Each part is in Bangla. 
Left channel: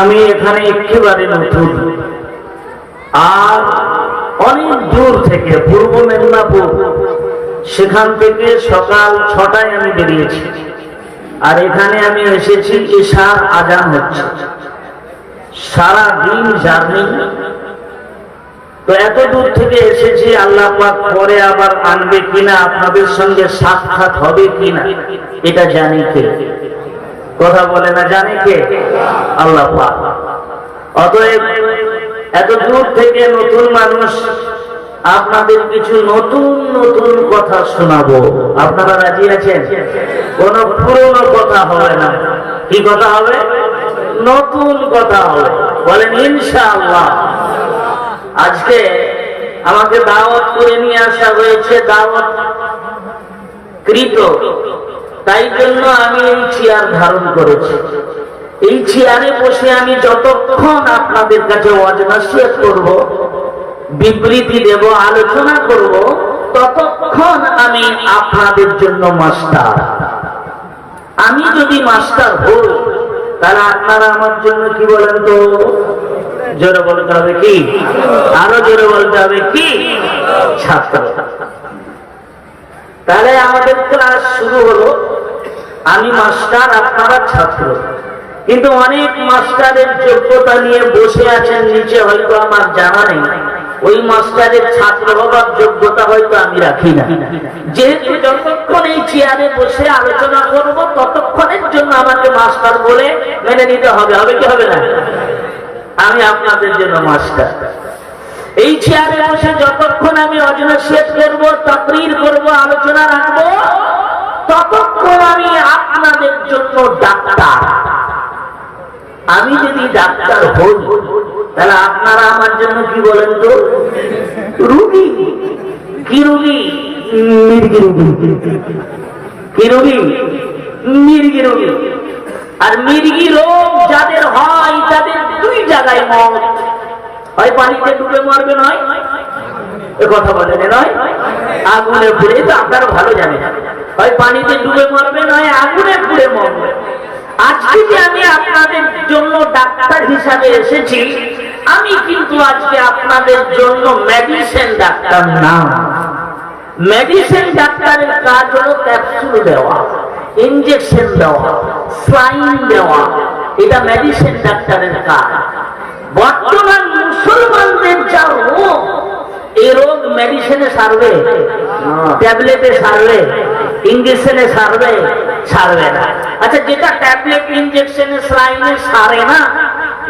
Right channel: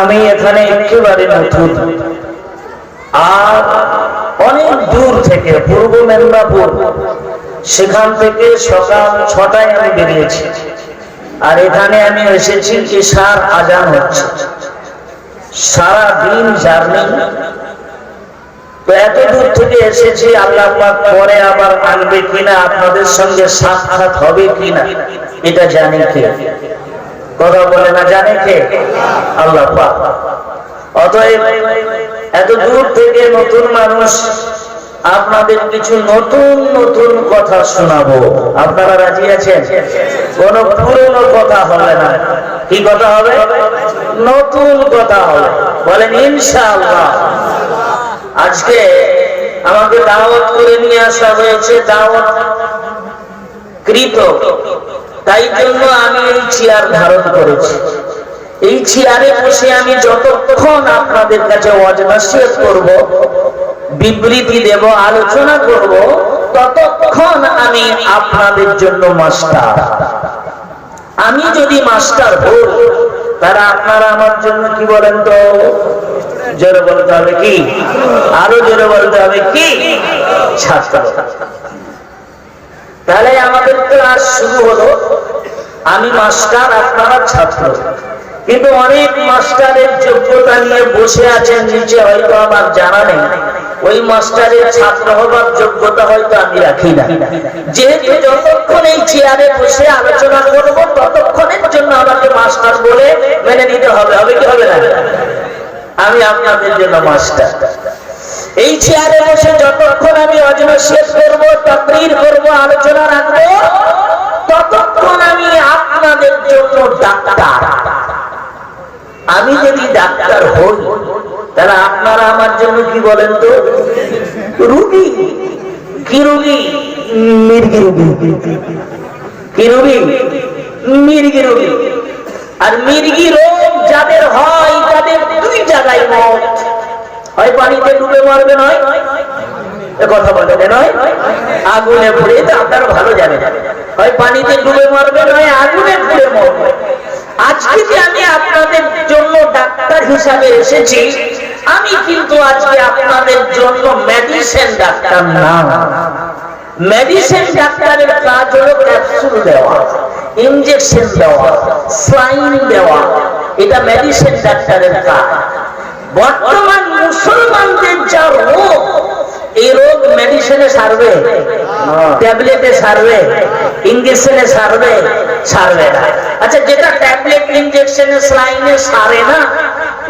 আমি এখানে একেবারে নতুন, আর অনেক দূর থেকে পূর্ব মেদিনীপুর, সেখান থেকে সকাল 6টায় আমি বেরিয়েছি, আর এখানে আমি এসেছি ইশার আজান হচ্ছে। সারা দিন জার্নি, তো এত দূর থেকে এসেছি, আল্লাহ পাক পরে আবার আনবে কিনা, আপনাদের সঙ্গে সাক্ষাৎ হবে কিনা এটা জানে কে? কথা বলে না, জানে কে? আল্লাহ পাক। অতএব এত দূর থেকে নতুন মানুষ, আপনাদের কিছু নতুন নতুন কথা শোনাবো। আপনারা রাজি আছেন? কোন পুরনো কথা হবে না। কি কথা হবে? নতুন কথা হবে। বলেন ইনশাআল্লাহ। আজকে আমাকে দাওয়াত করে নিয়ে আসা হয়েছে, দাওয়াত কৃত, তাই জন্য আমি এই চেয়ার ধারণ করেছি। এই চেয়ারে বসে আমি যতক্ষণ আপনাদের কাছে ওয়াজ নসিহত করব, বিবৃতি দেব, আলোচনা করব, ততক্ষণ আমি আপনাদের জন্য মাস্টার। আমি যদি মাস্টার হই, তাহলে আপনারা আমার জন্য কি বলেন তো? জোরে বলতে হবে কি? আরো জোরে বলতে হবে কি? ছাত্র। তাহলে আমাদের ক্লাস শুরু হলো। আমি মাস্টার, আপনারা ছাত্র। কিন্তু অনেক মাস্টারের যোগ্যতা নিয়ে বসে আছেন নিচে, হয়তো আমার জানা নেই। ওই মাস্টারের ছাত্র হবার যোগ্যতা হয়তো আমি রাখি না। যেহেতু যতক্ষণ এই চেয়ারে বসে আলোচনা করবো, ততক্ষণের জন্য আমাকে মাস্টার বলে মেনে নিতে হবে। হবে কি হবে না? আমি আপনাদের জন্য মাস্টার। এই চেয়ারে বসে যতক্ষণ আমি ওয়াজ নসিহত করব, তাকরীর করব, আলোচনা রাখবো, ততক্ষণ আমি আপনাদের জন্য ডাক্তার। আমি যদি ডাক্তার হই, তাহলে আপনারা আমার জন্য কি বলেন তো? রোগী। কি রোগী? মির্গি রোগী। কি রোগী? মির্গি রোগী। আর মির্গি রোগ যাদের হয়, তাদের দুই জায়গায় মত হয়। পানিতে ডুবে মরবে, নয় কথা বলে নয় আগুনে পুড়ে। তো আপনারা ভালো জানেন, হয় পানিতে ডুবে মরবে, নয় আগুনে পুড়ে মরবে। আজকে যে আমি আপনাদের জন্য ডাক্তার হিসাবে এসেছি, আমি কিন্তু আজকে আপনাদের জন্য মেডিসিন ডাক্তার না। মেডিসিন ডাক্তারের কাজ হলো ক্যাপসুল দেওয়া, ইনজেকশন দেওয়া, স্লাইন দেওয়া। এটা মেডিসিন ডাক্তারের কাজ। বর্তমান মুসলমানদের যা রোগ, এই রোগ মেডিসিনে সারবে? ট্যাবলেটে সারবে? ইনজেকশনে সারবে? সারবে না। আচ্ছা, যেটা ট্যাবলেট, ইনজেকশনে, স্লাইনে সারে না,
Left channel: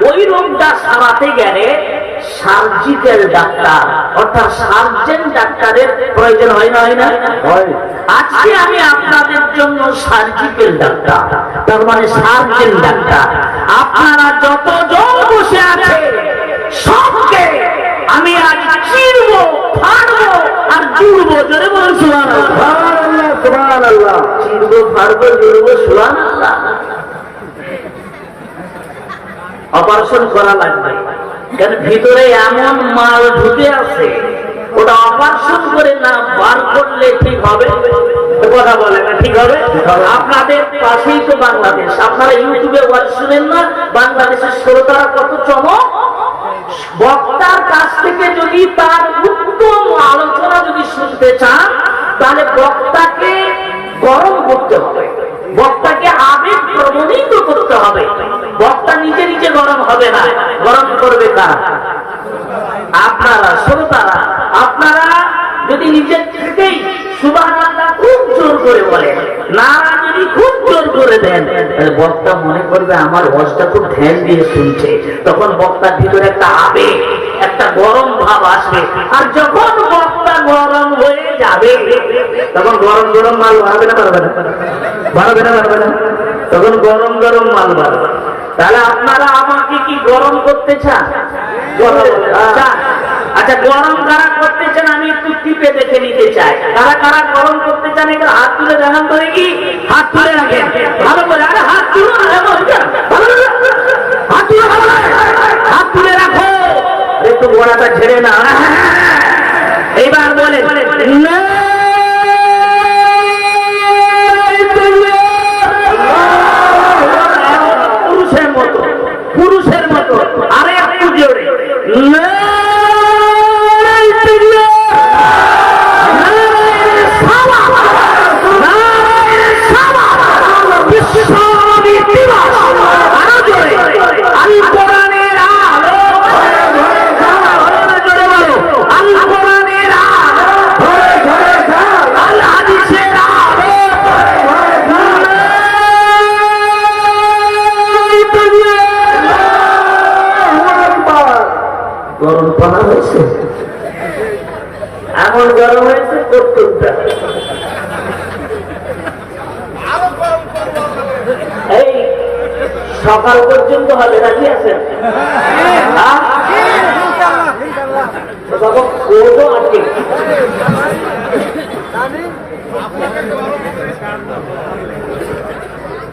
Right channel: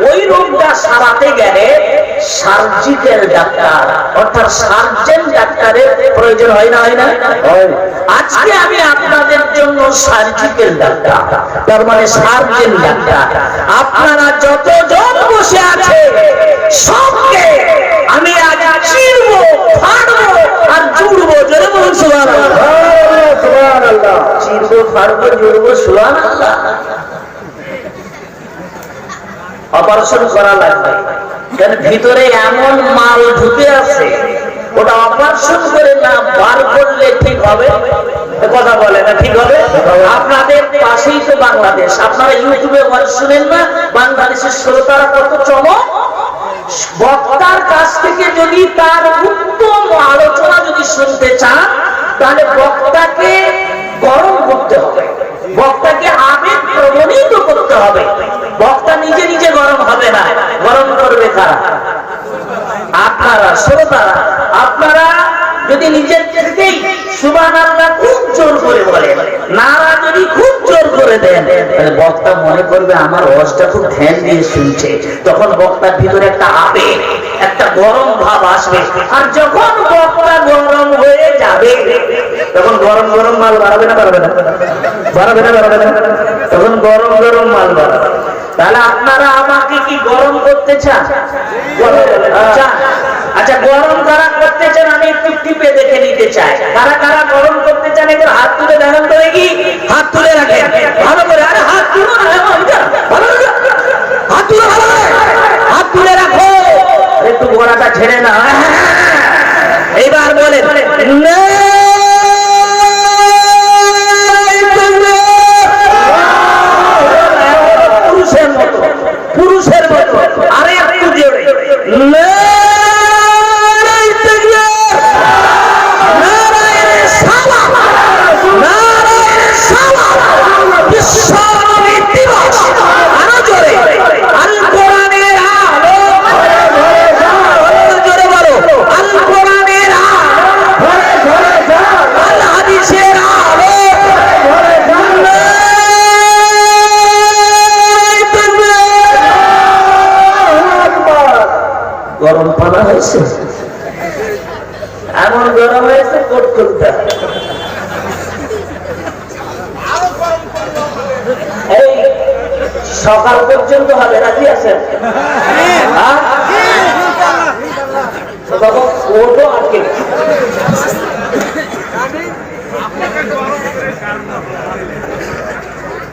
ওই রোগটা সারাতে গেলে সার্জিক্যাল ডাক্তার অর্থাৎ সার্জন ডাক্তারের প্রয়োজন হয় না? হয় না? আজকে আমি আপনাদের জন্য সার্জিক্যাল ডাক্তার, তার মানে সার্জন ডাক্তার। আপনারা যতজন বসে আছে, সবকে আমি আজ চিরবো, ফাড়বো আর জুড়বো। জোরে বলুন সুবহানাল্লাহ। সুবহানাল্লাহ। চিরবো, ফাড়বো, জুড়বো। সুবহানাল্লাহ। অপারেশন করা লাগবে, কারণ ভিতরে এমন মাল ঢুকে আছে, ওটা অপারেশন করে না বার করলে ঠিক হবে? কথা বলে না, ঠিক হবে? আপনাদের পাশেই তো বাংলাদেশ। আপনারা ইউটিউবে ওয়াজ শুনেন না? বাংলাদেশের শ্রোতারা কত চমক! বক্তার কাছ থেকে যদি তার উত্তম আলোচনা যদি শুনতে চান, তাহলে বক্তাকে গরম করতে হবে, বক্তাকে আবেগ প্রবণিত করতে হবে। বক্তা নিজে নিজে গরম হবে না, গরম করবে কারা? আপনারা, শ্রোতারা। আপনারা যদি নিজের থেকেই সুবহানাল্লাহ খুব জোর করে বলেন, নারা যদি খুব জোর করে দেন, তাহলে বক্তা মনে করবে আমার ওয়াজটা খুব ধ্যান দিয়ে শুনছে। তখন বক্তার ভিতরে একটা আবেগ, একটা গরম ভাব আসবে। আর যখন বক্তা গরম হয়ে যাবে, তখন গরম গরম মাল বাড়াবে না? বাড়াবে না? বাড়াবে না? বাড়াবে না? তখন গরম গরম মাল বাড়াবে। তাহলে আপনারা আমাকে কি গরম করতে চান? আচ্ছা, গরম কারা করতে চান আমি একটু টিপে দেখে নিতে চাই। কারা কারা গরম করতে চান একটু হাত তুলে দেখান তো দেখি। হাত তুলে রাখেন ভালো করে। আরে হাত তুলো না, হাত তুলে, হাত তুলে রাখো, একটু গোড়াটা ছেড়ে না। এইবার বলে পুরুষের মতো, পুরুষের হয়েছে, এমন গরম হয়েছে কোট তুলতে। এই সকাল পর্যন্ত হবে, রাজি আছেন? বাবা কোটও আটকে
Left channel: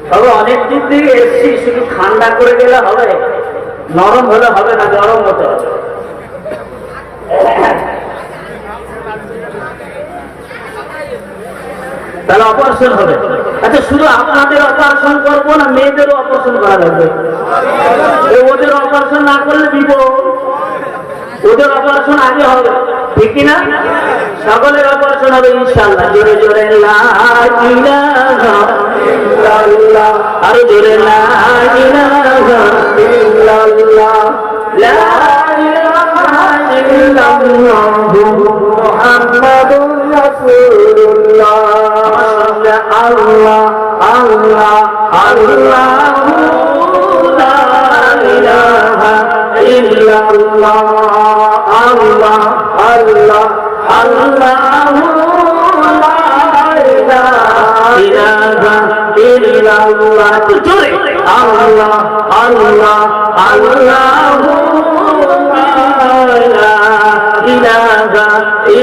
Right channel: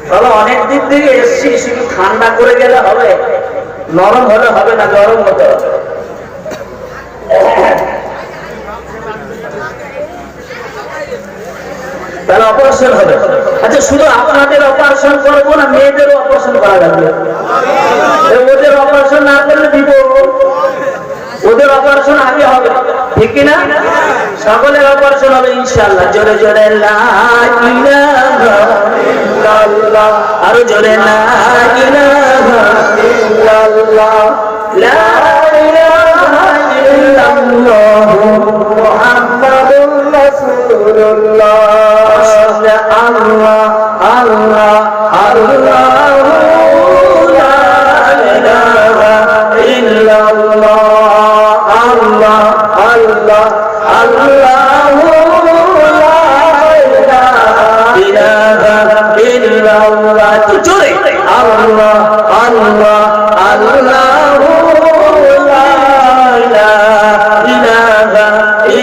তবে অনেক দিন থেকে এসছি, শুধু ঠান্ডা করে গেলে হবে, নরম হলে হবে না, গরম হতে হবে। তাহলে অপারেশন হবে। আচ্ছা, শুধু আপনাদের অপারেশন করবো না, মেয়েদেরও অপারেশন করা লাগবে? ওদের অপারেশন না করলে দিব, ওদের অপারেশন আগে হবে, ঠিক কিনা? সকলের অপারেশন হবে ইনশাআল্লাহ। জোরে জোরে লা ইলাহা ইল্লাল্লাহ, আরো জোরে লা ইলাহা ইল্লাল্লাহ, লা ইলাহা ইল্লাল্লাহ মুহাম্মাদুর রাসূলুল্লাহ। আল্লাহ আল্লাহ আল্লাহ লা ইলাহা ইল্লাল্লাহ, আল্লাহ আল্লাহ আল্লাহ লা ইলাহা ইল্লাল্লাহ। তো জোরে আল্লাহ আল্লাহ আল্লাহ লা ইলাহা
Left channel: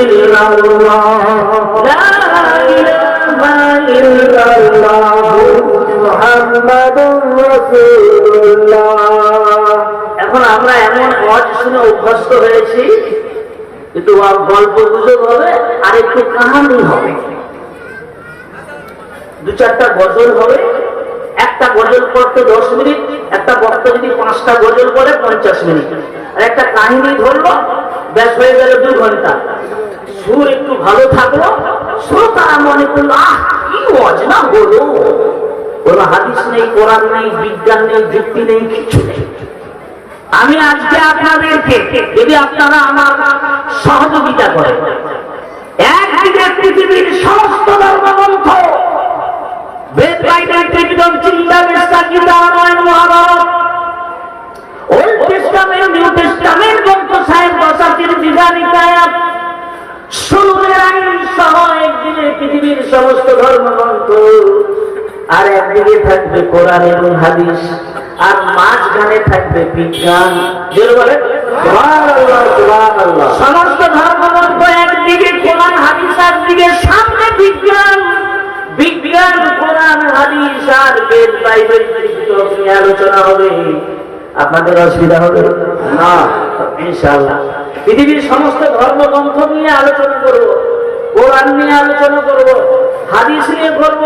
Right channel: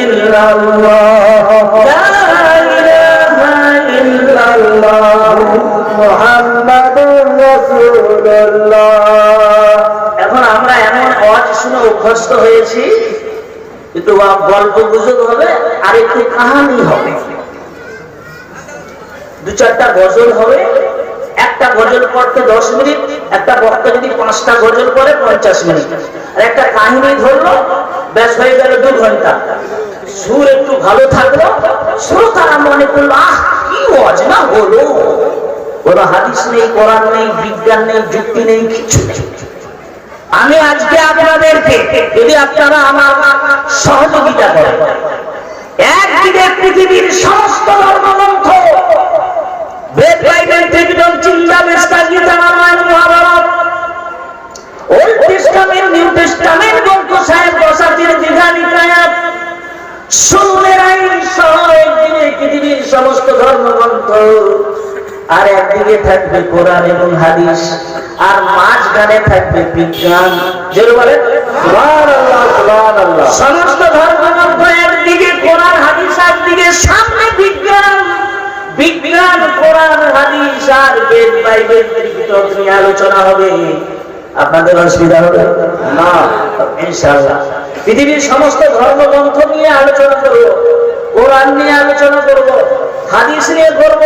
ইল্লাল্লাহ, লা ইলাহা ইল্লাল্লাহ মুহাম্মাদুর রাসূলুল্লাহ। এখন আমরা এমন ওয়াজ শুনে অভ্যস্ত হয়েছি, কিন্তু গল্প গুজব হবে আর একটু কাহানি হবে, দু চারটা গজল হবে। একটা গজল পড়তে 10 মিনিট, একটা বক্তা যদি 5টা গজল পড়ে 50 মিনিট, আর একটা কাহিনী ধরলো, ব্যাস হয়ে গেল 2 ঘন্টা। সুর একটু ভালো থাকলো, শ্রোতারা মনে করলো আহ কি ওয়াজ না হলো, কোনো হাদিস নেই, কোরআন নেই, বিজ্ঞান নেই, যুক্তি নেই, কিছু নেই। আমি আজকে আপনাদেরকে, যদি আপনারা আমার সহযোগিতা করেন, একদিকে পৃথিবীর সমস্ত ধর্মগ্রন্থ, বেদ, বাইবেল, ত্রিপিটক, চিন্তা, বেস্তা, Gita, Ramayana, Mahabharata, old testament, new testament, Granth Sahib, বসাচির, বিধানিকায়াত, সুরের আইন সহ একদিকে পৃথিবীর সমস্ত ধর্মগ্রন্থ, আর একদিকে থাকবে কোরআন এবং হাদিস, আর মাঝখানে থাকবে বিজ্ঞান। যেটা বলে সুবহানাল্লাহ সুবহানাল্লাহ। সমস্ত ধর্মগ্রন্থ একদিকে, কোরআন হাদিস একদিকে, সামনে বিজ্ঞান। বিজ্ঞান, কোরআন হাদিস আর বেদ বাইবেল ত্রিপিটক নিয়ে আলোচনা হবে। আপনাদের অসুবিধা হবে না ইনশাআল্লাহ। পৃথিবীর সমস্ত ধর্মগ্রন্থ নিয়ে আলোচনা করব, কোরআন নিয়ে আলোচনা করব, হাদিস নিয়ে করব,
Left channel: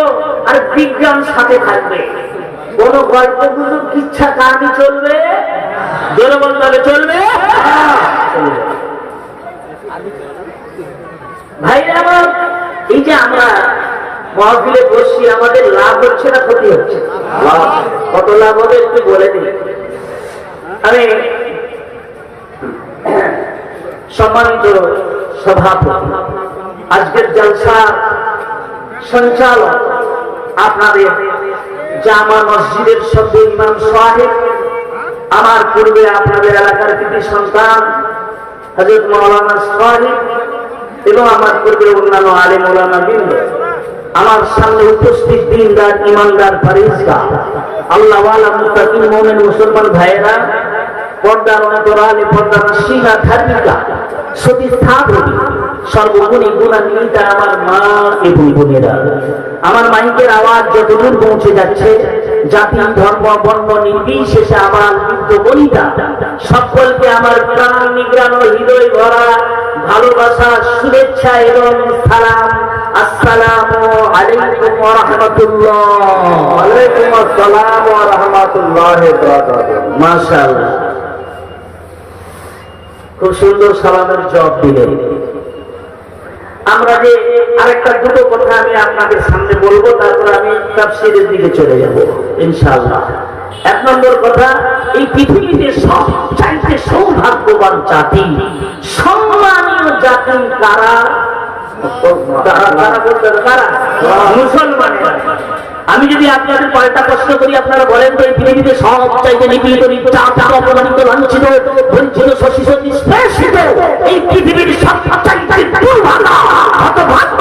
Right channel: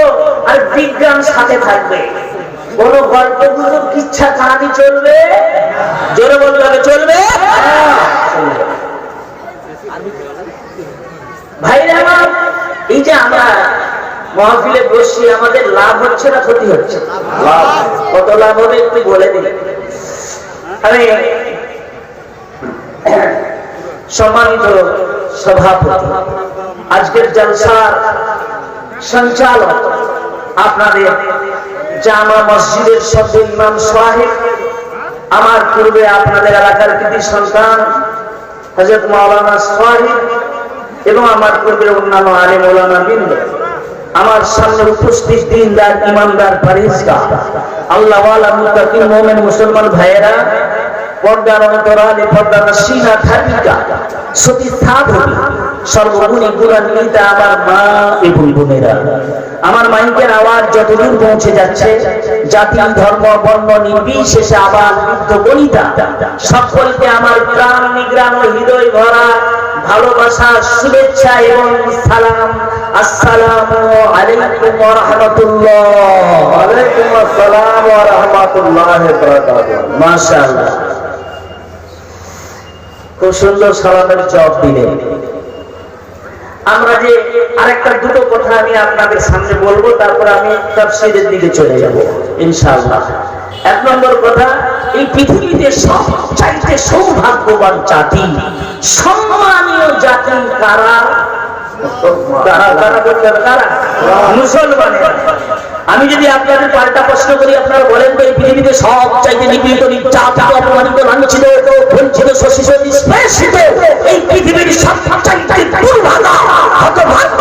আর বিজ্ঞান সাথে থাকবে। কোন গল্প গুজব, কিচ্ছা কাহিনী চলবে? জোরে বলবে চলবে? ভাইরা আমার, এই যে আমরা মাহফিলে বসছি, আমাদের লাভ হচ্ছে না ক্ষতি হচ্ছে? লাভ। কত লাভ হবে একটু বলে দিন। আমি সম্মানিত সভাপতি, আজকের জলসার সঞ্চালক আপনাদের জামা মসজিদের সদ্য ইমাম সাহেব, আমার পূর্বে আপনাদের এলাকার কৃতি সন্তান হযরত মাওলানা সাহেব, এবং আমার পূর্বে অন্যান্য আলেম ওলামা বৃন্দ, আমার সামনে উপস্থিত দিনদার, ইমানদার, পরহেজগার, আল্লাহওয়ালা, মুত্তাকি, মুমিন মুসলমান ভাইয়েরা, পর্দার অন্তরালে, পর্দার নসিহা ধার্মিকা, সতী সাধবী, সর্বগুণী গুণান্বিতা আমার মা এবং বোনেরা, আমার মাইকের আওয়াজ যতদূর পৌঁছে যাচ্ছে, জাতি, ধর্ম, বর্ণ নির্বিশেষে আবাল বৃদ্ধ বনিতা সকলকে আমার প্রাণ নিগ্রাণ, হৃদয় ভরা ভালোবাসা, শুভেচ্ছা এবং সালাম। আসসালামু আলাইকুম ওয়া রাহমাতুল্লাহ। ওয়া আলাইকুম আসসালাম ওয়া রাহমাতুল্লাহি ওয়া বারাকাতুহু। মাশাআল্লাহ, খুব সুন্দর সালামের জবাব দিলেন। আমরা যে আরেকটা দুটো কথা আমি আপনাদের সামনে বলবো, তারপর আমি তাফসীরের দিকে চলে যাব ইনশাআল্লাহ। 1 নম্বর কথা, এই পৃথিবীতে সবচাইতে সৌভাগ্যবান জাতি, সম্মানীয় জাতি কারা? মুসলমানেরা। আমি যদি আপনাদের পাল্টা প্রশ্ন করি, আপনারা বলেন তো এই পৃথিবীতে সবচাইতে নিপীড়িত, নির্যাতিত, অপমানিত, লাঞ্ছিত, বঞ্চিত শোষিত নিষ্পেষিত এই পৃথিবীর সবচাইতে দুর্ভাগা হতভাগ্য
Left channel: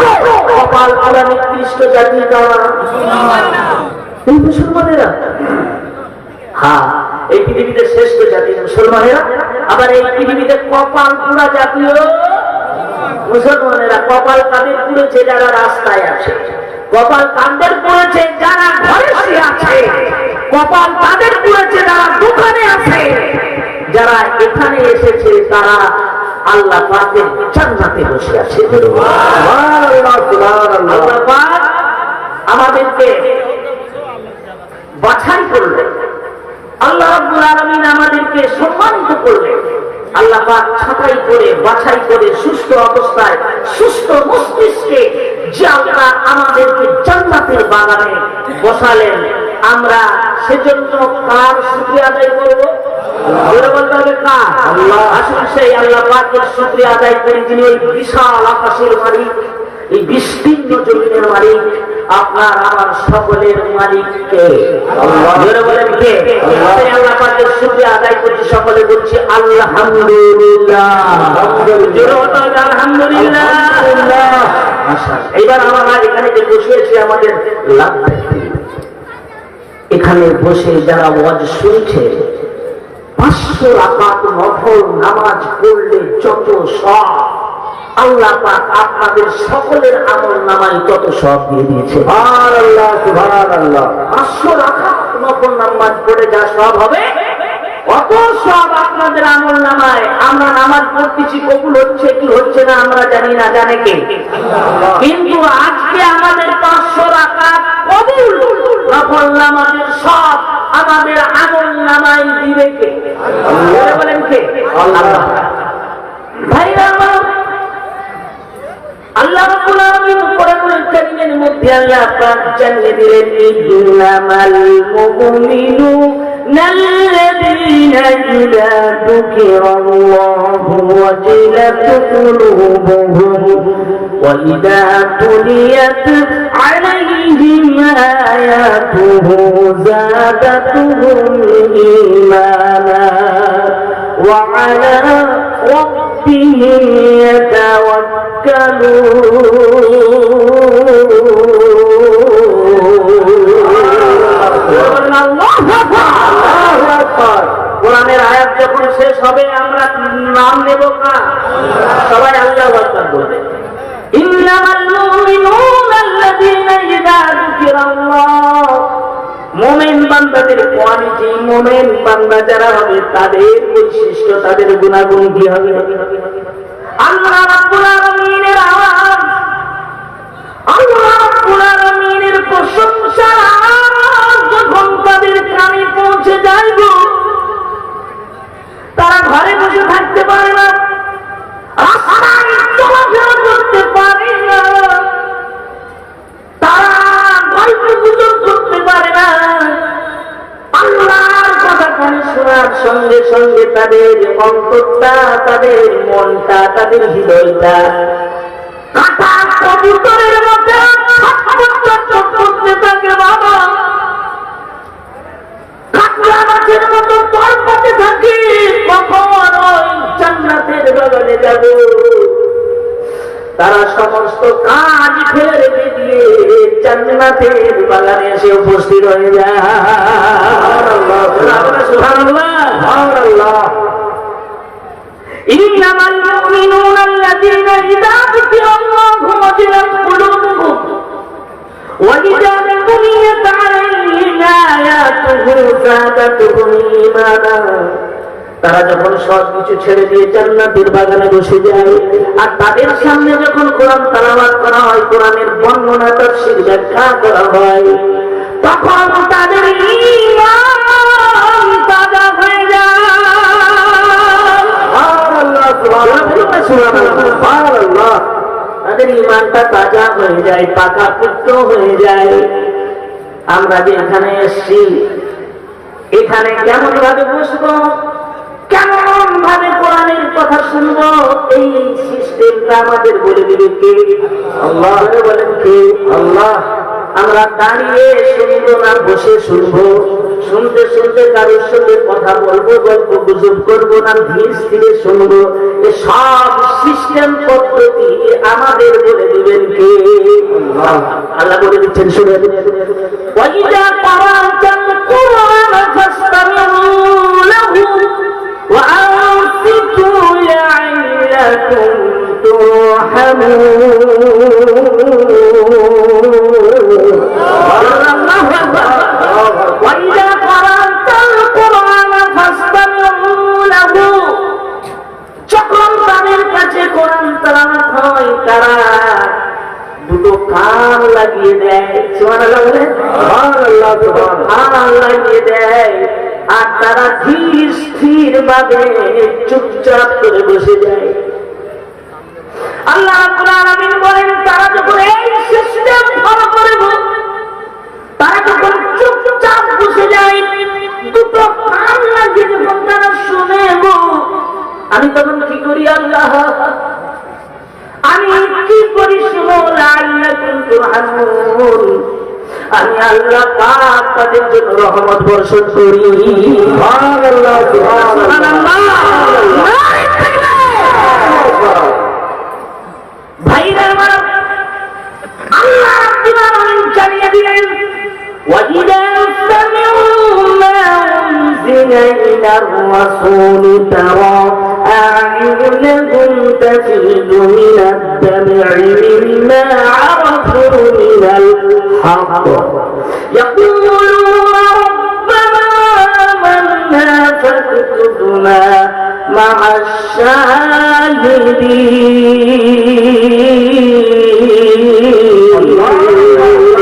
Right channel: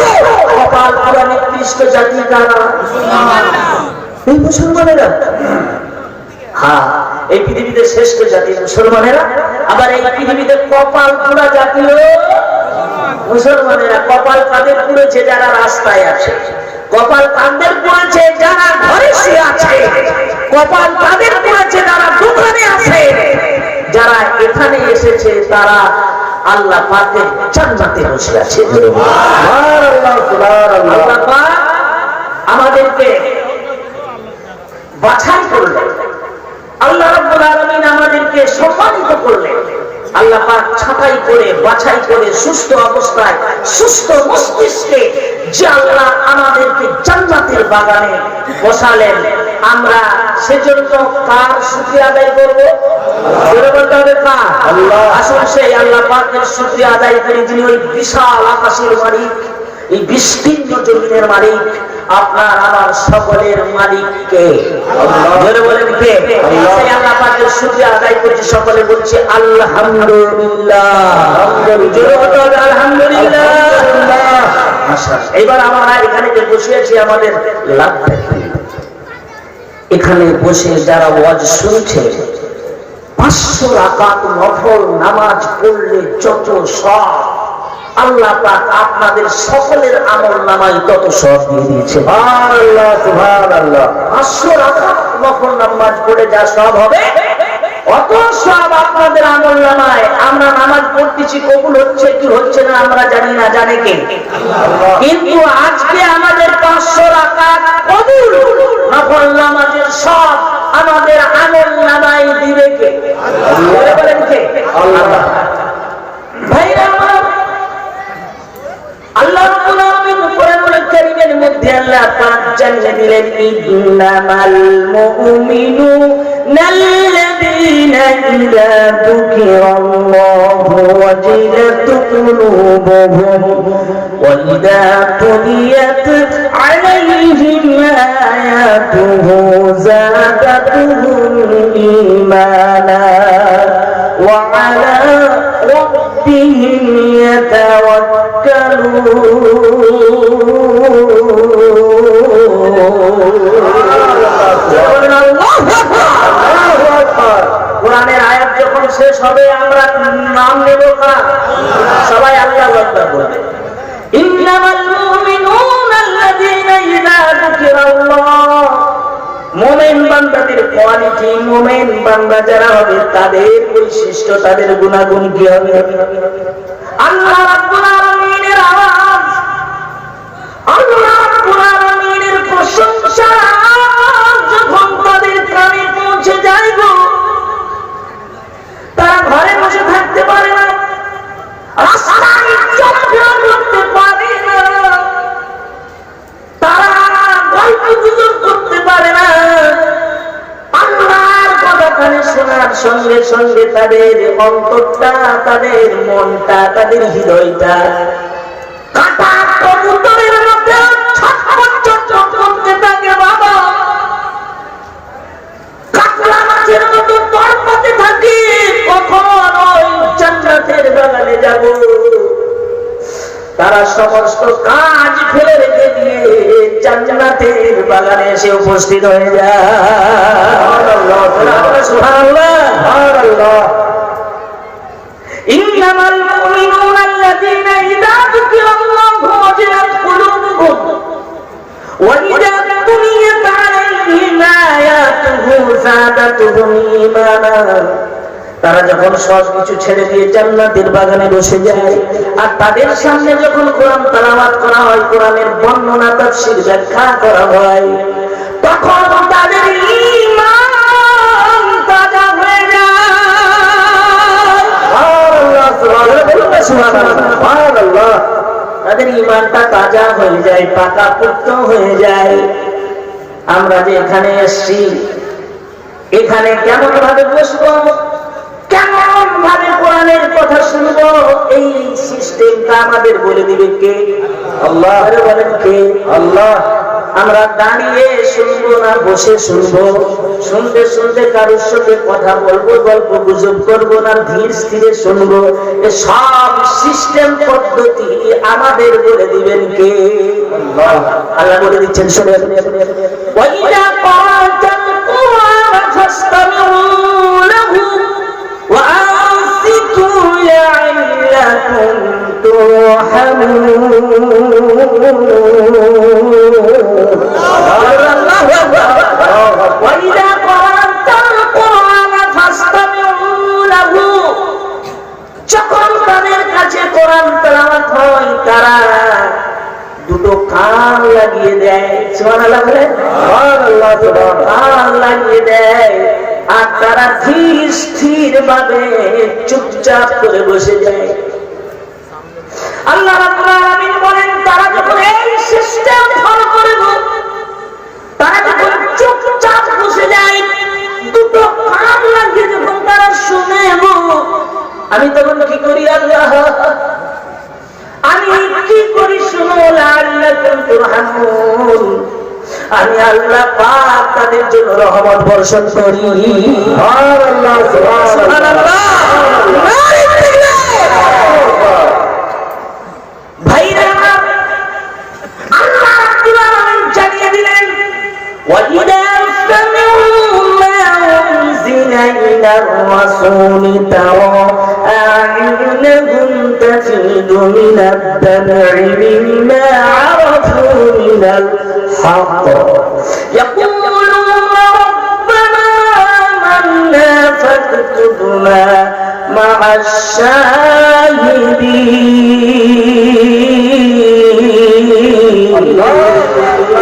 কপাল পোড়া নিকৃষ্ট জাতি কারা? এই মুসলমানেরা। হ্যাঁ, এই পৃথিবীতে শ্রেষ্ঠ জাতি মুসলমানেরা। আবার এই পৃথিবীতে কপাল পোড়া জাতীয় মুসলমানেরা। কপাল কাদের পুড়েছে? যারা রাস্তায় আছে। কপাল কাদের পুড়েছে? যারা ঘরে শুয়ে আছে। কপাল কাদের পুড়েছে? যারা দোকানে আছে। যারা এখানে এসেছে তারা আল্লাহ পাকের জান্নাতে বসে আছে। আল্লাহ পাক আমাদেরকে বাছাই করলেন, আল্লাহ রাব্বুল আলামিন আমাদেরকে সম্মানিত করলেন। আল্লাহ পাক ছাঁটাই করে বাছাই করে সুস্থ অবস্থায় সুস্থ মস্তিষ্কে যে আল্লাহ আমাদেরকে জান্নাতের বাগানে বসালেন, আমরা সেজন্য কার শুকরিয়া আদায় করব? জোরে বলতে হবে কার? আল্লাহ। আসুন সেই আল্লাহ পাকের শুকরিয়া আদায় করি, যিনি ওই বিশাল আকাশের মালিক, এই বিস্তীর্ণ জমিনের মালিক, আপনার আমার সকলের মালিক কে? আল্লাহ। জোরে বলেন কে? আল্লাহ। সেই আল্লাহ পাকের শুকরিয়া আদায় করছি, সকলে বলছি আলহামদুলিল্লাহ। জোরে বলতে হবে আলহামদুলিল্লাহ। এবার আমরা এখানে যে বসে আছি আমাদের লাভ, এখানে বসে যারা ওয়াজ শুনছে 500 রাকাত নফল নামাজ পড়লে যত সওয়াব আল্লাহ পাক আপনাদের সকলের আমল নামায় তত সওয়াব দিয়ে দিয়েছে। সুবহানাল্লাহ, সুবহানাল্লাহ। 500 রাকাত নফল নামাজ পড়ে যা সওয়াব হবে অত সওয়াব আপনাদের আমল নামায়। আমরা নামাজ পড়তেছি, কবুল হচ্ছে কি হচ্ছে না আমরা জানি না, জানে কে? আল্লাহ। কিন্তু আজকে আমাদের 500 রাকাত কবুল নফল নামাজের সওয়াব আমাদের আমল নামায় দিবে কে? আল্লাহ। বলেন কে? আল্লাহ। ভাইরা আমার, আল্লাহ রাব্বুল আলামিন কোরআনুল কারীমের মধ্যে আল্লাহ পাক জানিয়ে দিলেন, ইন্নামাল মুমিনুনা আল্লাযীনা ইযা যুকিরাল্লাহু ওয়াজিলাত কুলুবুহুম ওয়া ইযা তুলিয়াত আলাইহিম আয়াতুহু যাদাতুহুম ঈমানা ওয়া আলা রাব্বিহিম কোরআনের আয়াত যখন শেষ হবে আমরা নাম নেব কার? সবাই আল্লাহু আকবার বলবে। ইন্নামাল মুমিনুনা আল্লাযীনা ইযা যুকিরাল্লাহ, মুমিন বান্দাদের কোয়ালিটি, মুমিন বান্দা যারা হবে তাদের বৈশিষ্ট্য, তাদের গুণাগুণ কি হবে? আল্লাহ রাব্বুল আলামিনের আওয়াজ, আল্লাহ রাব্বুল আলামিনের প্রশংসার আওয়াজ যখন তাদের কানে পৌঁছে যায় গো, তারা ঘরে বসে থাকতে পারে না, রাস্তায় চলাফেরা করতে পারে না, তারা গল্প গুজব করতে পারে না। আল্লাহর কথা কানে শোনার সঙ্গে সঙ্গে তাদের অন্তরটা, তাদের মনটা, তাদের হৃদয়টা কাটা কবুতরের মধ্যে ছটফট করতে থাকে। বাবা, কাকড়া মাছের মতো তড়পাতে থাকে, কখন ওই জান্নাতের বাগানে যাব। তারা সমস্ত কাজ ফেলে রেখে দিয়ে জান্নাতের বাগানে এসে উপস্থিত হয়ে যায়। সুবহানাল্লাহ, সুবহানাল্লাহ। ইন্নামাল মুমিনুনা আল্লাযীনা ইযা যুকিরাল্লাহু ওয়াজিলাত কুলুবুহুম ওয়া ইযা তুলিয়াত আলাইহিম আয়াতুহু যাদাতুহুম ঈমানা। তারা যখন সব কিছু ছেড়ে দিয়ে জান্নাতের বাগানে বসে যায়, আর তাদের সামনে যখন কোরআন তেলাওয়াত করা হয়, কোরআনের বর্ণনা তাফসীর ব্যাখ্যা করা হয়, তখন তাদের ঈমান তাজা হয়ে যায়। সুবহানাল্লাহ। তাদের ঈমানটা তাজা হয়ে যায়, পাকা পুক্ত হয়ে যায়। আমরা যে এখানে এসেছি, এখানে কেমন ভাবে বসবো, কেমন ভাবে কোরআন কোরআনের কথা শুনবো, এই সিস্টেমটা আমাদের বলে দিবে কে? আল্লাহ। বলেন কে? আল্লাহ। আমরা দাঁড়িয়ে শুনবো না বসে শুনবো? শুনতে শুনতে কারোর সঙ্গে কথা বলবো, গল্প গুজব করবো না ধীর স্থিরে শুনবো? এ সব সিস্টেম পদ্ধতি আমাদের বলে দিবেন কে? আল্লাহ। আল্লাহ বলে দিচ্ছেন, শুনে ওয়াইদা ক্বারাতাল কুরআন ফাসতামিউ লাহু ওয়া আনসিতু লা'আল্লাকুম তুরহামুন। ওয়াইদা ক্বারাতাল কুরআন ফাসতামিউ লাহু, যখন তাদের কাছে কোরআন তেলাওয়াত হয় তারা দুটো কান লাগিয়ে দেয়। সুবহানাল্লাহ বলে, সুবহানাল্লাহ, কান লাগিয়ে দেয় আর তারা ধীর স্থির ভাবে চুপচাপ করে বসে যায়। আল্লাহ রাব্বুল আলামিন বলেন, তারা যখন এই সিস্টেম ফলো করে, তারা যখন চুপচাপ বসে যায়, দুটো কান লাগিয়ে যখন তারা শুনে, আমি তখন কি করি? আল্লাহ, আমি কি করি? শুনো, লাআল্লাকুম তুরহামুন, আমি আল্লাহ পাক তাদের জন্য রহমত বর্ষণ করি। সুবহানাল্লাহ, সুবহানাল্লাহ। ভাইরা আমার, আল্লাহ রাব্বুল আলামিন জানিয়ে দিলেন, ওয়াইদা সামিউ মা উনজিলা ইলার রাসূলি তারা আ'ইউনাহুম তাফিদু মিনাদ দাম'i মিম্মা আরাফু মিনাল হক ইয়াকুলুনা রাব্বানা আমান্না ফাকতুবনা মা'আশ শাহিদিন।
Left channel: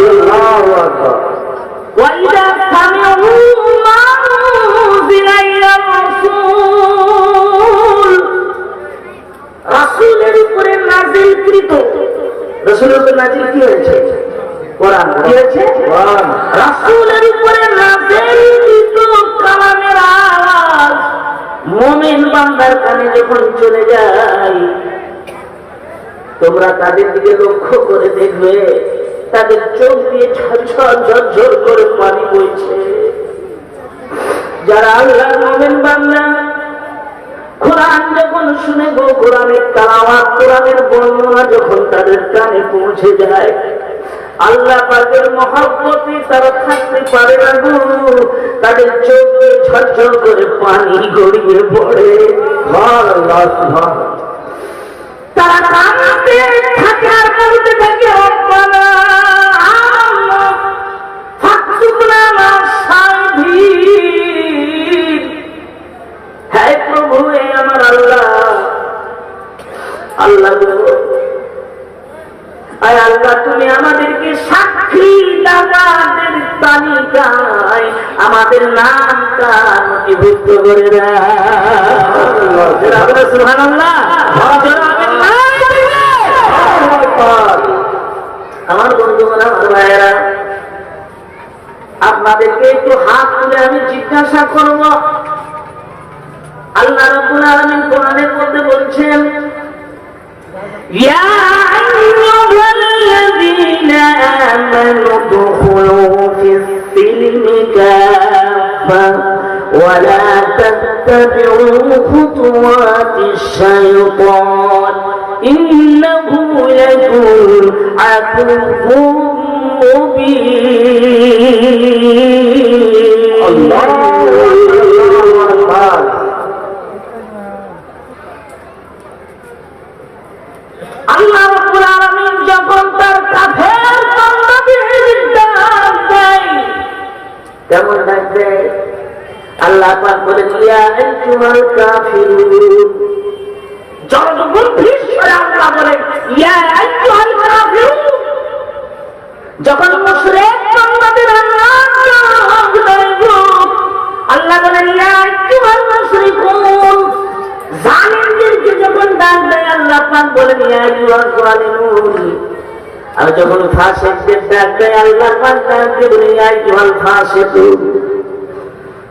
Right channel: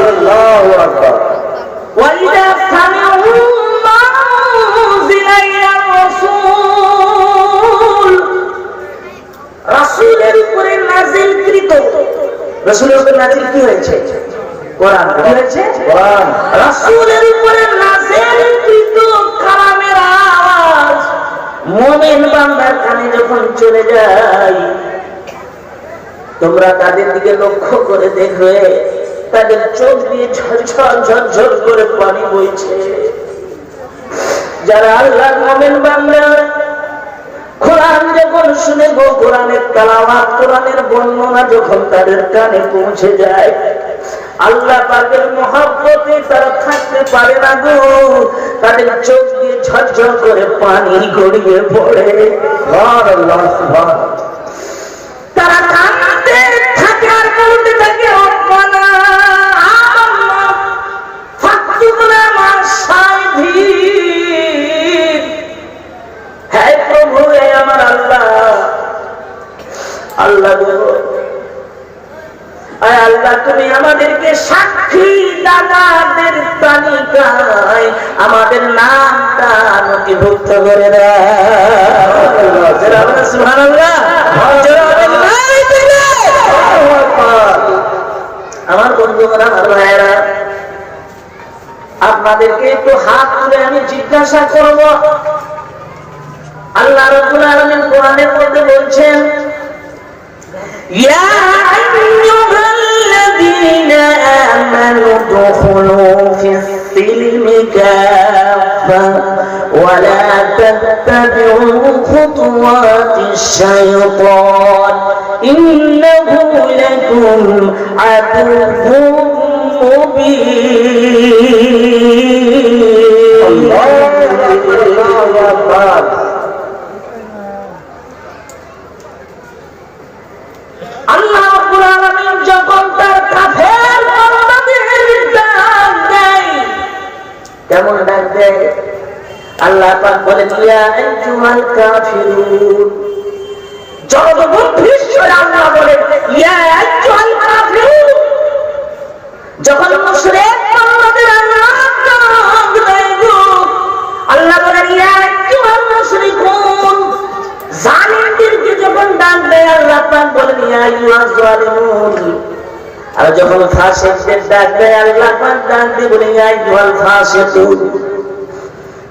আল্লাহু আকবার। ওয়াইদা সামিউ মা উনজিলা ইলার রাসূল, রাসূলের উপরে নাযিলকৃত, রাসূলের উপরে নাযিল কি হয়েছে? কোরআন। কি হয়েছে? কোরআন। রাসূলের উপরে নাযিলকৃত কালামের আওয়াজ মুমিন বান্দার কানে যখন চলে যায়, তোমরা তাদের দিকে লক্ষ্য করে দেখবে, তাদের চোখ দিয়ে ঝরঝর ঝরঝর করে পানি বইছে। যারা আল্লাহর মুমিন বান্দা, কোরআন যখন শুনে গো, কোরআনের তেলাওয়াত, কোরআনের বর্ণনা যখন তাদের কানে পৌঁছে যায়, আল্লাহ পাকের মহব্বতে তারা থাকতে পারে না গো, তাদের চোখ দিয়ে ঝরঝর করে পানি গড়িয়ে পড়ে। সুবহানাল্লাহ, সুবহানাল্লাহ। তারা কাঁদতে থাকে আর বলতে থাকে, রব্বানা আমান্না ফাকতুবনা মা'আশ শাহিদিন। হে প্রভু, হে আমার আল্লাহ, আল্লাহ গো, আয় আল্লাহ, তুমি আমাদেরকে সাক্ষী দাতাদের তালিকায় আমাদের নামটা নথিভুক্ত করে দাও। সুবহানাল্লাহ। আমার বন্ধুরা, আমার ভাইয়েরা, আপনাদেরকে একটু হাত তুলে আমি জিজ্ঞাসা করব, আল্লাহ রাব্বুল আলামিন কোরআনের মধ্যে বলছেন, ইয়া আইয়ুহাল্লাযীনা আমানু দুখুলু ফিস-সিলমি কাফা ওয়া লা তাত্তাবিউ খুতুওয়াতিশ শাইতান ইন্নাহু লাকুম আদুউম মুবিন। আল্লাহু আকবার। আল্লাহ রাব্বুল আলামিন যখন তার কাফের বান্দাদের ডাক দেয়, কেমন ডাক দেয়? আল্লাহ পাক বলেন, ইয়া আইয়ুহাল কাফিরুন। জগৎ স্বরে আল্লাহ বলেন, ইয়া আইয়ুহাল কাফিরুন। যখন মুশরিক বান্দাদের আল্লাহ ডাক দেয় গো, আল্লাহ বলেন, ইয়া আইয়ুহাল মুশরিকুন। জালিমদেরকে যখন ডাক দেয় আল্লাহ পাক বলেন, ইয়া আইয়ুহাজ জালিমুন। আর যখন ফাসিকদের ডাক দেয় আল্লাহ পাক ডাক দিয়ে বলেন, ইয়া আইয়ুহাল ফাসিকুন।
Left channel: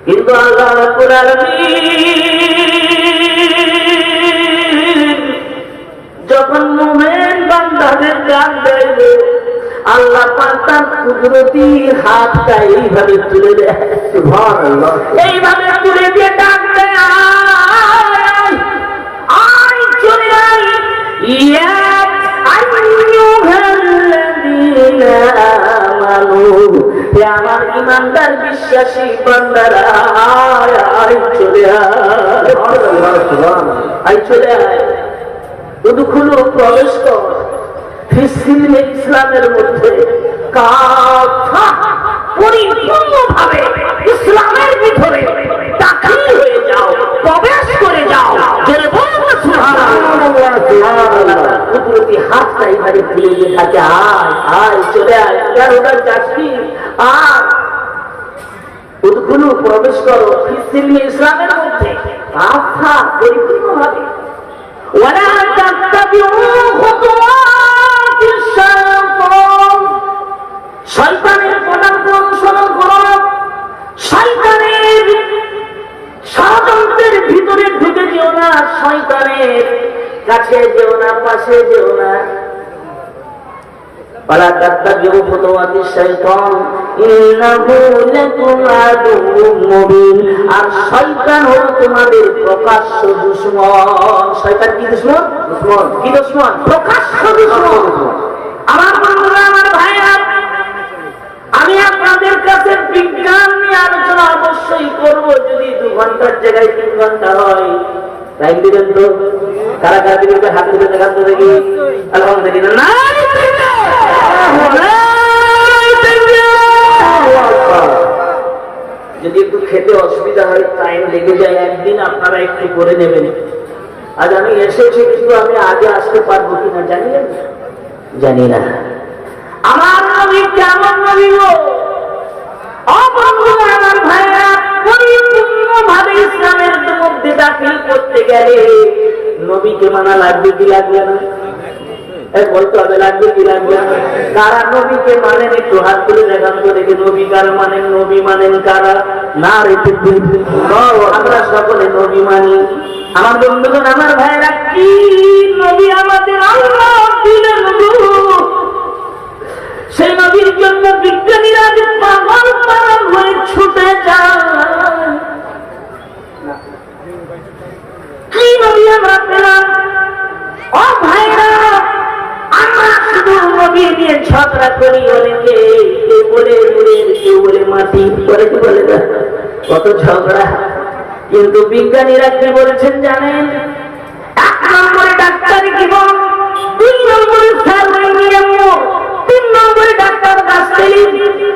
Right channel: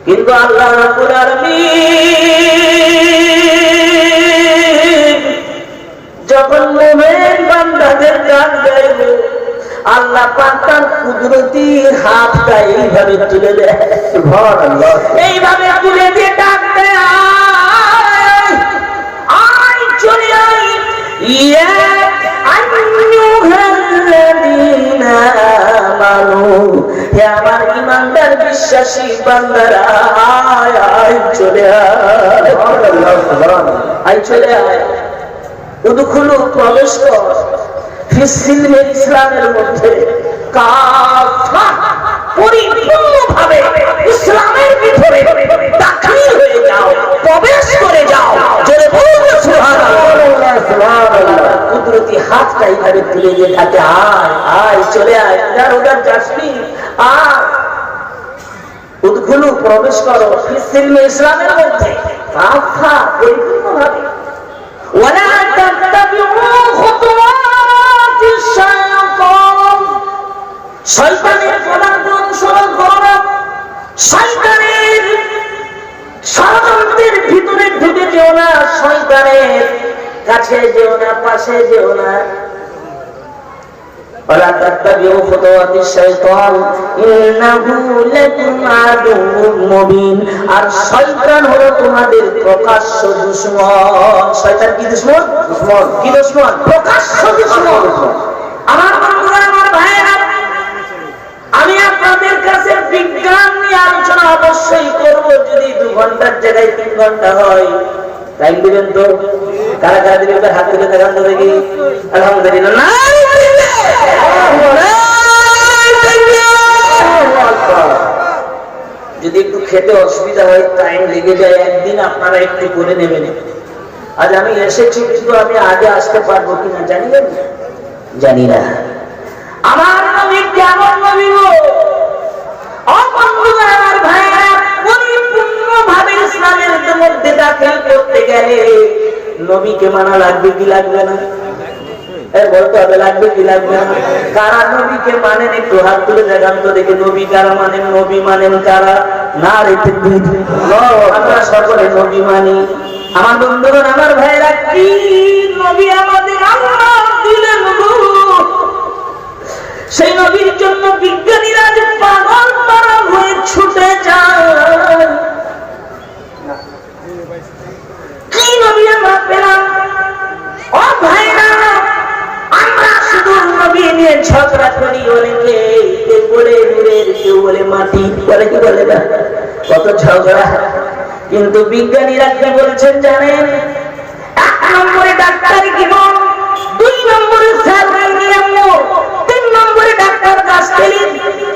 কিন্তু আল্লাহ রাব্বুল আলামিন আল্লাহ পাক তার কুদরতি হাতটা এইভাবে তুলে দেয়, সুবহানাল্লাহ, এইভাবে তুলে দিয়ে ডাক দেয়, আয় আয় চলে আয়, ইয়া আইয়ুহাল্লাযীনা আমানু, হে আমার ঈমানদার বিশ্বাসী বান্দারা, আয় আয় চলে আয়, সুবহানাল্লাহ, সুবহানাল্লাহ, আয় চলে আয়, উদখুলু প্রবেশ কর ফিসসিলমে ইসলামের মধ্যে, কাফা পরিপূর্ণভাবে ইসলামের ভিতরে দাখিল হয়ে যাও, প্রবেশ করে যাও, জোরে বলুন সুবহানাল্লাহ, সুবহানাল্লাহ। কুদরতি হাতটা এইভাবে তুলে দিয়ে থাকে, আয় আয় চলে আয়, ইধার উধার যাসনি, আর উদখুলু প্রবেশ করো ফিসসিলমে ইসলামের মধ্যে, কাফা পরিপূর্ণভাবে, ওয়ালা তাত্তাবিউ খুতুওয়াতিশ শাইতান, শয়তানের পদাঙ্ক অনুসরণ করো না, শয়তানের ষড়যন্ত্রের ভিতরে ঢুকে যেও না, শয়তানের কাছে যেও না, পাশে যেও না, ওয়ালা তাত্তাবিউ খুতুওয়াতিশ শাইতান ইন্নাহু লাকুম আদুউম মুবিন, আর শয়তান হলো তোমাদের প্রকাশ্য দুশমন। শয়তান কি দুশমন? দুশমন। কি দুশমন? প্রকাশ্য দুশমন। আমার বন্ধুরা, আমার ভাইরা, আমি আপনাদের কাছে বিজ্ঞান নিয়ে আলোচনা অবশ্যই করব, যদি 2 ঘন্টার জায়গায় 3 ঘন্টা হয়। টাইম দিবেন তো? কারা কারা দিবেন? হাত তুলে দেখান তো দেখি। আলহামদুলিল্লাহ। যদি একটু খেতে অসুবিধা হয়, টাইম লেগে যায়, একদিন আপনারা একটু করে নেবেন। আজ আমি এসেছি, কিন্তু আমি আগে আসতে পারবো কিনা জানি না, জানি না। আমার নবী কেমন নবী গো? অবন্ধুরা, আমার ভাইরা, পরিপূর্ণভাবে ইসলামের মধ্যে দাখিল করতে গেলে নবীকে মানা লাগবে কি লাগবে না? বলতে হবে, লাগবে কি লাগবে না? কারা নবীকে মানেন একটু হাত তুলে দেখান তো দেখে। নবী কারা মানেন? নবী মানেন কারা? না রেখে আমরা সকলে নবী মানি। আমার বন্ধুগণ, আমার ভাইরা, কি নবী আমাদের আল্লাহ দিলেন গুরু, সেই নবীর জন্য বিজ্ঞানীরা যে পাগল পাগল হয়ে ছুটে যায়। কি নবী আমরা পেলাম? ও ভাইরা, আমরা শুধু নবী নিয়ে ঝগড়া করি, অনেকে কেউ বলে নূরের, কেউ বলে মাটি, বলে কি বলে না, কত ঝগড়া। কিন্তু বিজ্ঞানীরা কি বলেছেন জানেন? 1 নম্বরে ডাক্তারি জীবন, 2 নম্বরে সার্ভাইনিয়াম, 3 নম্বরে ডাক্তার গাছতেলি,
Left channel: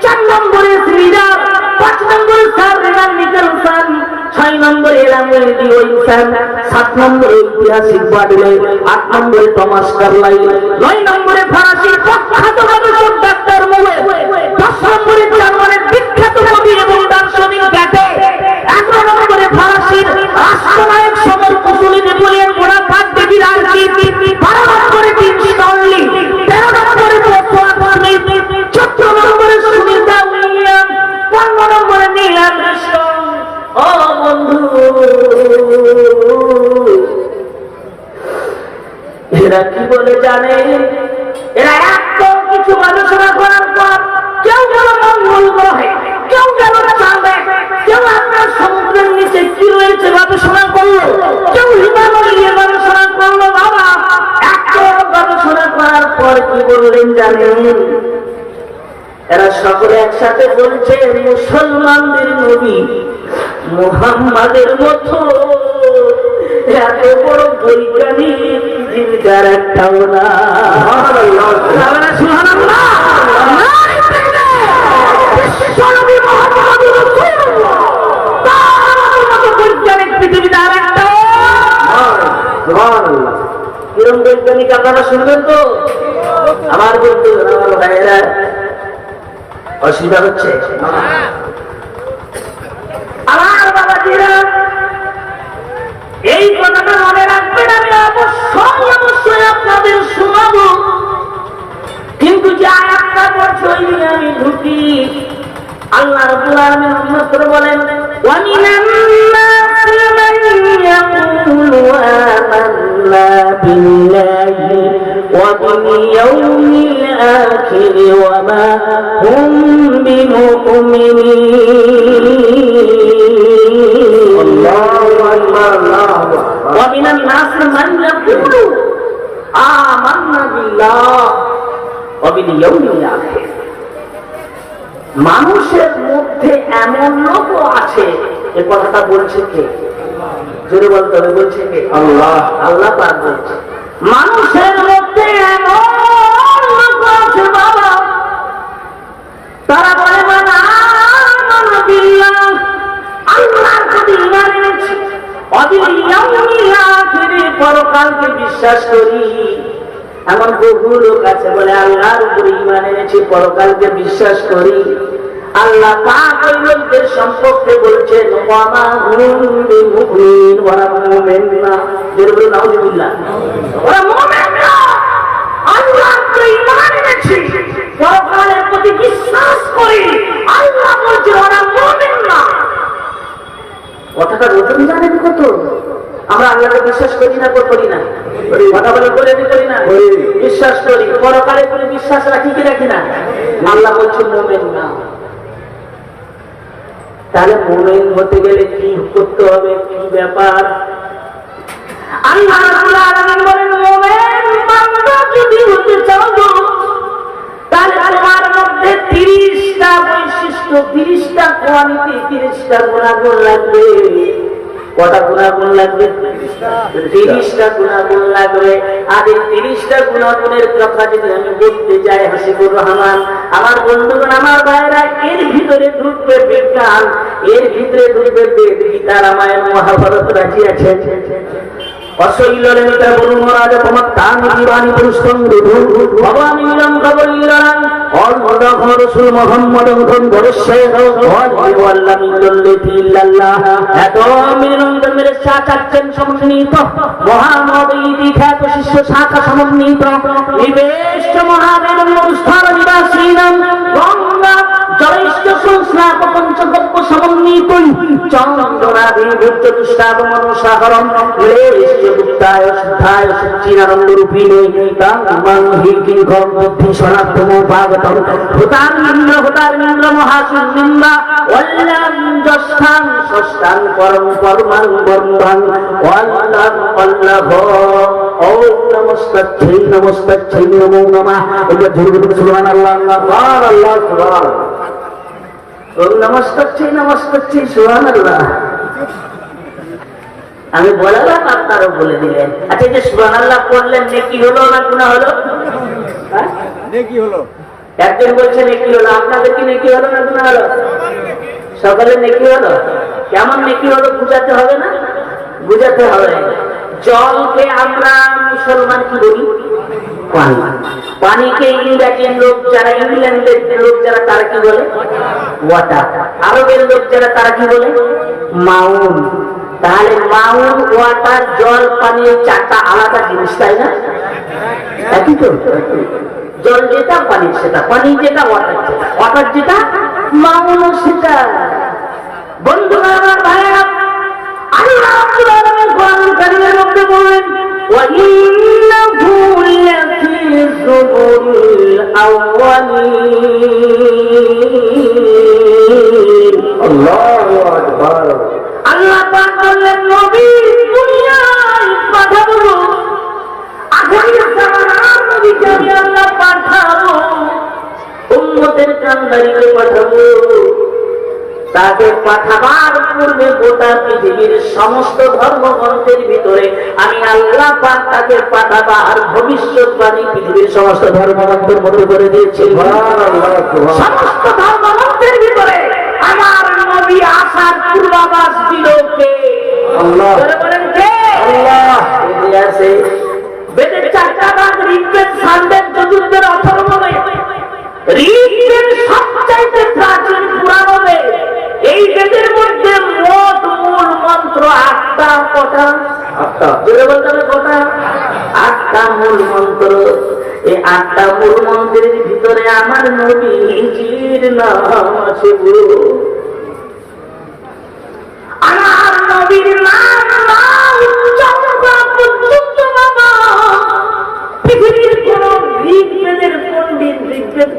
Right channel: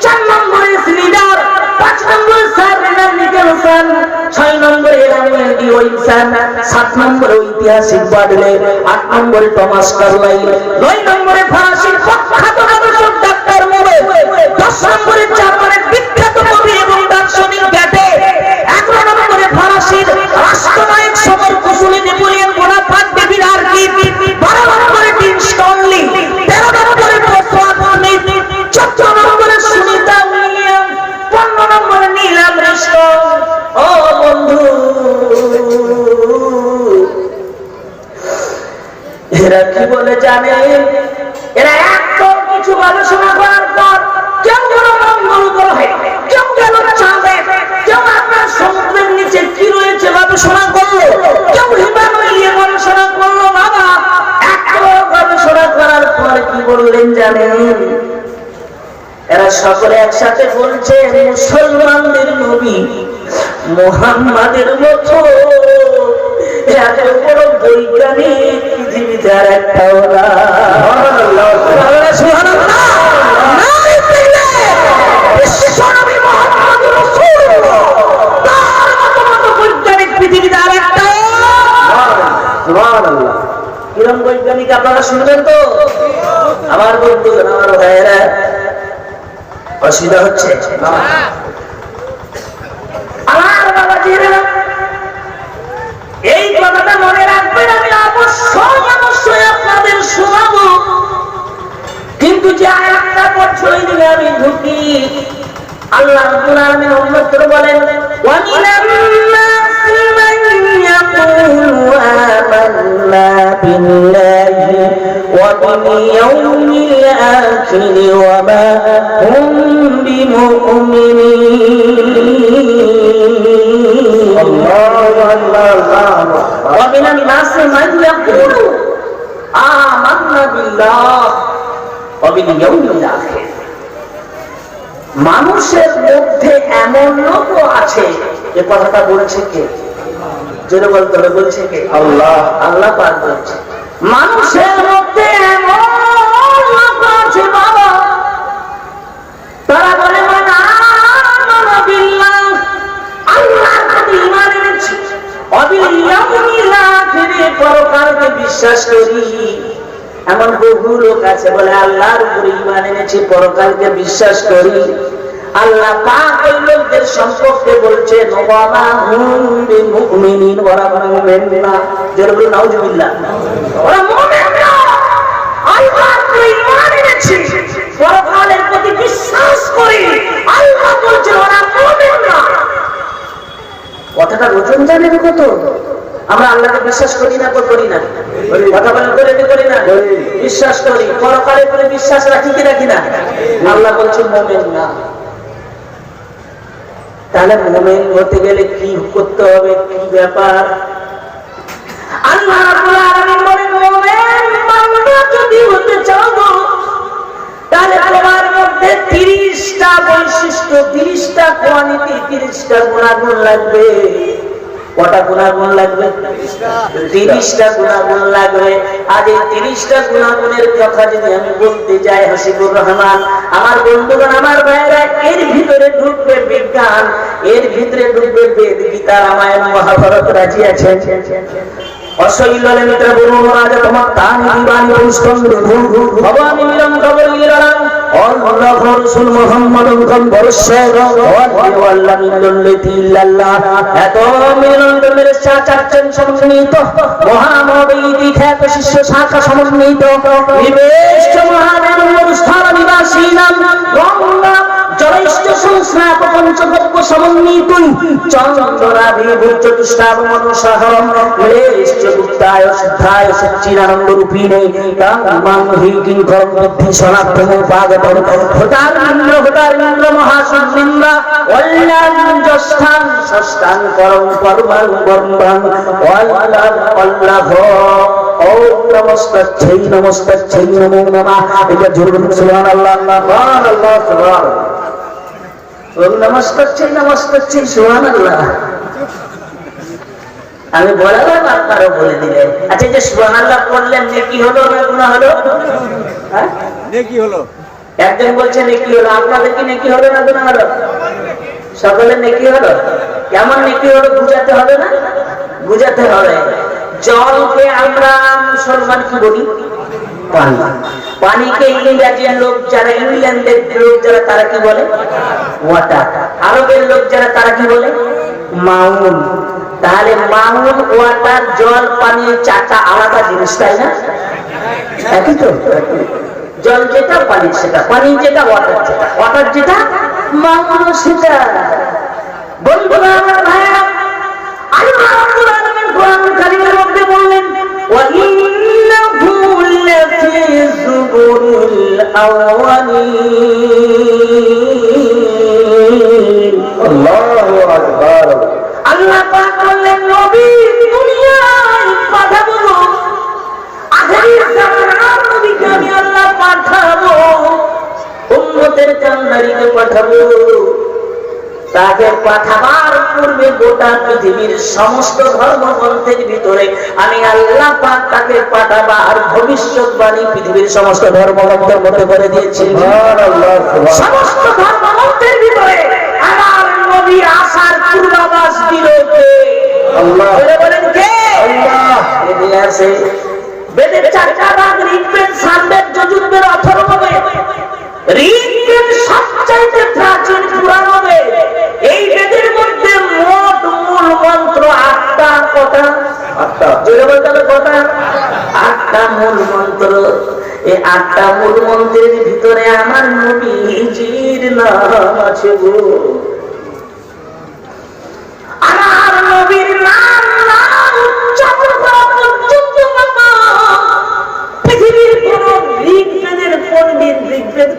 4 নম্বরে সিলিডার, 5 নম্বরে সার্ভেনাল নিকেলসন, 6 নম্বরে এলামেল ডিওইনসন, 7 নম্বরে ঐতিহাসিক বাডলে, 8 নম্বরে টমাস কার্লাইল, 9 নম্বরে ফরাসি প্রখ্যাত গবেষক ডাক্তার মোরে, 10 নম্বরে জার্মানের বিখ্যাত কবি এবং দার্শনিক গ্যাটে, 11 নম্বরে ফরাসির রাষ্ট্রনায়ক সমর কুশলী নেপোলিয়ন বোনাপার্ট ডেভিড আর্কি, 12 নম্বরে টিম স্টনলি, 13 নম্বরে বসওয়ার্থ স্মিথ, 14 নম্বরে সুনিতা উইলিয়াম, 15 নম্বরে নীল আর্মস্ট্রং। ও বন্ধু, এরা কি বলে জানেন? এরা এত কিছু গবেষণা করার পর কেউ গেল মঙ্গল গ্রহে, কেউ গেল চাঁদে, কেউ আপনার সমুদ্রের নিচে কি রয়েছে গবেষণা করলো, কেউ হিমালয় নিয়ে গবেষণা করলো। বাবা, এত গবেষণা করার পর কি বললেন জানেন? এরা সকলে একসাথে বলছে, মুসলমানদের নবী মুহাম্মাদের মতো এত বড় বৈজ্ঞানিক পৃথিবীতে আর একটাও না। বৈজ্ঞানিক পৃথিবীতে আর একটা, কিরম বৈজ্ঞানিক আপনারা শুনবেন তো? আমার বন্ধু, আমার ভাইয়েরা, অসুবিধা হচ্ছে? আমার বাবাজিরা, এই কথাটা মনে রাখবেন, আমি অবশ্যই আপনাদের শোনাবো। কিন্তু যে আয়াতটা পড়ছে ওই দিকে আমি ঢুকি। আল্লাহ রাব্বুল আলামিন অন্যত্র বলেন, ওয়া মিনান নাসি মান ইয়াকুলু আমান্না বিল্লাহি ওয়া বিল ইয়াউমিল আখির الآخر وما هم بمؤمنين الله أكبر الله أكبر ومن الناس من يقول آمنا بالله وباليوم الآخر মানুষের মধ্যে এমন লোক আছে এ কথাটা বলছে কে জোরে বলতে হবে বলছে কে আল্লাহ আল্লাহ পাক বলছে মানুষের মধ্যে এমন লোক আছে বাবা তারা বলে মানা বিল্লাহ আল্লাহর প্রতি ঈমান এনেছি অবিল ইয়াউমিল আখিরে পরকালকে বিশ্বাস করি এমন বহু লোক আছে বলে আল্লাহর উপরে ঈমান এনেছি পরকালকে বিশ্বাস করি আল্লাহ পাক ওই লোকদের সম্পর্কে বলছেন ওয়া মা হুম বিমুমিনিন ওয়া মুমিন না জোরে নাউজুবিল্লাহ ওরা মুমিন না আল্লাহর উপরে ঈমান এনেছি পরকালের প্রতি বিশ্বাস করি আল্লাহ বলছেন ওরা মুমিন না কথাটা ওজন জানেন কত আমরা আল্লাহকে বিশ্বাস করি না করি না কথা বলে করি না বিশ্বাস করি পরকালের উপরে বিশ্বাস রাখি কি রাখি না আল্লাহ বলছেন মুমিন না তাহলে মুমিন হতে গেলে কি করতে হবে কি ব্যাপার আল্লাহ রাব্বুল আলামিন বলেন মুমিন বান্দা যদি হতে চাও তাহলে তোমার মধ্যে 30টা বৈশিষ্ট্য 30টা কোয়ালিটি 30টা গুণাগুণ লাগবে কটা গুণাগুণ লাগবে 30টা গুণাগুণ লাগবে আর এই 30টা গুণাগুণের কথা যদি আমি বলতে যাই হাসিবুর রহমান আমার বন্ধুগণ আমার ভাইরা এর ভিতরে ঢুকবে বিজ্ঞান এর ভিতরে ঢুকবে বেদ গীতা রামায়ণ মহাভারত রাজি আছে অশৈলরে মিত্র বলুন রাজা তোমার তানি দিবানি পুষ্পন্দ ভবানী মিলন খবর ইলারাম অল্লাহ রাসূল মুহাম্মদ বরশের আল্লাহ মিল্লাতি ইল্লাল্লাহ এত মিলন গমের চাচাচ্ছেন সমন্বিত মহানবী খ্যাত শিষ্য শাখা সমন্বিত নিবেশ মহাদেব অনুষ্ঠান নিবাসীনাম গঙ্গা জলেষ্ঠ সংস্নাপ পঞ্চগব্য সমন্বিত চন্দ্রাদি চতুষ্টাব মনসাহরম লেষ্ট গুপ্তায় সিদ্ধায় সচ্চিদানন্দ রূপিণে কামাং হি কিংকরম বুদ্ধি সনাতন ভাগবত ভূতারিন্দ্র মহাসুন্নিন্দা অল্লাঞ্জস্থান ষষ্ঠান পরম পরমাং বর্মাং অল্লাহ ওম নমস্তাচ্ছৈ নমো নমঃ এটা জোরে বলুন সুবহানাল্লাহ আল্লাহ সুবহানাল্লাহ ওম নমস্তাচ্ছৈ সুবহানাল্লাহ আমি বলালাম আপনারও বলে দিলেন আচ্ছা যে সুবহানাল্লাহ পড়লেন নেকি হলো না গুনাহ হলো হ্যাঁ নেকি হলো একজন বলছে নেকি হলো আপনাদের কি নেকি হলো না গুনাহ হলো সকলের নেকি হলো কেমন নেকি হলো বুঝাতে হবে না বুঝাতে হবে জলকে আমরা মুসলমান কি বলি পানি পানিকে ইংরেজির লোক যারা ইংল্যান্ডের লোক যারা তারা কি বলে ওয়াটার আরবের লোক যারা তারা কি বলে মাউন তাহলে মাউন ওয়াটার জল পানি চারটা আলাদা জিনিস তাই না একই তো জল যেটা পানি সেটা পানি যেটা ওয়াটার যেটা মাউন সেটা বন্ধুরা আমার ভাইরা আল্লাহ রাব্বুল আলামিন কোরআনুল কারীমের মধ্যে বললেন ওয়া ইন্নাহু লাফি যুবুরিল আউয়ালিন আল্লাহু আকবার আল্লাহ পাক বললেন নবী দুনিয়ায় পাঠাবো আখির জামানার নবীকে আমি আল্লাহ পাঠাবো উম্মতের কান্ডারিকে পাঠাবো তাকে পাঠাবার পূর্বে গোটা পৃথিবীর সমস্ত ধর্মগ্রন্থের ভিতরে আমি আল্লাহ পাক তাকে পাঠাবার ভবিষ্যৎবাণী পৃথিবীর সমস্ত ধর্মগ্রন্থের মধ্যে করে দিয়েছি সমস্ত ধর্মগ্রন্থের ভিতরে আমার নবী আসার পূর্বাভাস দিল কে আল্লাহ বলেন কে আল্লাহ এদিকে আছে বেদের চারটা ভাগ ঋগ্বেদ সামবেদ যজুর্বেদ অথর্ববেদ ঋগ্বেদ সবচাইতে প্রাচীন পুরাণ বেদ এই বেদের মধ্যে মোট মূল মন্ত্র 8টা কটা 8টা জোরে বলতে হবে কটা 8টা মূল মন্ত্র এই 8টা মূল মন্ত্রের ভিতরে আমার নবীজির নাম আছে গো আমার নবীর নাম উচ্চারণ পর্যন্ত বাবা পৃথিবীর কোন ঋগ্বেদের পণ্ডিত ঋগ্বেদ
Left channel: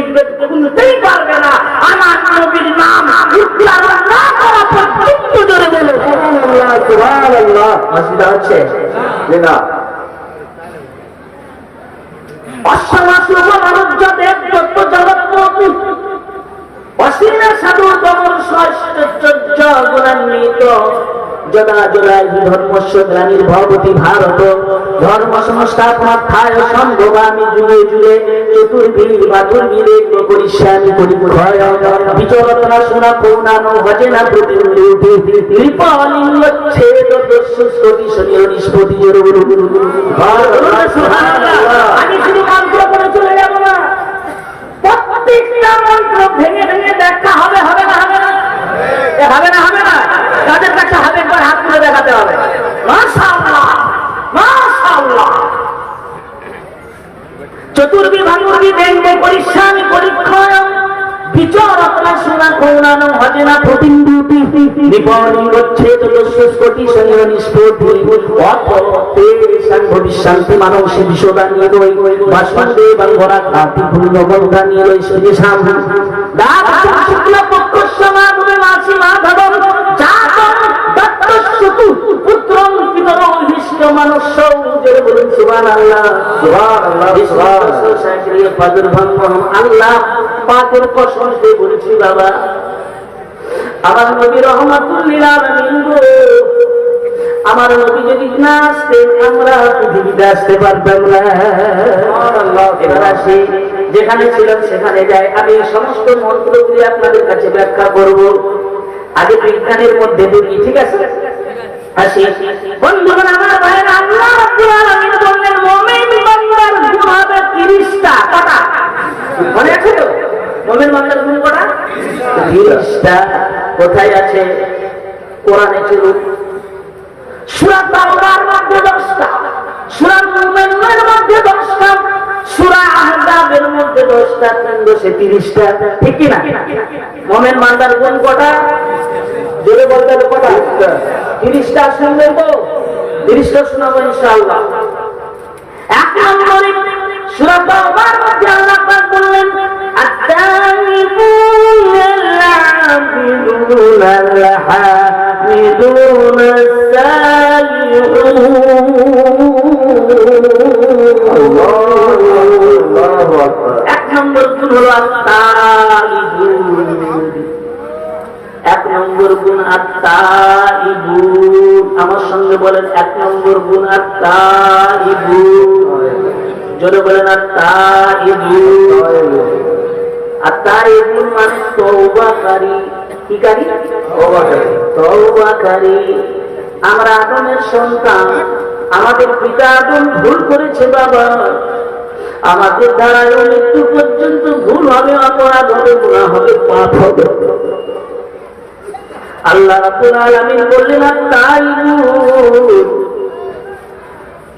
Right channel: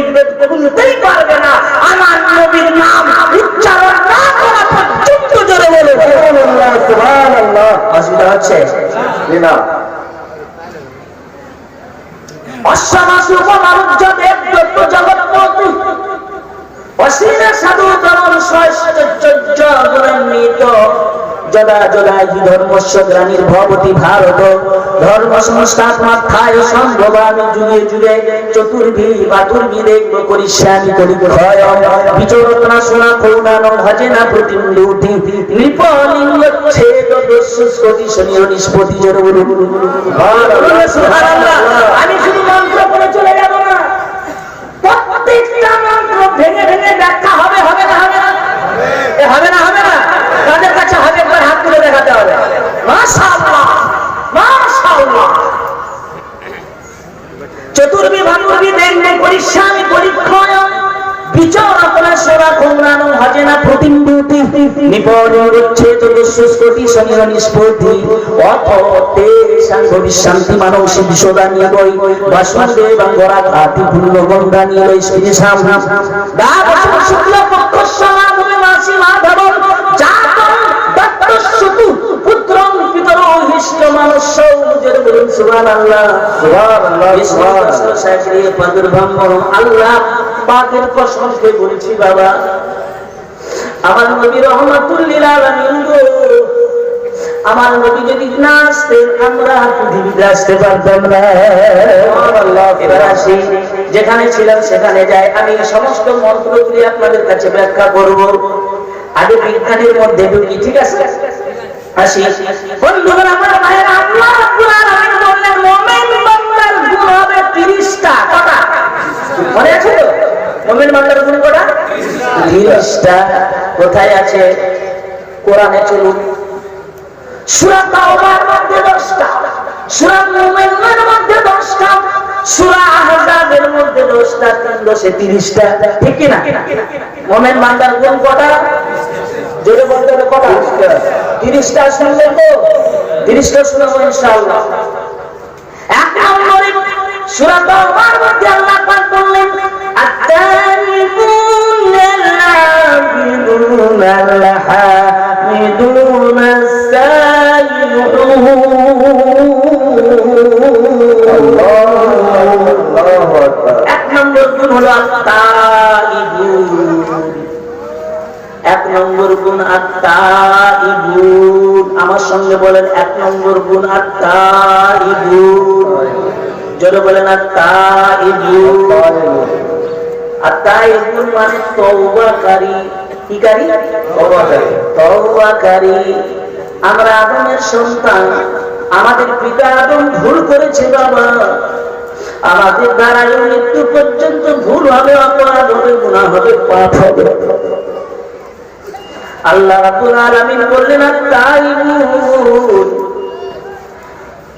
ঋগ্বেদ বলতেই পারবে না আমার নবীর নাম উচ্চারণ না করা পর্যন্ত। জোরে বলে সুবহানাল্লাহ সুবহানাল্লাহ। অসুবিধা হচ্ছে না? অশ্বমাসুভ মানুজ্য দেব দত্ত জগৎপতি অসীমে সাধু তমন সৈশ্চর্য গুণান্বিত যদা যদা হি ধর্মস্য গ্রামীর ভবতি ভারত ধর্ম সংস্থাত্মাত্থায় সম্ভবামি যুগে যুগে চতুর্ভি বাতুর্ভিদে করিষ্যামি পরিক্ষয় বিচরত্না সোনা করুণানো ভজে না প্রতিমূর্তি নৃপলিঙ্গচ্ছেদ দস্যুস্কটি শনির নিষ্পতি জোর আমি শুধু মন্ত্র করে চলে যাব না, প্রত্যেকটা মন্ত্র ভেঙে ভেঙে ব্যাখ্যা হবে। হবে না? হবে না? হবে না? হবে না? তাদের কাছে হবে, একবার হাত তুলে দেখাতে হবে। মাশাআল্লাহ মাশাআল্লাহ। চতুর্ভি ভানুর্ভি দেখবে পরিশ্রামী পরীক্ষয় বিচরত্না সেরা কৌনানো হজে না প্রতিম্বুতি নিপরিচ্ছে চতুষ্কোটি শনির নিষ্পতি অপতে শান্তি মানসী বিশ্বদানীয় বই বাসুদেব গড়া কাতি পূর্ণ গঙ্গা নীল স্পৃশাম দাস শুক্ল পক্ষ সমাগমে মাসি মাধব জাত দত্তস্যতু পুত্রং পিতরো হিষ্ট মানস্য। জোরে বলুন সুবহানাল্লাহ সুবহানাল্লাহ সুবহানাল্লাহ। সাকরিয়ে প্রাদুর্ভাব আল্লাহ পাকের কসম করে বলছি বাবা, আমার নবী রহমাতুল লিল আলামিন গো, আমার নবী যদি না আসতেন আমরা পৃথিবীতে আসতে পারতাম না। সুবহানাল্লাহ। এবার আসি, যেখানে ছিলাম সেখানে যাই। আমি সমস্ত মন্ত্রগুলি আপনাদের কাছে ব্যাখ্যা করব। আগে বিজ্ঞানের মধ্যে ঢুকি, ঠিক আছে? আসি বন্ধুগণ, আমার ভাইয়েরা, আল্লাহ রাব্বুল আলামিন বললেন মুমিন বান্দার গুণ হবে 30টা। কটা মনে আছে তো? মুমিন বান্দার গুণ কটা? 30টা। কোথায় আছে? কোরআনে। চলুন, সূরা তাওবার মধ্যে 10টা, সূরা মুমিনের মধ্যে 10টা, সূরা আহজাবের মধ্যে 10টা, 330টা। ঠিক কি না? মুমিন বান্দার গুণ কটা? জোরে বলতে হবে কটা? 30টা। শুনলেন তো? 30টা শুনবো ইনশাআল্লাহ। এক নম্বরে সূরা তাওবার মধ্যে আল্লাহ পাক বললেন আত-তাইবুনা আল-হামিদুনা আল্লাহু আকবার। এক নম্বর গুণ হলো আত-তাইবুন। এক নম্বর গুণ আত-তাইবুন। আমার সঙ্গে বলেন, এক নম্বর গুণ আত-তাইবুন। জোরে বলেন আত-তাইবুন। আত-তাইবুন মানে তওবাকারী। কি কারী? তওবাকারী। তওবাকারী। আমরা আদমের সন্তান, আমাদের পিতা আদম ভুল করেছে বাবা, আমাদের দ্বারা মৃত্যু পর্যন্ত ভুল হবে, অপরাধ হবে, গুনাহ হবে, পাপ হবে। আল্লাহ রাব্বুল আলামিন বললেন আত-তাইবুন।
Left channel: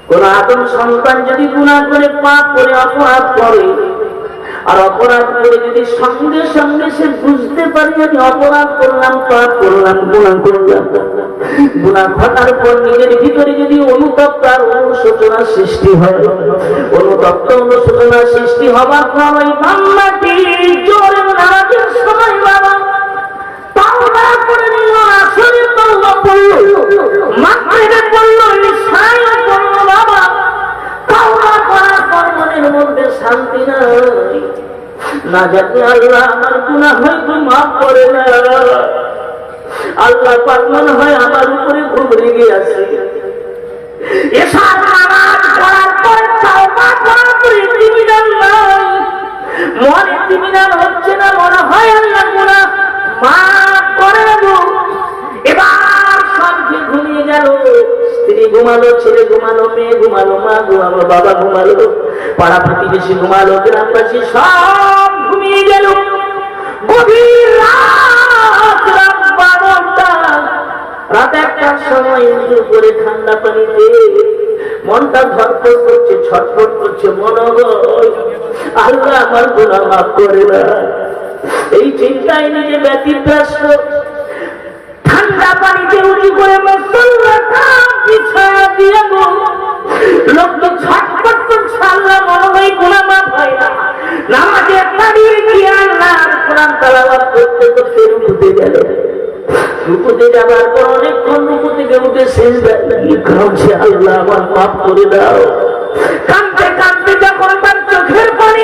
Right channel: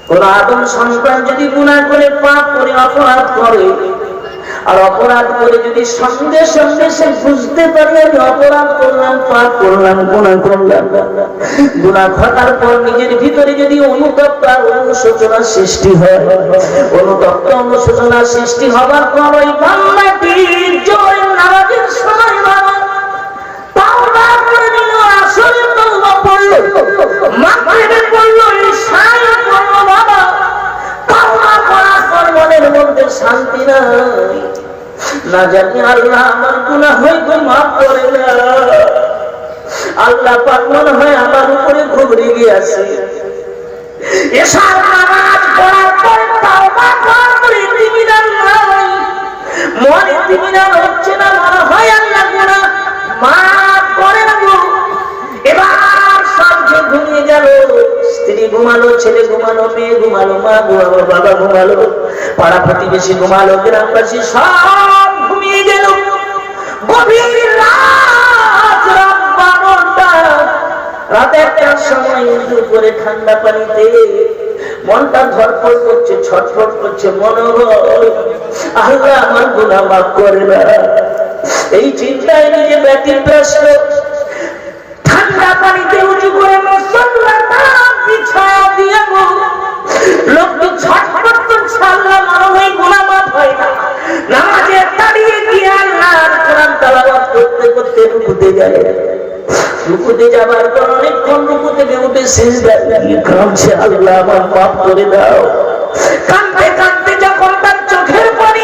কোন আদম সন্তান যদি গুনাহ করে, পাপ করে, অপরাধ করে, আর অপরাধ করে যদি সঙ্গে সঙ্গে সে বুঝতে পারে আমি অপরাধ করলাম, পাপ করলাম, গুনাহ করলাম, গুনাহ ঘটার পর নিজের ভিতরে যদি অনুতপ্ত আর অনুশোচনার সৃষ্টি হয়, অনুতপ্ত অনুশোচনার সৃষ্টি হওয়ার পর ওই বান্দাটি জোরে নামাজের সময় বাবা তাওবা করে নিল, আসরে তাওবা পড়ল, মাগরিবে পড়ল, ইশায় পড়ল বাবা। তাওবা করার পর মনের মধ্যে শান্তি নাই, না জানি আল্লাহ আমার গুনাহ হয়তো মাফ করে না, আল্লাহ পাক মনে হয় আমার উপরে খুব রেগে আছে। এশার নামাজ পড়ার পর তাওবা করার পর ইতিমিনান নাই, মনে ইতিমিনান হচ্ছে না, মনে হয় আল্লাহ গুনাহ মাফ করে দেব। এবার সব যে ঘুমিয়ে গেল, স্ত্রী ঘুমালো, ছেলে ঘুমালো, মেয়ে ঘুমালো, মা ঘুমালো, বাবা ঘুমালো, পাড়া প্রতিবেশী ঘুমালো, গ্রামবাসী সব ঘুমিয়ে গেল। গভীর রাত, রাত 12টা, রাত 1টার সময় উপরে ঠান্ডা পানিতে মনটা ধরপড় করছে, ছটফট করছে, মনে হয় আল্লাহ আমার গুনাহ মাফ করে না। এই চিন্তায় নিজে ব্যতিব্যস্ত, ঠান্ডা পানিতে উঁচু করে মুসল্লাটা বিছায়া দিয়ে লোকটি ছটফট করছে, আল্লাহ মনে হয় গুনাহ মাফ হয় না। নামাজে দাঁড়িয়ে সিজদায় গিয়ে কাঁদছে, আল্লাহ আমার মাফ করে দাও। কাঁদতে কাঁদতে যখন তার চোখের পানি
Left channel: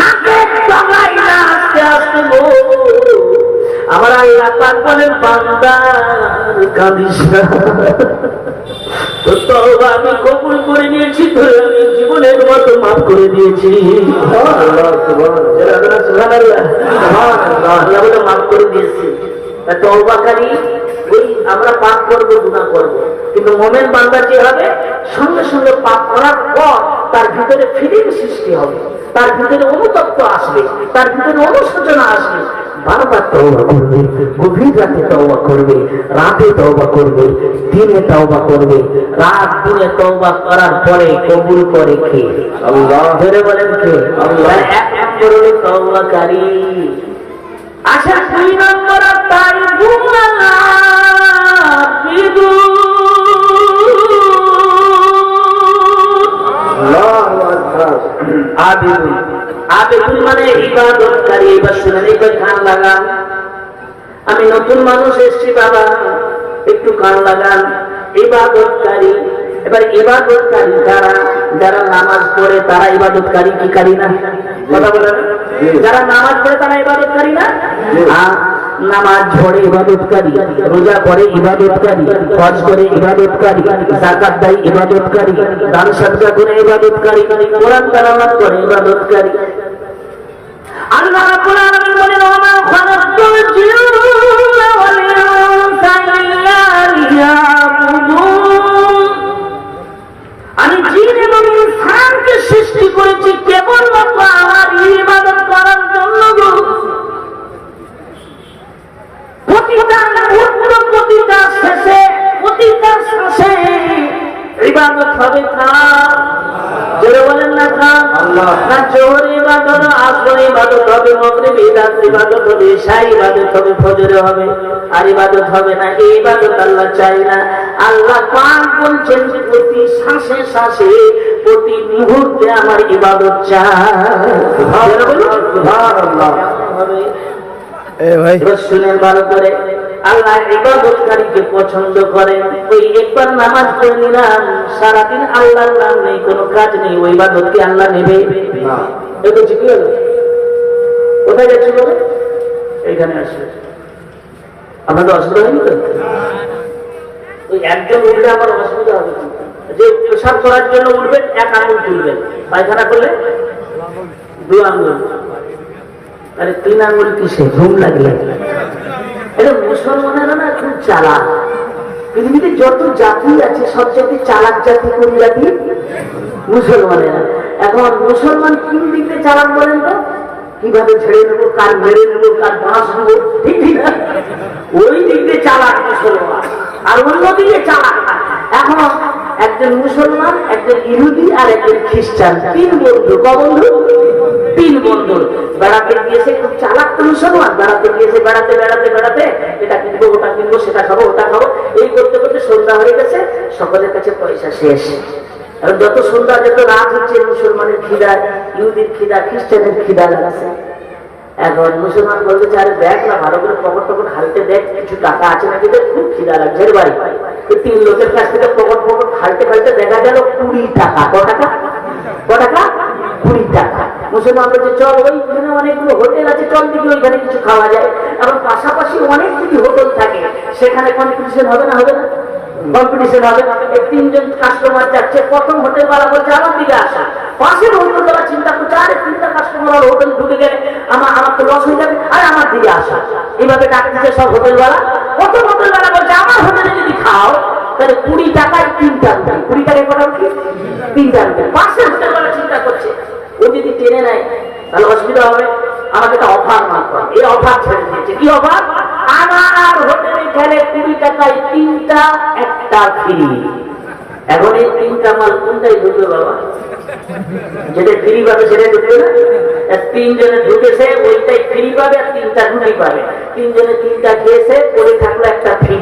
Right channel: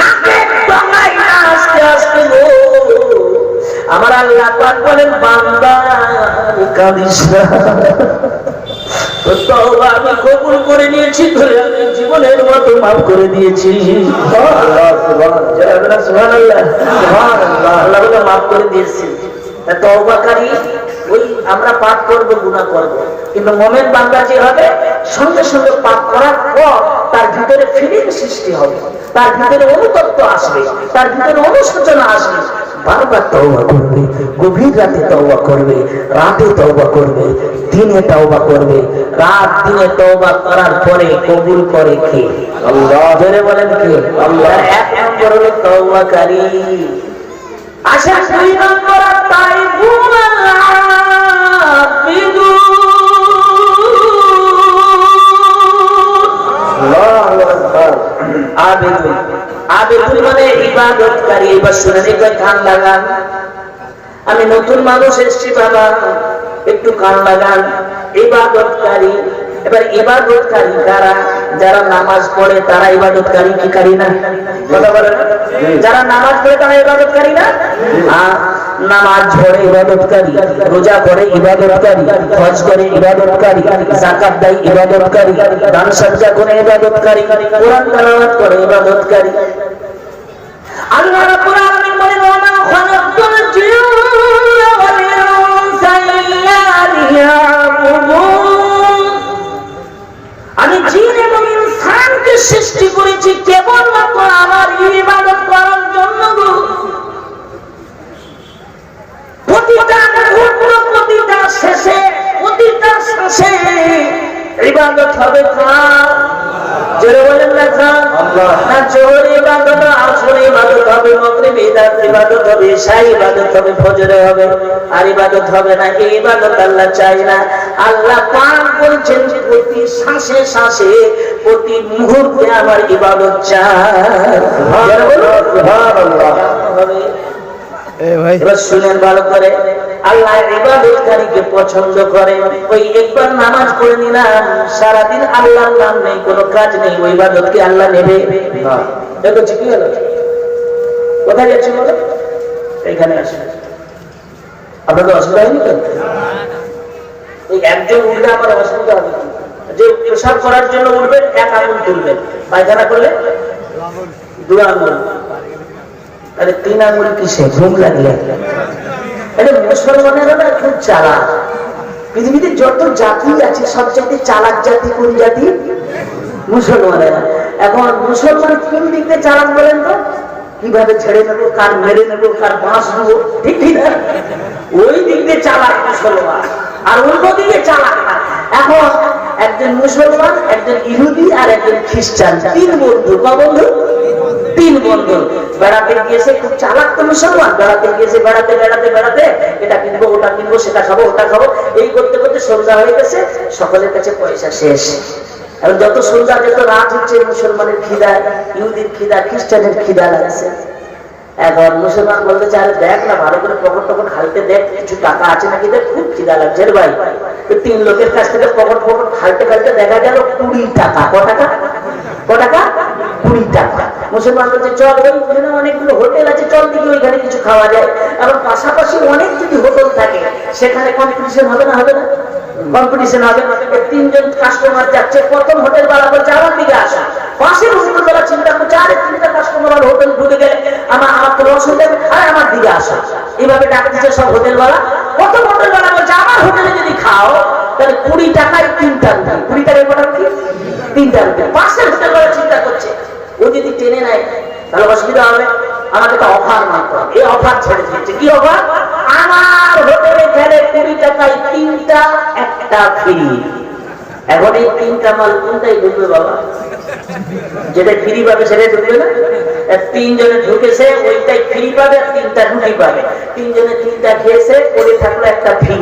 নাকে টাঙাই না আস্তে আস্তে গো, আমার আল্লাহ পাক বলেন বান্দা কাঁদিস না, তওবা আমি কবুল করে নিয়েছি, ধরে আমি জীবনের মতো মাফ করে দিয়েছি। আল্লাহ মাফ করে দিয়েছি। তওবাকারী ওই আমরা পাপ করবো, গুনাহ করবো, কিন্তু মুমিন বান্দা যে হবে সঙ্গে সঙ্গে পাপ করার পর তার ভিতরে ফিলিং সৃষ্টি হবে, তার ভিতরে অনুতপ্ত আসবে, তার ভিতরে অনুশোচনা আসবে, বারবার তওবা করবে, গভীর রাতে তওবা করবে, রাতে তওবা করবে, দিনে তওবা করবে। রাত দিনে তওবা করার পরে কবুল করে কে? আল্লাহ। ধরে বলেন কে? আল্লাহ। এক নম্বর হলো তওবাকারী। আচ্ছা, দুই নম্বর আবেদুন। আবেদুন মানে ইবাদতকারী। এবার শুনেন, এবার কান লাগান। আমি নতুন মানুষ এসছি বাবা, একটু কান লাগান। ইবাদতকারী। এবার ইবাদতকারী কারা? যারা নামাজ পড়ে তারা ইবাদতকারী কি কারি না? কথা বলেন। যারা নামাজ পড়ে তারা ইবাদতকারী না? নামাজ পড়ে ইবাদতকারী, রোজা করে ইবাদতকারী, হজ করে ইবাদতকারী, যাকাত দেয় ইবাদতকারী, দান সদকা করে ইবাদতকারী, কোরআন তেলাওয়াত করে ইবাদতকারী। আল্লাহ রাব্বুল আলামিন বলেন, ওয়া মা খালাকতুল জিন্না ওয়াল ইনসা ইল্লা লিয়াবুদুন। আমি জিন এবং ইনসানকে সৃষ্টি করেছি কেবলমাত্র আমার ইবাদত করার জন্য। প্রতিটা মুহূর্ত, প্রতিটা শেষে, প্রতিটা শ্বাসে ইবাদত হবে কার? যারা বলেন না কার? আল্লাহ। না জোহর ইবাদত, আসর ইবাদত হবে, মাগরিব ইবাদত হবে, ইশা ইবাদত হবে, ফজর হবে, আর ইবাদত হবে না। এই ইবাদত আল্লাহ চাই না। আল্লাহ পাক বলেছেন প্রতি শ্বাসে শ্বাসে, প্রতি মুহূর্তে আমার ইবাদত চাই। সুবহানাল্লাহ। এবার শুনেন ভালো করে, আল্লাহ ইবাদতকারীকে পছন্দ করেন। ওই একবার নামাজ পড়ে নিলাম, সারাদিন আল্লাহর নাম নেই, কোনো কাজ নেই, ওই ইবাদতকে আল্লাহ নেবে না। দেখো কি হলো? কোথায় যাচ্ছি বলো? এখানে আসলে আপনাদের অসুবিধা হয়নি তো? ওই একজন উঠলে আমার অসুবিধা হবে। যে প্রসাদ করার জন্য উঠবেন, এক আঙুল তুলবেন, পায়খানা করলে 2 আঙুল, আরে 3 আঙুল কিসে? ঘুম লাগলে। এটা মুসলমানেরা না খুব চালাক। পৃথিবীতে যত জাতি আছে সব জাতি চালাক জাতি। কোন জাতি? মুসলমানেরা। এখন মুসলমান কোন দিক দিয়ে চালাক বলেন তো? কিভাবে ছেড়ে নেবো, কার মেরে নেবো, কার বাঁশ দেবো, ঠিক না? ওই দিক দিয়ে চালাক মুসলমান, আর অন্য দিকে চালাক। এখন একজন মুসলমান, একজন ইহুদি আর একজন খ্রিস্টান, 3 বন্ধু। ক বন্ধু? 3 বন্ধু। বেড়াতে গিয়েছে, খুব চালাক তো মুসলমান। বেড়াতে গিয়েছে, বেড়াতে বেড়াতে বেড়াতে এটা কিনবো, ওটা কিনবো, সেটা খাবো, ওটা খাবো, এই করতে করতে সন্ধ্যা হয়ে গেছে, সকলের কাছে পয়সা শেষ। আর যত সন্ধ্যা, যত রাত হচ্ছে, মুসলমানের খিদা, ইহুদির খিদা, খ্রিস্টানের খিদা লাগছে। এখন মুসলমান বলতে চায়, দেখ না ভালো করে পকেট টকট হালতে দেখ, কিছু টাকা আছে নাকি দেখ, খুব খিদা লাগছে রে ভাই। 3 লোকের কাছ থেকে পকেট পকেট হালতে হালতে দেখা গেল 20 টাকা। ক টাকা? ক টাকা? 20 টাকা। মুসলমান বলছে, চল ওইখানে অনেকগুলো হোটেল আছে, চল দেখি ওইখানে কিছু খাওয়া যায়। কারণ পাশাপাশি অনেক যদি হোটেল থাকে, সেখানে কম্পিটিশন হবে না? হবে না? কম্পিটিশন হবে। 3 জন কাস্টমার যাচ্ছে, প্রথম হোটেল ওয়ালা বলছে আমার দিকে আসো। পাশের হোটেল ওয়ালা চিন্তা করছে, আরে 3টা কাস্টমার হোটেল ঢুকে গেলে আমার তো লস হয়ে যাবে, আরে আমার দিকে আসো। এইভাবে ডাকতেছে সব হোটেল ওয়ালা। প্রথম হোটেল ওয়ালা বলছে, আমার হোটেলে যদি খাও তাহলে 20 টাকায় 3টা রুটি। 20 টাকায় কটা রুটি? 3টা রুটি। পাশের হোটেল ওয়ালা চিন্তা করছে, ও যদি টেনে নেয় তাহলে অসুবিধা হবে, আমাকে একটা অফার মারতে হবে। এই অফার ছেড়ে দিয়েছে। কি অফার? আমার হোটেলে গেলে 20 টাকায় 3টা, একটা ফ্রি। এখন এই 3টা মাল কোনটাই ঢুকবে বাবা? যেটা ফ্রি পাবে সেটাই ঢুকবে না? 3 জনে ঢুকেছে, ওইটাই ফ্রি পাবে, আর 3টা রুটি পাবে। 3 জনে 3টা খেয়েছে, পড়ে থাকলো একটা ফ্রি।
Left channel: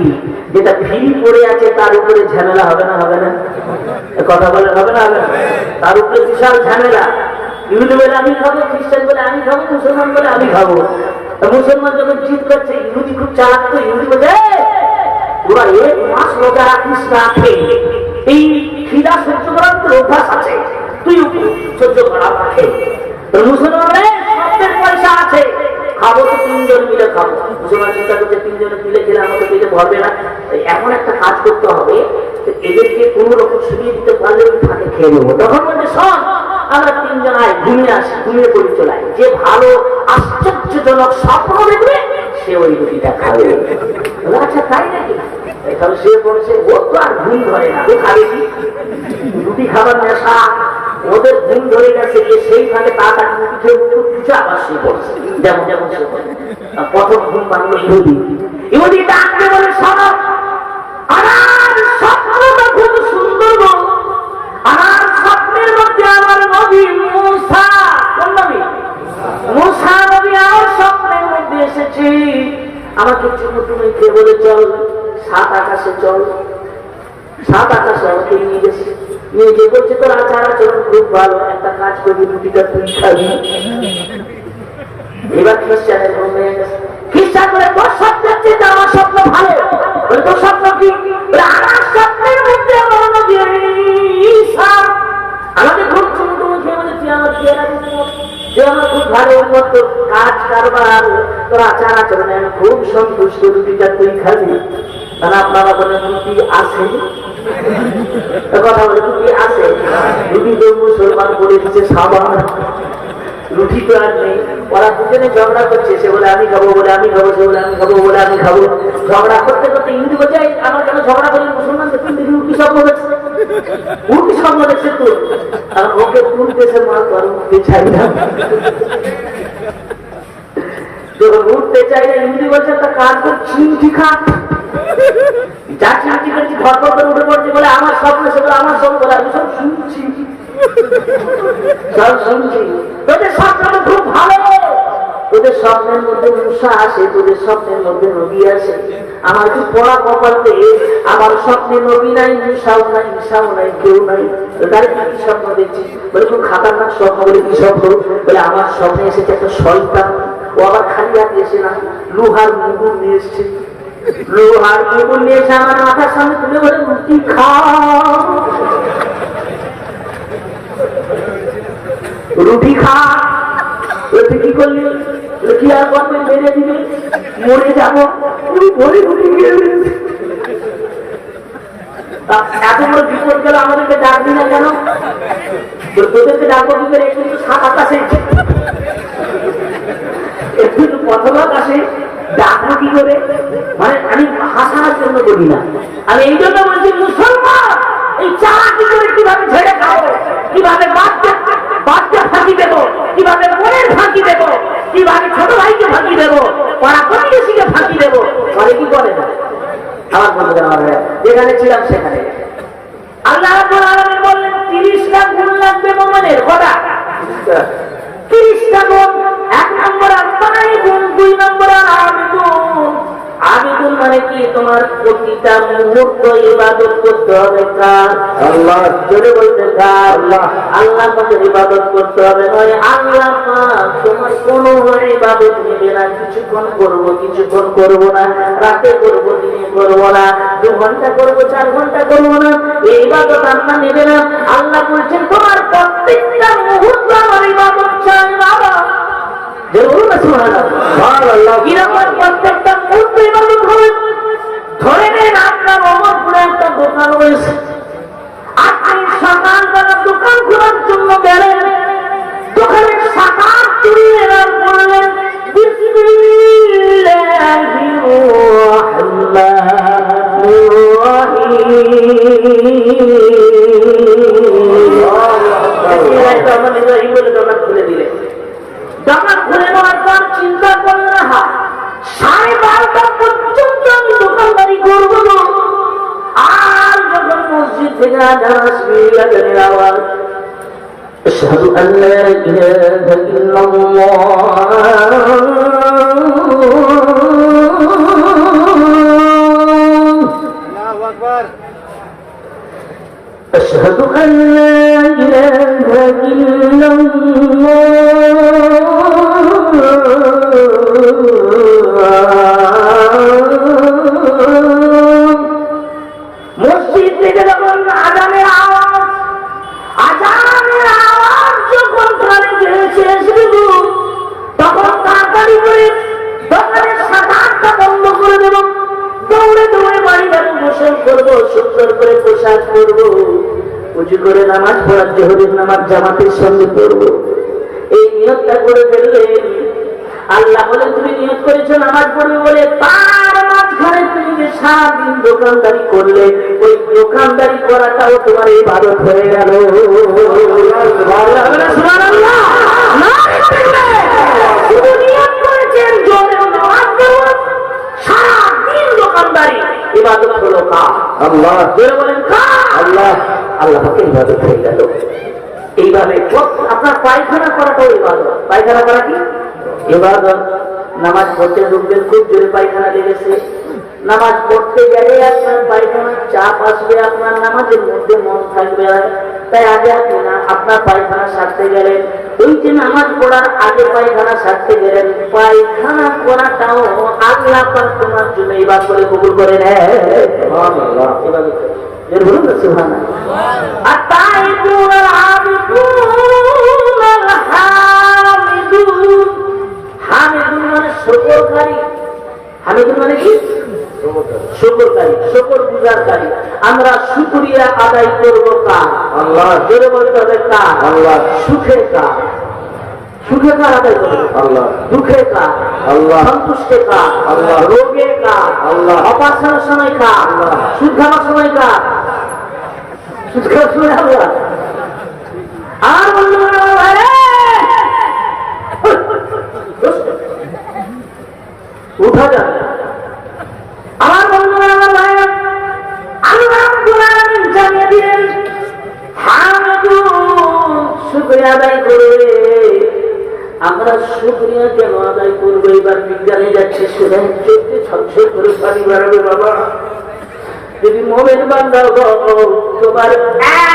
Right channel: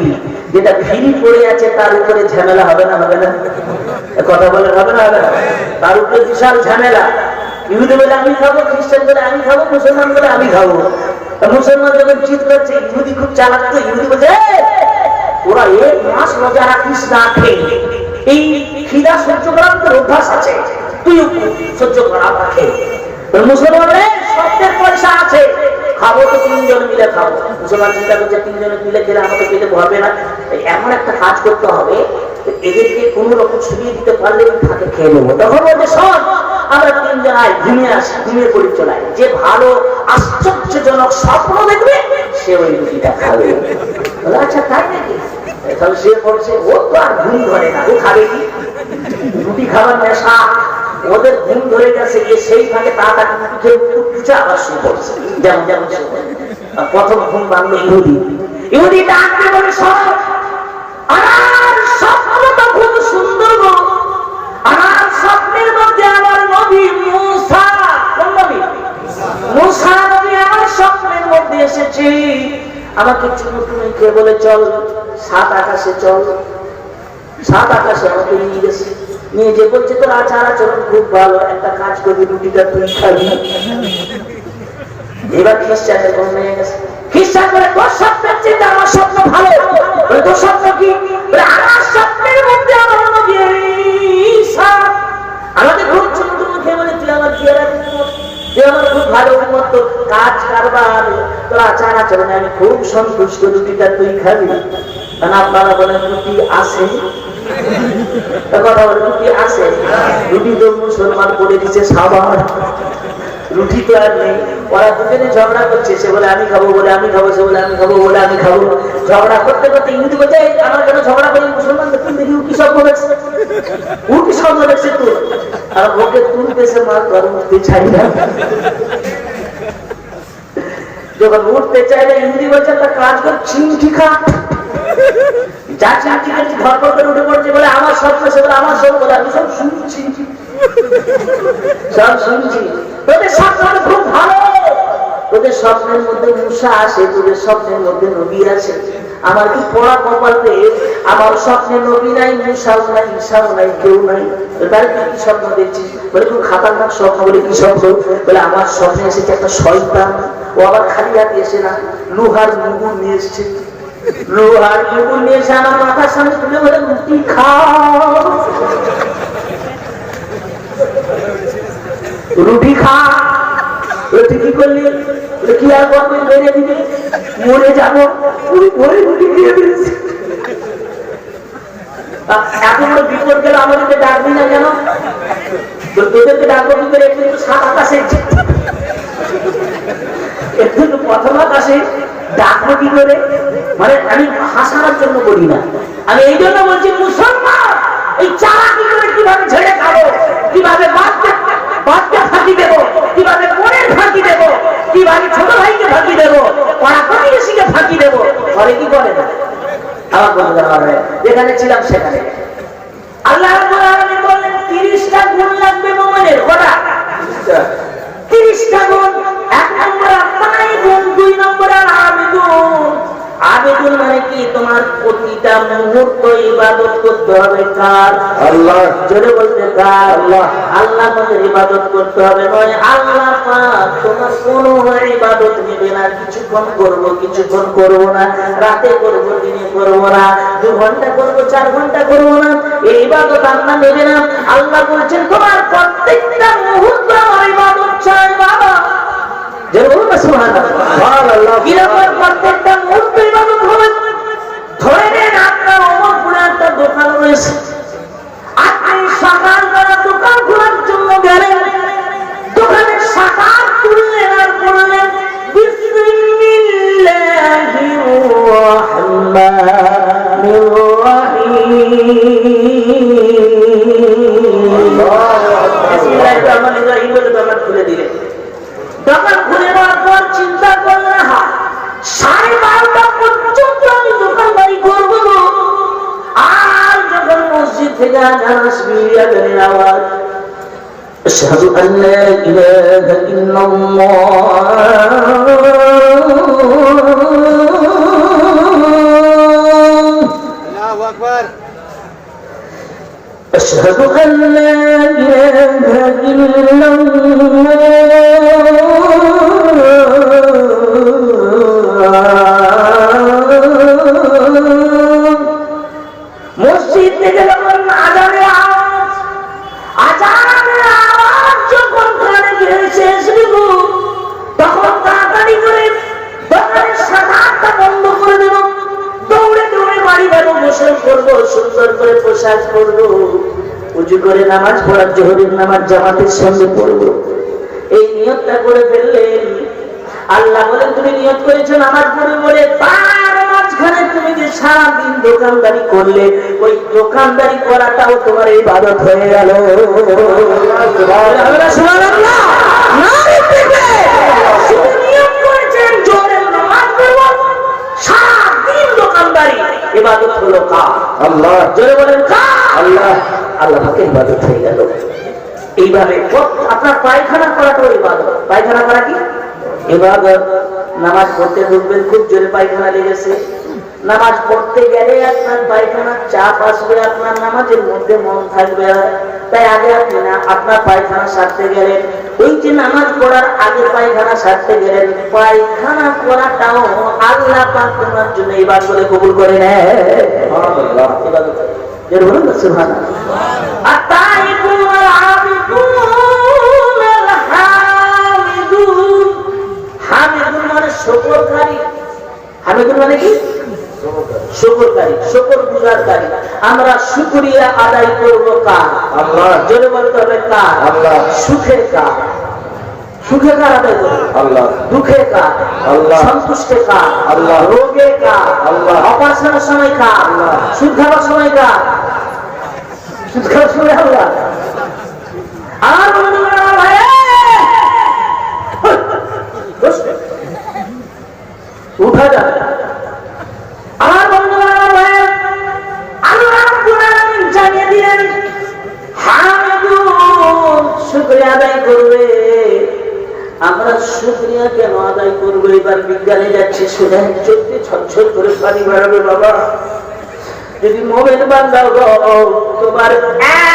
যেটা ফ্রি পড়ে আছে তার উপরে ঝামেলা হবে না? হবে না? কথা বলে হবে না? হবে না? তার উপরে বিশাল ঝামেলা। ইহুদি বলে আমি খাবো, খ্রিস্টান বলে আমি খাবো, মুসলমান বলে আমি খাবো। মুসলমান যখন জিদ করছে, ইহুদি খুব চালাক তো, ইহুদি বলছে ওরা 1 মাস রোজা রাখিস না খেয়ে, এই খিদা সহ্য করার তোর অভ্যাস আছে, তুই সহ্য করা খেয়ে। মুসলমানরা সবচেয়ে পয়সা আছে, খাবো তো 3 জন মিলে খাবো। মুসলমান চিন্তা করছে 3 জন মিলে খেলে আমাকে পেটে ভরবে না, এমন একটা কাজ করতে হবে এদেরকে কোন রকম শুনিয়ে দিতে পারলে থাকে খেয়ে নেবো। তখন বলছে শোন, আমরা 3 জন আয় ঘুমিয়ে আসি, ঘুমিয়ে পড়ি চলাই, যে ভালো আশ্চর্যজনক স্বপ্ন দেখবে সে ওই রুটিটা খাবে। আচ্ছা তাই নাকি? তাহলে সে বলছে ও তো আর ঘুম ধরে না, ও খাবে কি? রুটি খাবার নেশা ওদের ঘুম ধরে গেছে, যে সেই ফাঁকে তাড়াতাড়ি রুটি খেয়ে উঠছে আবার শুয়ে পড়ছে। যেমন যেমন প্রথম ঘুম ভাঙলো ইহুদি। ইহুদি ডাকতে বলে শোনো, আমার স্বপ্নটা খুব সুন্দর গো, আমার স্বপ্নের মধ্যে আমার নবী মুসা, কোন নবী? মুসা নবী আমার স্বপ্নের মধ্যে এসেছে, আমাকে চুমু টুমে খেয়ে বলে চল 7 আকাশে চল। 7 আকাশে আমাকে নিয়ে গেছে, নিয়ে যে বলছে তোর আচার আচরণ খুব ভালো, একটা কাজ করবি রুটিটা তুই খাবি। এবার খ্রিস্টানের ঘুম নিয়ে গেছে, খ্রিস্টান করে তোর স্বপ্নের চেয়ে আমার স্বপ্ন ভালো। তোর স্বপ্ন কি? আমার স্বপ্নের মধ্যে আমার নবী ঈসা আমাকে খুব চুমু টুমু খেয়ে বলে তুই আমার চেহারা তুই আমার খুব ভালো উন্নত কাজ কারবার, তোর আচার আচরণে আমি খুব সন্তুষ্ট, রুটিটা তুই খাবি। কারণ আপনারা বলেন রুটি আছে, কথা বলে রুটি আছে, রুটি তো মুসলমান বলে দিচ্ছে সাবান, রুটি তো আর নেই। ওরা দুজনে ঝগড়া করছে, সে বলে আমি খাবো, বলে আমি খাবো, সে বলে আমি খাবো, বলে আমি খাবো। ঝগড়া করতে করতে ইহুদি বলছে আমার কেন ঝগড়া করি? মুসলমান দেখুন দেখি ও কি স্বপ্ন দেখছে, ও কি স্বপ্ন দেখছে তোর? আর ওকে তুল দেশে মার করে উঠতে চাই না। যখন উঠতে চাই না, ইহুদি বলছে একটা কাজ কর, চিমটি খা। যা চিমটি খেয়েছি ধরপর করে উঠে পড়ছে, বলে আমার স্বপ্ন, সে বলে আমার স্বপ্ন, বলে আমি সব শুনছি, সব শুনছি। তোদের স্বপ্ন খুব ভালো, তোদের স্বপ্নের মধ্যে মুসা আসে, তোদের স্বপ্নের মধ্যে নবী আসে। আমার কি পড়া কপালতে আমার স্বপ্নে নবী নাই, মুসাও নাই, ঈসাও নাই, কেউ নাই। তার কি স্বপ্ন দেখছিস? বলে খুব খাতারনাক স্বপ্ন। বলে কি স্বপ্ন? বলে আমার স্বপ্নে এসেছে একটা শয়তান, ও আবার খালি হাতে এসে না, লোহার মুগুর নিয়ে এসছে, লোহার মুগুর নিয়ে এসে আমার মাথার সামনে তুলে বলে রুটি খাও, রুটি খা। তুই কি করলি? কি আর করবে? মেরে দিবে, মরে যাবো। এত বড় বিপদ গেল, আমাদেরকে ডাকবি না কেন? তোদেরকে ডাকবো কি করে? একটু 7 আকাশে, একটু প্রথম আকাশে ডাকবো কি করে? মানে আমি হাসানোর জন্য বলি না, আমি এই জন্য বলছি মুসলমান এই চারা কি করে, কিভাবে ঝেড়ে খাবো, কিভাবে বাচ্চা ফাঁকি দেবো, কিভাবে মনের ফাঁকি দেবো, কিভাবে ছোট ভাইকে ফাঁকি দেবো, পাড়া প্রতিবেশীকে ফাঁকি দেবো, পরে কি করে না? আমার বন্ধুদের যেখানে ছিলাম সেখানে আল্লাহ রাব্বুল আলামিন বললেন 30টা গুণ লাগবে মুমিনের। কটা? 30টা গুণ। 1 নম্বর আত্মাই গুণ, 2 নম্বর আবেদুন। আবেদুন মানে কি? তোমার প্রতিটা মুহূর্ত ইবাদত করতে হবে কার? আল্লাহ। জোরে বলতে কার? আল্লাহ। আল্লাহ মতো ইবাদত করতে হবে, নয় আল্লাহ পাক তোমার কোনো ইবাদত নেবে না। কিছুক্ষণ করবো, কিছুক্ষণ করবো না, রাতে করবো, দিনে করবো না, 2 ঘন্টা করবো, 4 ঘন্টা করবো না, এই ইবাদত আল্লাহ নেবে না। আল্লাহ বলছেন তোমার প্রত্যেকটা মুহূর্ত আমার ইবাদত চাই বাবা। যে বলুন না সুবহানাল্লাহ। কিরকম প্রত্যেকটা মুহূর্ত ইবাদত হবে? ধরে নেন আপনার অমরপুরে একটা দোকান রয়েছে, আপনি সকালবেলা দোকান খোলার জন্য গেলেন, দোকানের শাটার তুললেন আর বললেন বিসমিল্লাহির রাহমানির রাহিম। বিসমিল্লাহির রাহমানির রাহিম বলে দোকান খুলে দিলেন। দোকান খুলে নেওয়ার পর চিন্তা করলেন, হ্যাঁ 12:30 পর্যন্ত আমি দোকানদারি করবো। আর যখন মসজিদ থেকে আজান আসবে, আজানের আওয়াজ, আশহাদু আল্লা ইলাহা ইল্লাল্লাহ, আল্লাহু আকবার, আশহাদু আল্লা ইলাহা ইল্লাল্লাহ, সুন্দর করে পোশাক পরবো, উজু করে নামাজ পড়ার জোহরের নামাজ জামাতের সঙ্গে পড়বো, এই নিয়তটা করে ফেললেন। আল্লাহ বলেন তুমি নিয়ত করেছো নামাজ পড়বে বলে, তার মাঝখানে তুমি যে সারাদিন দোকানদারি করলে, ওই দোকানদারি করাটাও তোমার ইবাদত হয়ে গেল। শুধু নিয়ত করেছেন জোরে নামাজ পড়বো, সারাদিন দোকানদারি, ইবাদত হলো কার? আল্লাহ। জোরে বলেন কার? আল্লাহ। আল্লাহ পাকের ইবাদত হয়ে গেল। এইভাবে আপনার পায়খানা করাটাও ইবাদত। পায়খানা করা কি ইবাদত? নামাজ পড়তে ঢুকবেন, খুব জোরে পায়খানা লেগেছে, নামাজ পড়তে গেলে আপনার পায়খানার চাপ আসবে, আপনার নামাজের মধ্যে মন থাকবে, তাই আগে আপনি না আপনার পায়খানা সারতে গেলেন, ওই যে নামাজ পড়ার আগে পায়খানা সারতে গেলেন, পায়খানা করাটাও আল্লাহ পাক তোমার জন্য ইবাদত করে কবুল করে নেয়। সুবহানাল্লাহ। ইবাদত এর বলুন না সুবহানাল্লাহ। আর তাই কুল আবিদুন আল হামিদুন, হামিদুন মানে শুকরকারী। হামিদুন মানে কি? শুকরকারী, শুকর গুজারকারী। আমরা শুকরিয়া আদায় করব কার? আল্লাহ। জোরে বলতে হবে কার? আল্লাহ। সুখে কার? সুখে কার আদায় করব? আল্লাহ। দুঃখে কার? আল্লাহ। সন্তুষ্টে কার? আল্লাহ। রোগে কার? আল্লাহ। অপারেশনের সময় কার? আল্লাহ। সুদ খাওয়ার সময় কার? সুদ খাওয়ার সময় আল্লাহ। আর উঠা যাবে আমার বন্ধুরা, আল্লাহ জানিয়ে দিলেন হামিদুন শুকরিয়া আদায় করবে। আমরা শুকরিয়া কেন আদায় করবো? এবার বিজ্ঞানে যাচ্ছে, শুনে চোখে ছলছল করে পানি বেরোবে। বাবা যদি মোমেন বান্দা তোমার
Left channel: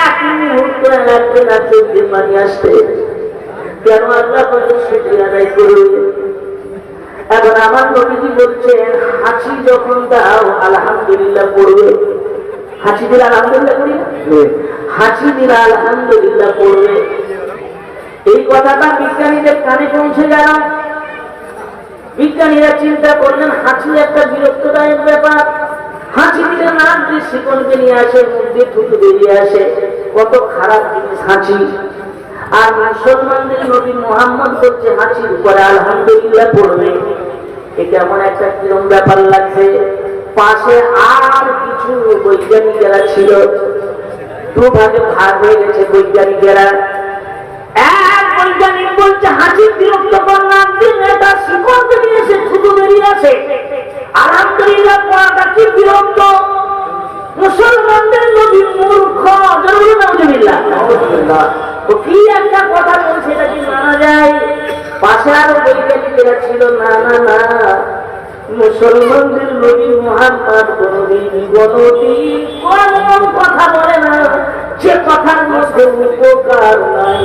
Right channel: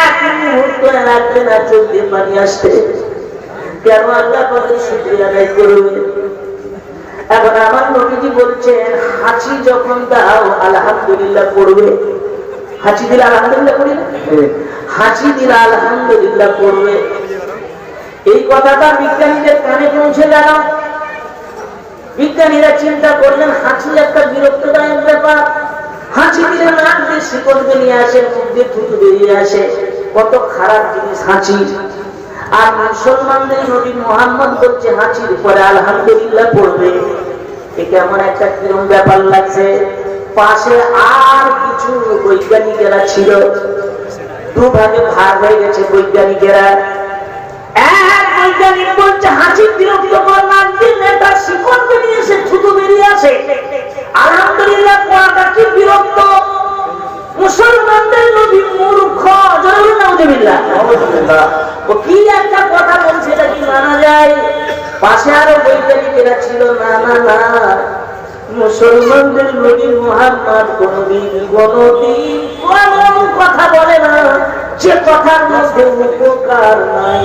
এক মুহূর্ত লাগবে না চোখ দিয়ে পানি আসতে, কেন আল্লাহ পাকের শুকরিয়া আদায় করবে? এখন আমার নবীজি বলছেন হাঁচি যখন দাও আলহামদুলিল্লাহ পড়বে। হাঁচি দিলে আলহামদুলিল্লাহ পড়ি না? হাঁচি দিলে আলহামদুলিল্লাহ পড়বে। এই কথাটা বিজ্ঞানীদের কানে পৌঁছে গেল। বিজ্ঞানীরা চিন্তা করলেন হাঁচি একটা বিরক্তদায়ক ব্যাপার। হাঁচি দিলে নাক দিয়ে শিকড় বেরিয়ে আসে, মুখ দিয়ে থুতু বেরিয়ে আসে, কত খারাপ জিনিস হাঁচি। আর মুসলমানদের নবী মুহাম্মদ বলছে হাঁচির পরে আলহামদুলিল্লাহ পড়বে। এটা এমন একটা কিরম ব্যাপার লাগছে। পাশে আর কিছু বৈজ্ঞানিকেরা ছিল, দুভাগে ভাগ হয়ে গেছে বৈজ্ঞানিকেরা। এক বৈজ্ঞানিক বলছে হাঁচির বিরক্তকর নাক দিয়ে মেয়েটা শিকড় বেরিয়ে এসে থুতু বেরিয়ে আসে, আলহামদুলিল্লাহ পড়াটা কি বিরক্ত। মুসলমানদের নবী মূর্খ। জরুরি নাউজুবিল্লাহ। ও কি একটা কথা বলছে, এটা কি মানা যায়? পাশে আরো বৈজ্ঞানিকেরা ছিল, না না না, মুসলমানদের নবী মুহাম্মদ কোনদিন কোন কথা বলে না যে কথার মধ্যে উপকার নাই।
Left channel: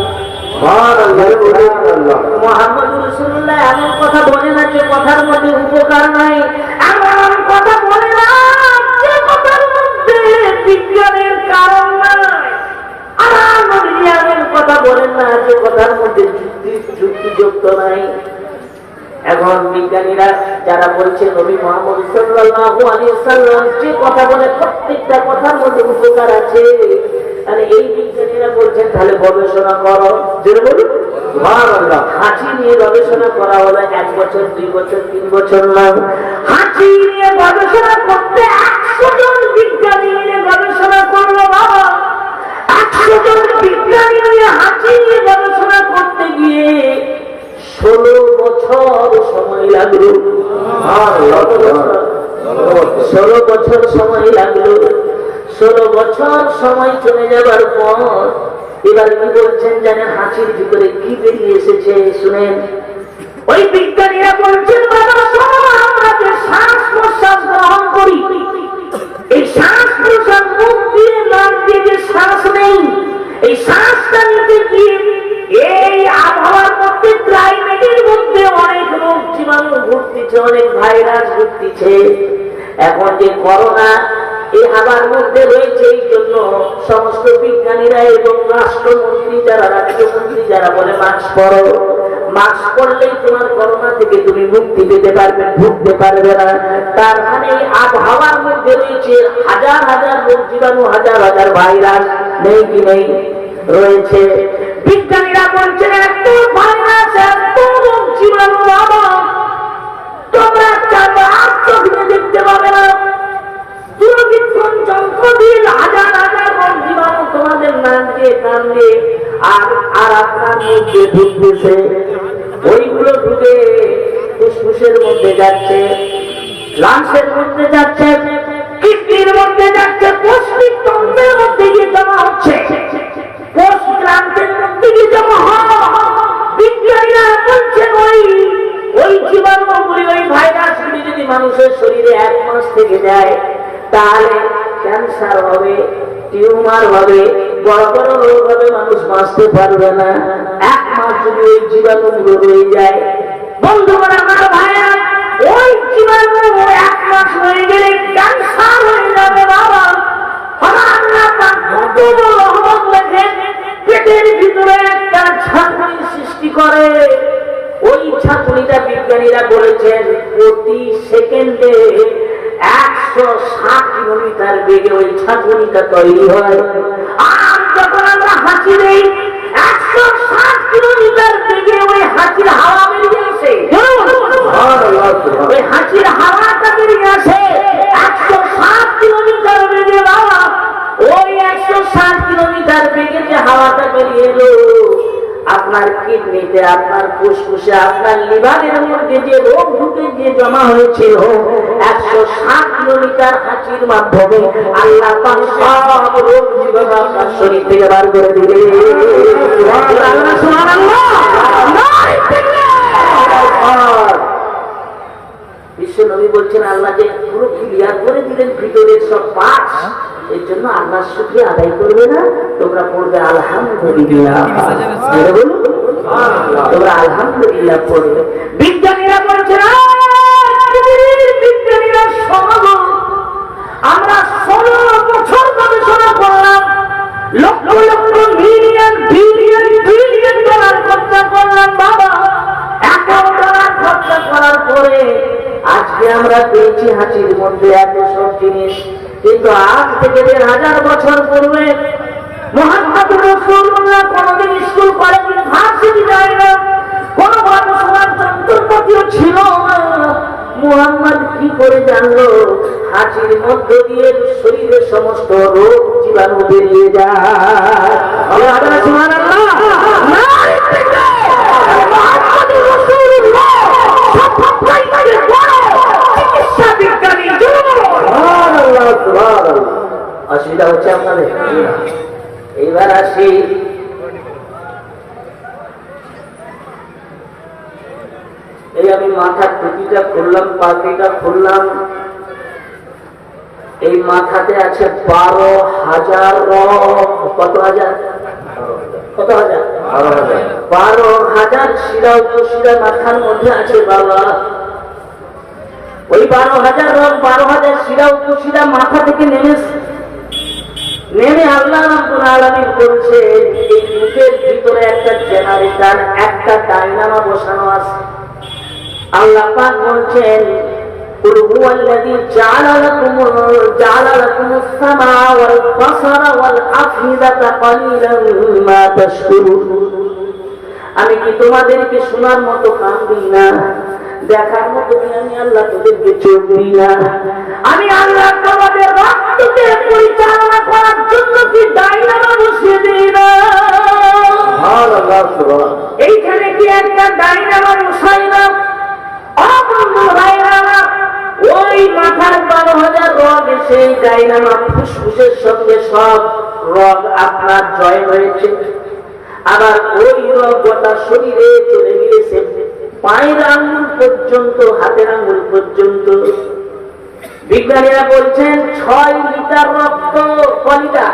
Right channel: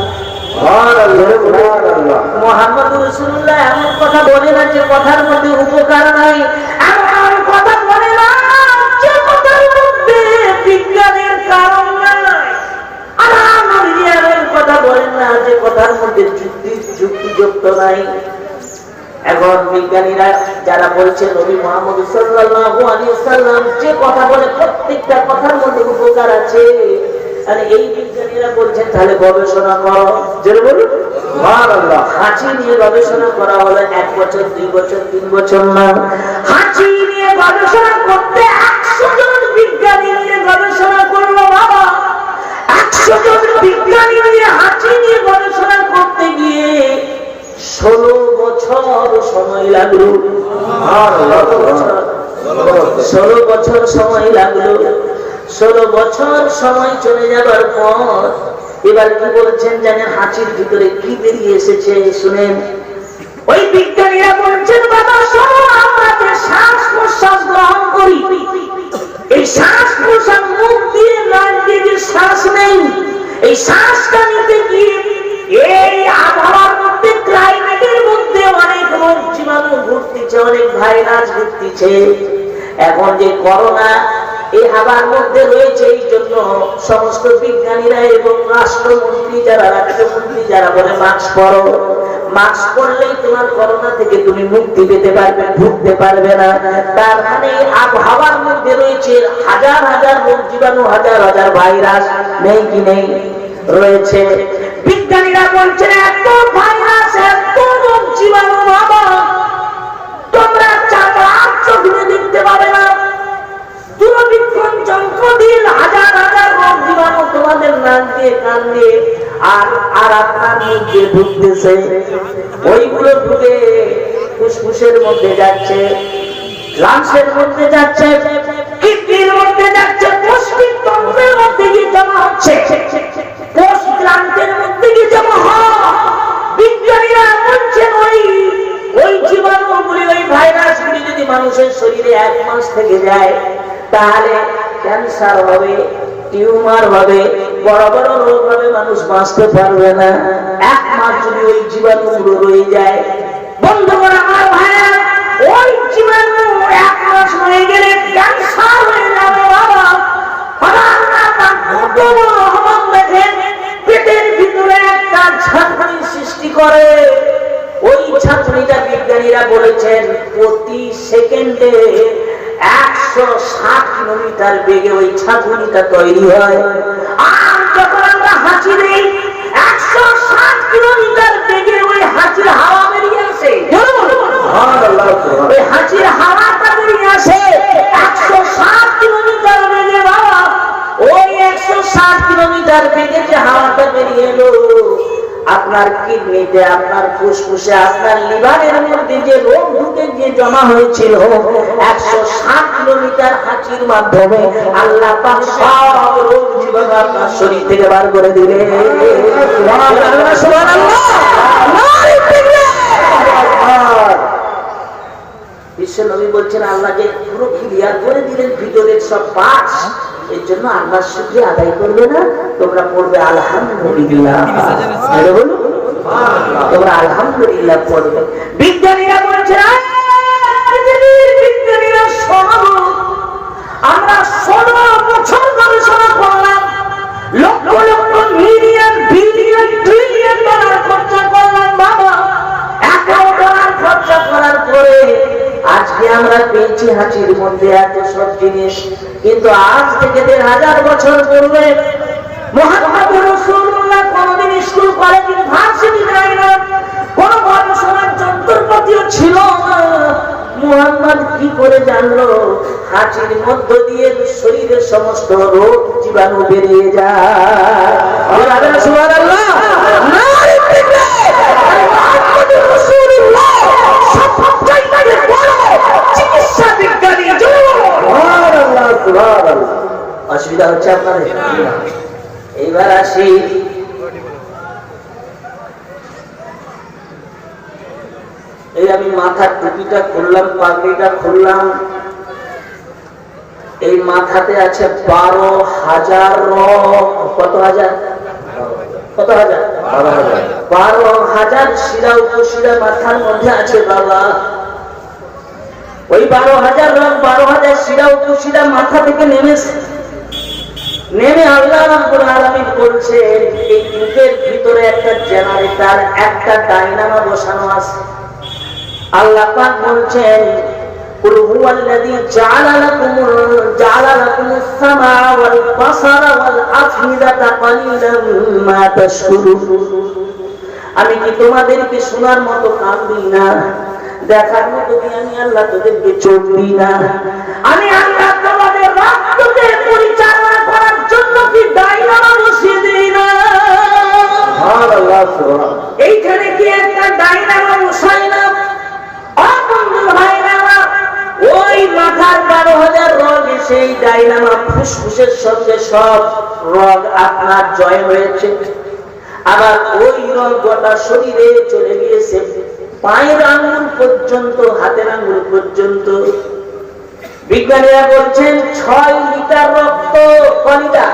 মুহাম্মদ রাসূলুল্লাহ এমন কথা বলে না যে কথার মধ্যে উপকার নাই, এমন কথা বলে না যে কথার মধ্যে বিজ্ঞানের কারণ নাই, আর এমন কথা বলেন না যে কথার মধ্যে যুক্তিযুক্ত নাই। এখন বিজ্ঞানীরা যারা বলছে নবী মুহাম্মদ সাল্লাল্লাহু আলাইহি ওয়াসাল্লাম যে কথা বলে প্রত্যেকটা কথার মধ্যে উপকার আছে, আর এই বিজ্ঞানীরা বলছেন তাহলে গবেষণা করো। যেটা বলি সুবহানাল্লাহ, হাঁচি নিয়ে গবেষণা করা হলে 1 বছর 2 বছর 3 বছর না, হাঁচি নিয়ে গবেষণা করতে 100 জন বিজ্ঞানী নিয়ে গবেষণা করলো। বাবা 100 জন বিজ্ঞানী নিয়ে হাঁচি নিয়ে গবেষণা করতে গিয়ে 16 বছর সময় লাগলো। 16 বছর সময় লাগলো। 16 বছর সময় চলে যাবার পর এবার কি বলছেন জানেন? হাঁচির ভিতরে কি বেরিয়ে এসেছে শুনেন। ওই বিজ্ঞানীরা বলছেন বাবা শোনো, আমরা যে শ্বাস প্রশ্বাস গ্রহণ করি, এই শ্বাস প্রশ্বাস মুখ দিয়ে নাক দিয়ে যে শ্বাস নেই, এই শ্বাসটা নিতে গিয়ে এই আবহাওয়ার মধ্যে, ক্লাইমেটের মধ্যে অনেক রোগ জীবাণু ঘুরতেছে, অনেক ভাইরাস ঘুরতেছে। এখন যে করোনা এই হাওয়ার মধ্যে রয়েছে, এই জন্য সমস্ত বিজ্ঞানীরা এবং রাষ্ট্রমন্ত্রী যারা বলে মাস্ক পরো, মাস্ক পরলেই তোমার করোনা থেকে তুমি মুক্তি পেতে পারবে, ভুগতে পারবে না। তার মানে আবহাওয়ার মধ্যে রয়েছে হাজার হাজার রোগ জীবাণু, হাজার হাজার ভাইরাস, নেই কি নেই? রয়েছে। বিজ্ঞানীরা বলছেন এত ভাইরাস, এত রোগ জীবাণু বাবা তোমরা চার চোখ দিয়ে দেখতে পাবে না। দূরবীক্ষণ যন্ত্র দিয়ে হাজার হাজার রোগ জীবাণু তোমাদের নাক দিয়ে, কান দিয়ে আর আপনার মধ্যে ঢুকতেছে। ওইগুলো ঢুকে ফুসফুসের মধ্যে যাচ্ছে, লাংসের মধ্যে যাচ্ছে, কিডনির মধ্যে যাচ্ছে, পৌষ্টিক তন্ত্রের মধ্যে গিয়ে জমা হচ্ছে, কোষগ্রান্থের মধ্যে গিয়ে জমা হয়। বিজ্ঞানীরা বলছে ওই জীবাণুগুলি, ওই ভাইরাসগুলি যদি মানুষের শরীরে 1 মাস থেকে যায় তাহলে ক্যান্সার হবে, টিউমার হবে, বড় বড় রোগ হবে, মানুষ বাঁচতে পারবে না। 1 মাস যদি ওই জীবাণুগুলো রয়ে যায়, বন্ধুগণ আমার ভাইরা, ওই জীবাণু 1 মাস হয়ে গেলে ক্যান্সার হয়ে যাবে বাবা। পেটের ভিতরে একটা ঝাঁকুনি সৃষ্টি করে। ওই ঝাঁকুনিটা বিজ্ঞানীরা বলেছেন প্রতি সেকেন্ডে 160 কিলোমিটার বেগে ওই ঝাঁকুনিটা তৈরি হয়। আর যখন আমরা হাঁচি দিই 160 কিলোমিটার বেগে ওই হাঁচির হাওয়া বেরিয়ে আসে, ওই হাঁচির হাওয়াটা বেরিয়ে আসে 160 কিলোমিটার বেগে বাবা। ওই 160 কিলোমিটার বেগে যে হাওয়াটা বেরিয়ে এলো, আপনার কিডনিতে, আপনার ফুসফুসে, আপনার লিভারের মধ্যে যে রোগ ঢুকে গিয়ে জমা হয়েছিল 160 কিলোমিটার হাঁচির মাধ্যমে আল্লাহ পাক সব রোগ জীবাণু আপনার শরীর থেকে বার করে দিবে। বিশ্ব নবী বলছেন আল্লাহ যে পুরো ক্লিয়ার করে দিলেন ভিতরের সব পার্টস, এর জন্য আল্লাহর শুকরিয়া আদায় করবে না, তোমরা পড়বে আলহামদুলিল্লাহ। তোমরা আলহামদুলিল্লাহ পড়বে। বিজ্ঞানীরা বলছে বিজ্ঞানীরা আমরা 16 বছর গবেষণা করলাম, lakh lakh million billion trillion dollar খরচা করলাম বাবা। $1 খরচা করার পরে আজকে আমরা পেয়েছি হাঁচির মধ্যে এত সব জিনিস। কিন্তু আজ থেকে 1500 বছর পূর্বে মুহাম্মদুর রাসূলুল্লাহ কোনদিন স্কুল, কলেজ, ইউনিভার্সিটি যায় না, কোন গবেষণার যন্ত্রপাতিও ছিল না। মুহাম্মদ কি করে জানলো হাঁচির মধ্য দিয়ে শরীরের সমস্ত রোগ জীবাণু বেরিয়ে যায়? সুবহানাল্লাহ। অসুবিধা হচ্ছে আপনাদের? এইবার আসি এই আমি মাথার টুপিটা খুললাম, পাগড়িটা খুললাম, এই মাথাতে আছে 12,000 রং। কত হাজার? কত হাজার? 12,000 শিরা উপশিরা মাথার মধ্যে আছে বাবা। ওই 12,000 রং, 12,000 শিরা উপশিরা মাথা থেকে নেমে আল্লাহ রাব্বুল আলামিন বলছে এই মুখের ভিতরে একটা জেনারেটর, একটা ডায়নামো বসানো আছে। আল্লাহ পাক বলছেন কুল হুয়াল্লাযী জাআলা লাকুমুস সামাআ ওয়াল বাসারা ওয়াল আফইদাতা কালিলাম মা তাশকুরুন। আমি কি তোমাদেরকে শোনার মতো কান দিই না, দেখার মতো আমি আল্লাহ তোদেরকে চোখ দিই না? আমি আল্লাহ তোমাদের রক্তকে পরিচালনা করার জন্য কি ডায়নামো বসিয়ে দিই না? সুবহানাল্লাহ, সুবহানাল্লাহ। এইখানে কি একটা ডায়নামো বসাই না? ওই মাথার 12,000 রগ, সেই ডায়নামো ফুসফুসের সঙ্গে সব রগ আপনার জয় হয়েছে। আবার ওই রগ গোটা শরীরে চলে গিয়েছে, পায়ের আঙ্গুল পর্যন্ত, হাতের আঙ্গুল পর্যন্ত। বিজ্ঞানীরা বলছেন 6 লিটার রক্ত, কলিটা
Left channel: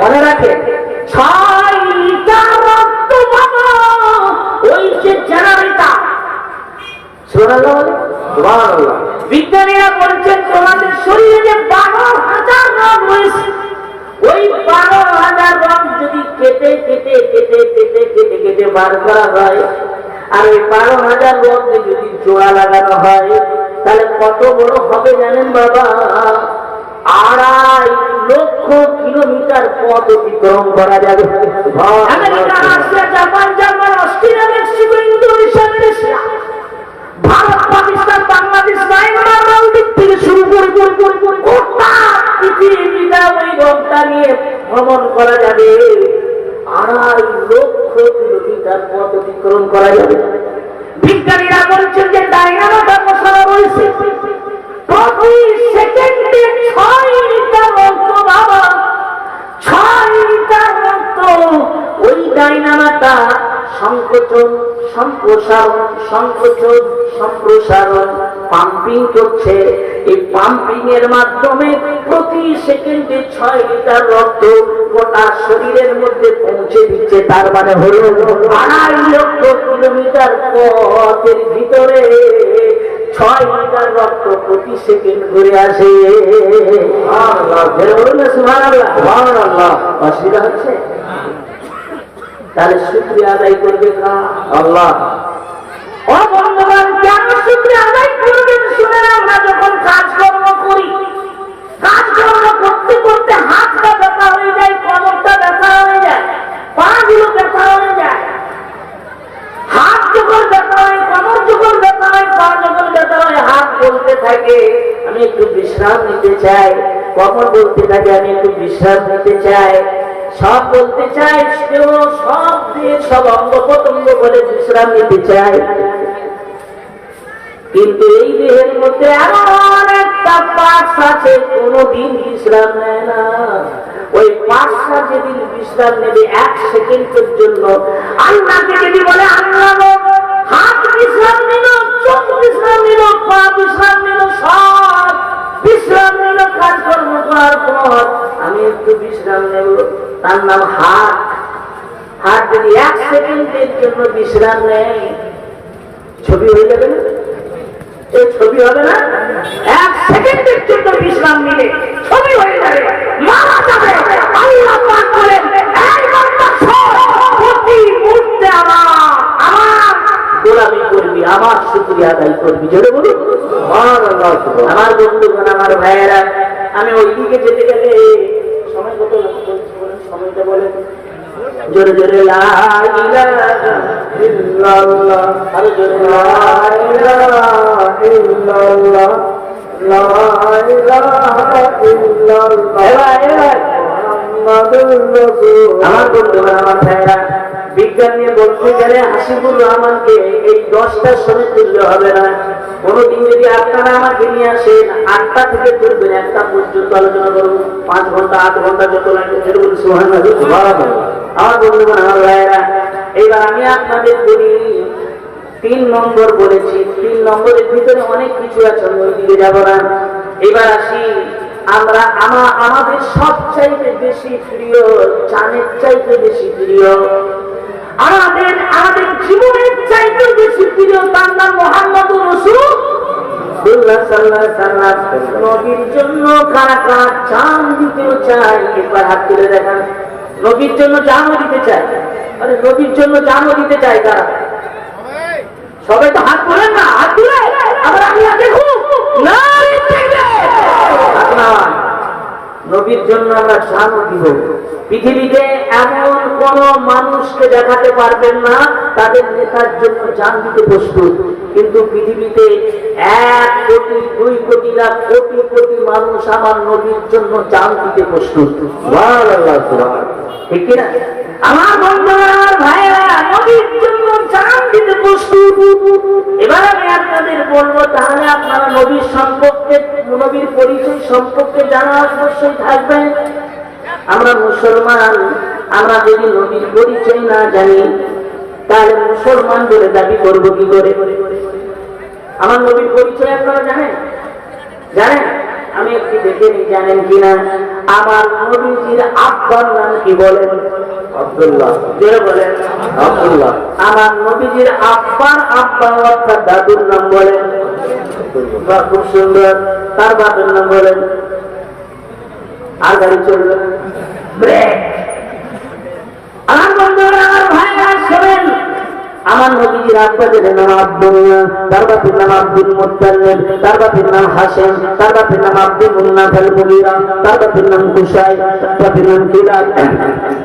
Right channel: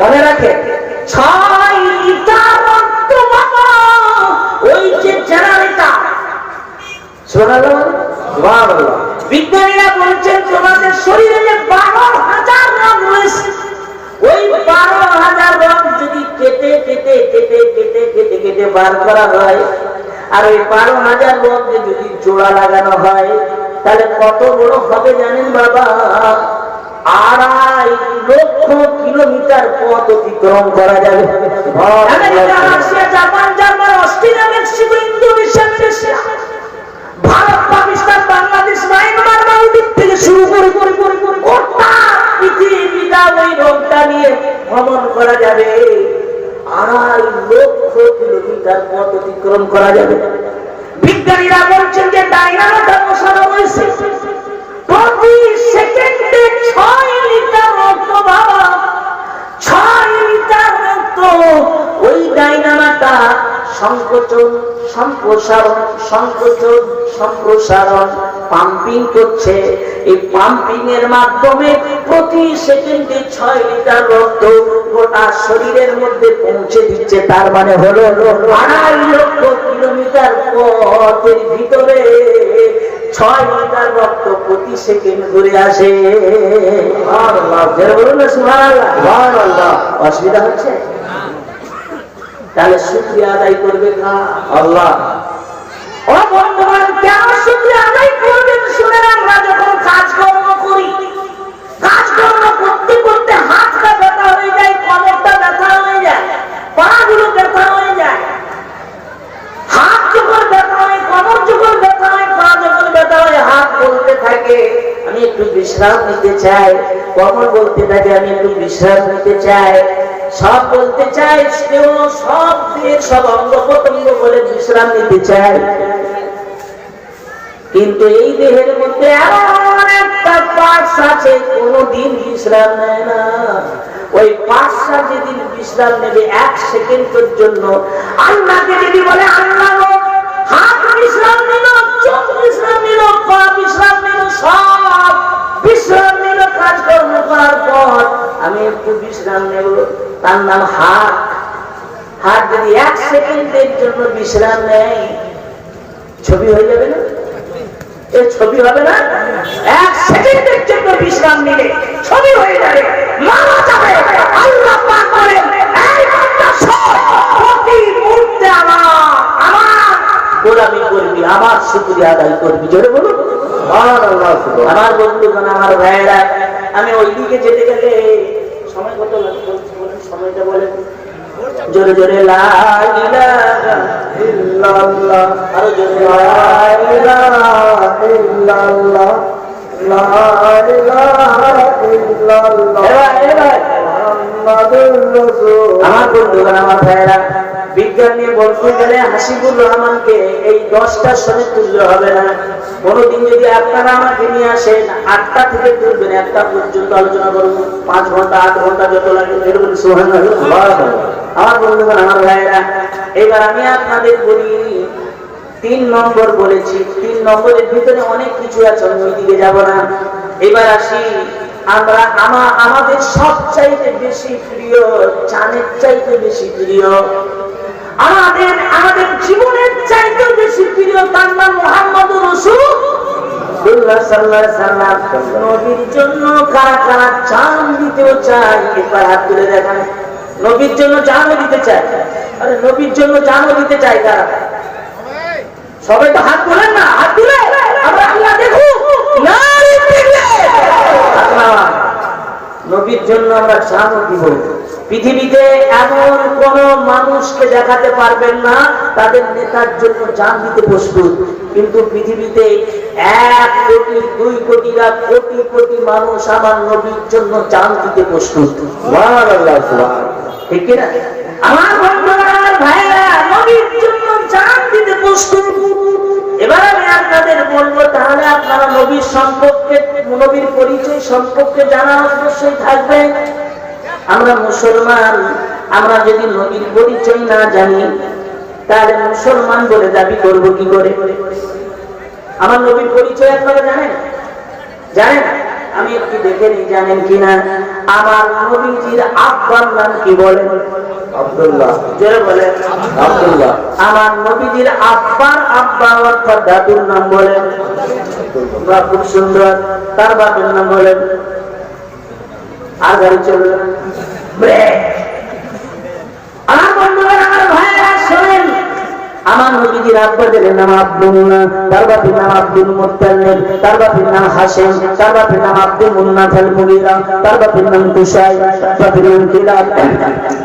মনে রাখে, 6 লিটার রক্ত বাবা ওই যে জেনারেটর। সুবহানাল্লাহ, সুবহানাল্লাহ। বিজ্ঞানীরা বলছেন তোমাদের শরীরে যে 12,000 রগ রয়েছে, ওই 12,000 রগ যদি কেটে কেটে কেটে কেটে কেটে কেটে বার করা হয়, আর ওই 12,000 মধ্যে যদি জোড়া লাগানো হয় তাহলে কত বড় হবে জানেন বাবা? 2.5 লক্ষ কিলোমিটার পথ অতিক্রম করা যাবে। America, Russia, Japan, Germany, Australia, Mexico, Indonesia, Malaysia, Bharat, Pakistan, Bangladesh, Myanmar, মালদ্বীপ থেকে শুরু করে গোটা পৃথিবীটা ওই রোগটা নিয়ে ভ্রমণ করা যাবে। 2.5 লক্ষ কিলোমিটার পথ অতিক্রম করা যাবে। বিজ্ঞানীরা বলছেন যে ডাইনামোটা বসানো রয়েছে, প্রতি সেকেন্ডে 6 লিটার রক্ত বাবা, 6 লিটার রক্ত ওই ডাইনামাটা সংকোচন সম্প্রসারণ পাম্পিং করছে। এই পাম্পিং এর মাধ্যমে প্রতি সেকেন্ডে 6 লিটার রক্ত গোটা শরীরের মধ্যে পৌঁছে দিচ্ছে। তার মানে হলো 2.5 লক্ষ কিলোমিটার পথের ভিতরে 6 লিটার রক্ত প্রতি সেকেন্ড ঘুরে আসে। অসুবিধা হচ্ছে? তাহলে শুকরিয়া আদায় করবে আল্লাহ। ও বন্ধুগণ, কেন শুকরিয়া আদায় করবেন? শুনে, আমরা যখন কাজকর্ম করি, কাজকর্ম করতে করতে হাতটা ব্যথা হয়ে যায়, কোমরটা ব্যথা হয়ে যায়, পাগুলো ব্যথা হয়ে যায়। হাত যখন ব্যথা হয়, কোমর যখন ব্যথা হয়, পা যখন ব্যথা হয়, হাত বলতে থাকে আমি একটু বিশ্রাম নিতে চাই, কোমর বলতে থাকে আমি একটু বিশ্রাম নিতে চাই, সব বলতে চাই, কেউ সব দিয়ে সব অঙ্গ প্রত্যঙ্গ বলে বিশ্রাম নিতে চাই। কিন্তু এই দেহের মধ্যে এমন একটা পার্টস আছে কোনদিন বিশ্রাম নেয় না। ওই পার্টসটা যেদিন বিশ্রাম নেবে 1 সেকেন্ডের জন্য, আল্লাহকে যদি বলে আল্লাহ হাত বিশ্রাম নিল, চোখ বিশ্রাম নিল, পা বিশ্রাম নিল, সব বিশ্রাম নিল, কাজকর্ম করার পর আমি একটু বিশ্রাম নেব, তার নাম হাত। হাত যদি 1 সেকেন্ডের জন্য বিশ্রাম নেয়, ছবি হয়ে যাবে না? এই ছবি হবে না? 1 সেকেন্ডের জন্য বিশ্রাম নিলে ছবি হয়ে যাবে, মারা যাবে। আল্লাহ পাক বলেন, এই বান্দা শোন, প্রতি মুহূর্তে আমার গোলামি করবি, আমার শুকরিয়া আদায় করবি। জোরে বলুন সুবহানাল্লাহ। আমার বন্ধুগণ, আমার ভাইয়েরা, আমি ওইদিকে যেতে গেলে সময় কত লাগবে বলেন? সময়টা বলেন জোরে জোরে। লা ইলাহা ইল্লাল্লাহ, আরো জোরে লা ইলাহা ইল্লাল্লাহ, লা ইলাহা ইল্লাল্লাহ মুহাম্মাদুর রাসূল। আমার বন্ধুগণ, আমার ভাইয়েরা, বিজ্ঞান নিয়ে বলতে গেলে হাসিবুর রহমানকে এই 10টার সময় তুললে হবে না। কোনদিন যদি আপনারা আমাকে নিয়ে আসেন, 8টা থেকে তুলবেন 1টা পর্যন্ত আলোচনা করবো, 5 ঘন্টা 8 ঘন্টা যত লাগে। এরকম সুবহানাল্লাহ। আমার বন্ধুগণ, আমার ভাইয়েরা, এবার আমি আপনাদের বলি, 3 নম্বর বলেছি। 3 নম্বরের ভিতরে অনেক কিছু আছে, আমি ওই দিকে যাব না। এবার আসি, আমাদের সবচাইতে বেশি প্রিয়, জানের চাইতে বেশি প্রিয়, আমাদের জীবনের চাইতে বেশি প্রিয়, তার নাম মুহাম্মদুর রাসূলুল্লাহ সাল্লাল্লাহু আলাইহি ওয়াসাল্লাম। নবীর জন্য কারা কারা জান দিতেও চায়, একবার হাত তুলে দেখান। নবীর জন্য জানও দিতে চায়। আরে নবীর জন্য জানও দিতে চায় কারা? সবাই তো হাত তোলেন না, হাত তুলে আমরা আল্লাহ দেখুন। নবীর জন্য আমরা জানও দিব। পৃথিবীতে এমন কোন মানুষকে দেখাতে পারবেন না তাদের নেতার জন্য জান দিতে প্রস্তুত, কিন্তু পৃথিবীতে 1 কোটি 2 কোটি না কোটি কোটি মানুষ আমার নবীর জন্য জান দিতে প্রস্তুত। সুবহানাল্লাহ, ঠিক না? আমার বন্ধুরা, আমার ভাইরা, নবীর জন্য জান দিতে প্রস্তুত। এবার আমি আপনাদের বলবো, তাহলে আপনারা নবীর সম্পর্কে, নবীর পরিচয় সম্পর্কে জানা অবশ্যই থাকবে। আমরা মুসলমান, আমরা যদি নবীর পরিচয় না জানি তাহলে মুসলমান বলে দাবি করব কি করে? আমার নবীর পরিচয় আপনারা জানেন? জানেন? আমি একটু দেখে নিই জানেন কিনা। আমার নবীজির আব্বার নাম কি বলেন? আব্দুল্লাহ। জোরে বলেন আব্দুল্লাহ। আমার নবীজির আব্বার আব্বা অর্থাৎ দাদুর নাম বলেন? বাহ, খুব সুন্দর। তার বাপের নাম বলেন? আর গাড়ি চলবে। আমার বন্ধুরা, আমার ভাইরা, শোনেন, আমার নবীজি নবীজির আব্বাদের নাম আব্দুল্লাহ, তার বাপের নাম আব্দুল মুত্তালিব, তার বাপের নাম হাশিম, তার বাপের নাম আব্দুল মুন্নাফ আল মুগীরা, তার বাপের নাম কুসাই, তার বাপের নাম কিলাব,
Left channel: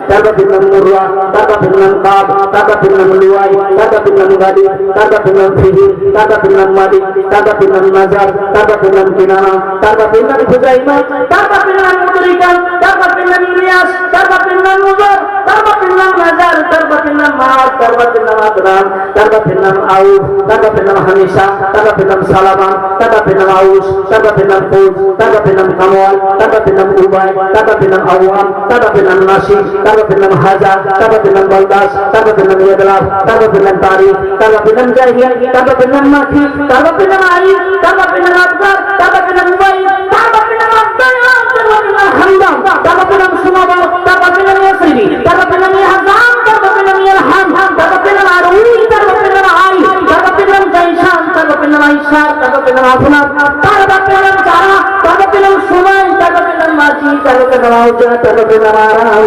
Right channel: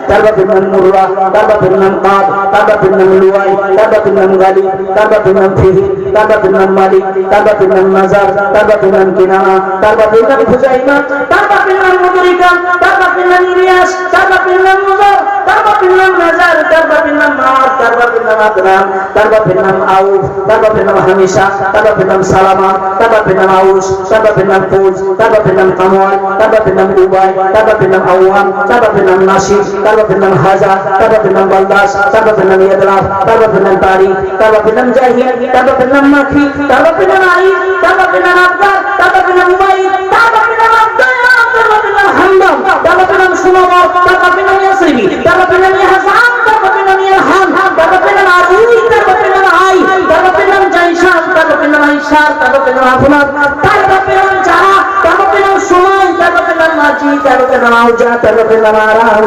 তার বাপের নাম মুররা, তার বাপের নাম কাব, তার বাপের নাম লুয়াই, তার বাপের নাম গালিব, তার বাপের নাম ফিহির, তার বাপের নাম মালিক, তার বাপের নাম নাজার, তার বাপের নাম কিনানা, তার বাপের নাম খুজাইমা, তার বাপের নাম মুদরিকা, তার বাপের নাম ইলিয়াস, তার বাপের নাম মুজার, তার বাপের নাম নাজার, তার বাপের নাম মার, তার বাপের নাম আদরান, তার বাপের নাম আউফ, তার বাপের নাম হামিশা, তার বাপের নাম সালামা, তার বাপের নাম আউস, তার বাপের নাম ফৌজ, তার বাপের নাম কামওয়াল, তার বাপের নাম উবাই, তার বাপের নাম আওয়াম, তার বাপের নাম নাসির, তার বাপের নাম হাজা, তার বাপের নাম বলদাস, তার বাপের নাম ইয়াদলাফ, তার বাপের নাম তারিক, তার বাপের নাম জাহিদ, তার বাপের নাম মাখি, তার বাপের নাম আইদ, তার বাপের নাম আবদার, তার বাপের নাম উবাই, তার বাপের নাম আব্দুল্লাহ, তার বাপের নাম হামদান, তার বাপের নাম সুমাবা, তার বাপের নাম ইয়াসরিবি, তার বাপের নাম হাসান, তার বাপের নাম ইলহাম, তার বাপের নাম আলী, তার বাপের নাম আই, তার বাপের নাম জাইশান, তার বাপের নাম আয়েশা, তার বাপের নাম আফনান, তার বাপের নাম জাহা, তার বাপের নাম সুমাই, তার বাপের নাম মাজি, তার বাপের নাম আউজা, তার বাপের নাম আরাম,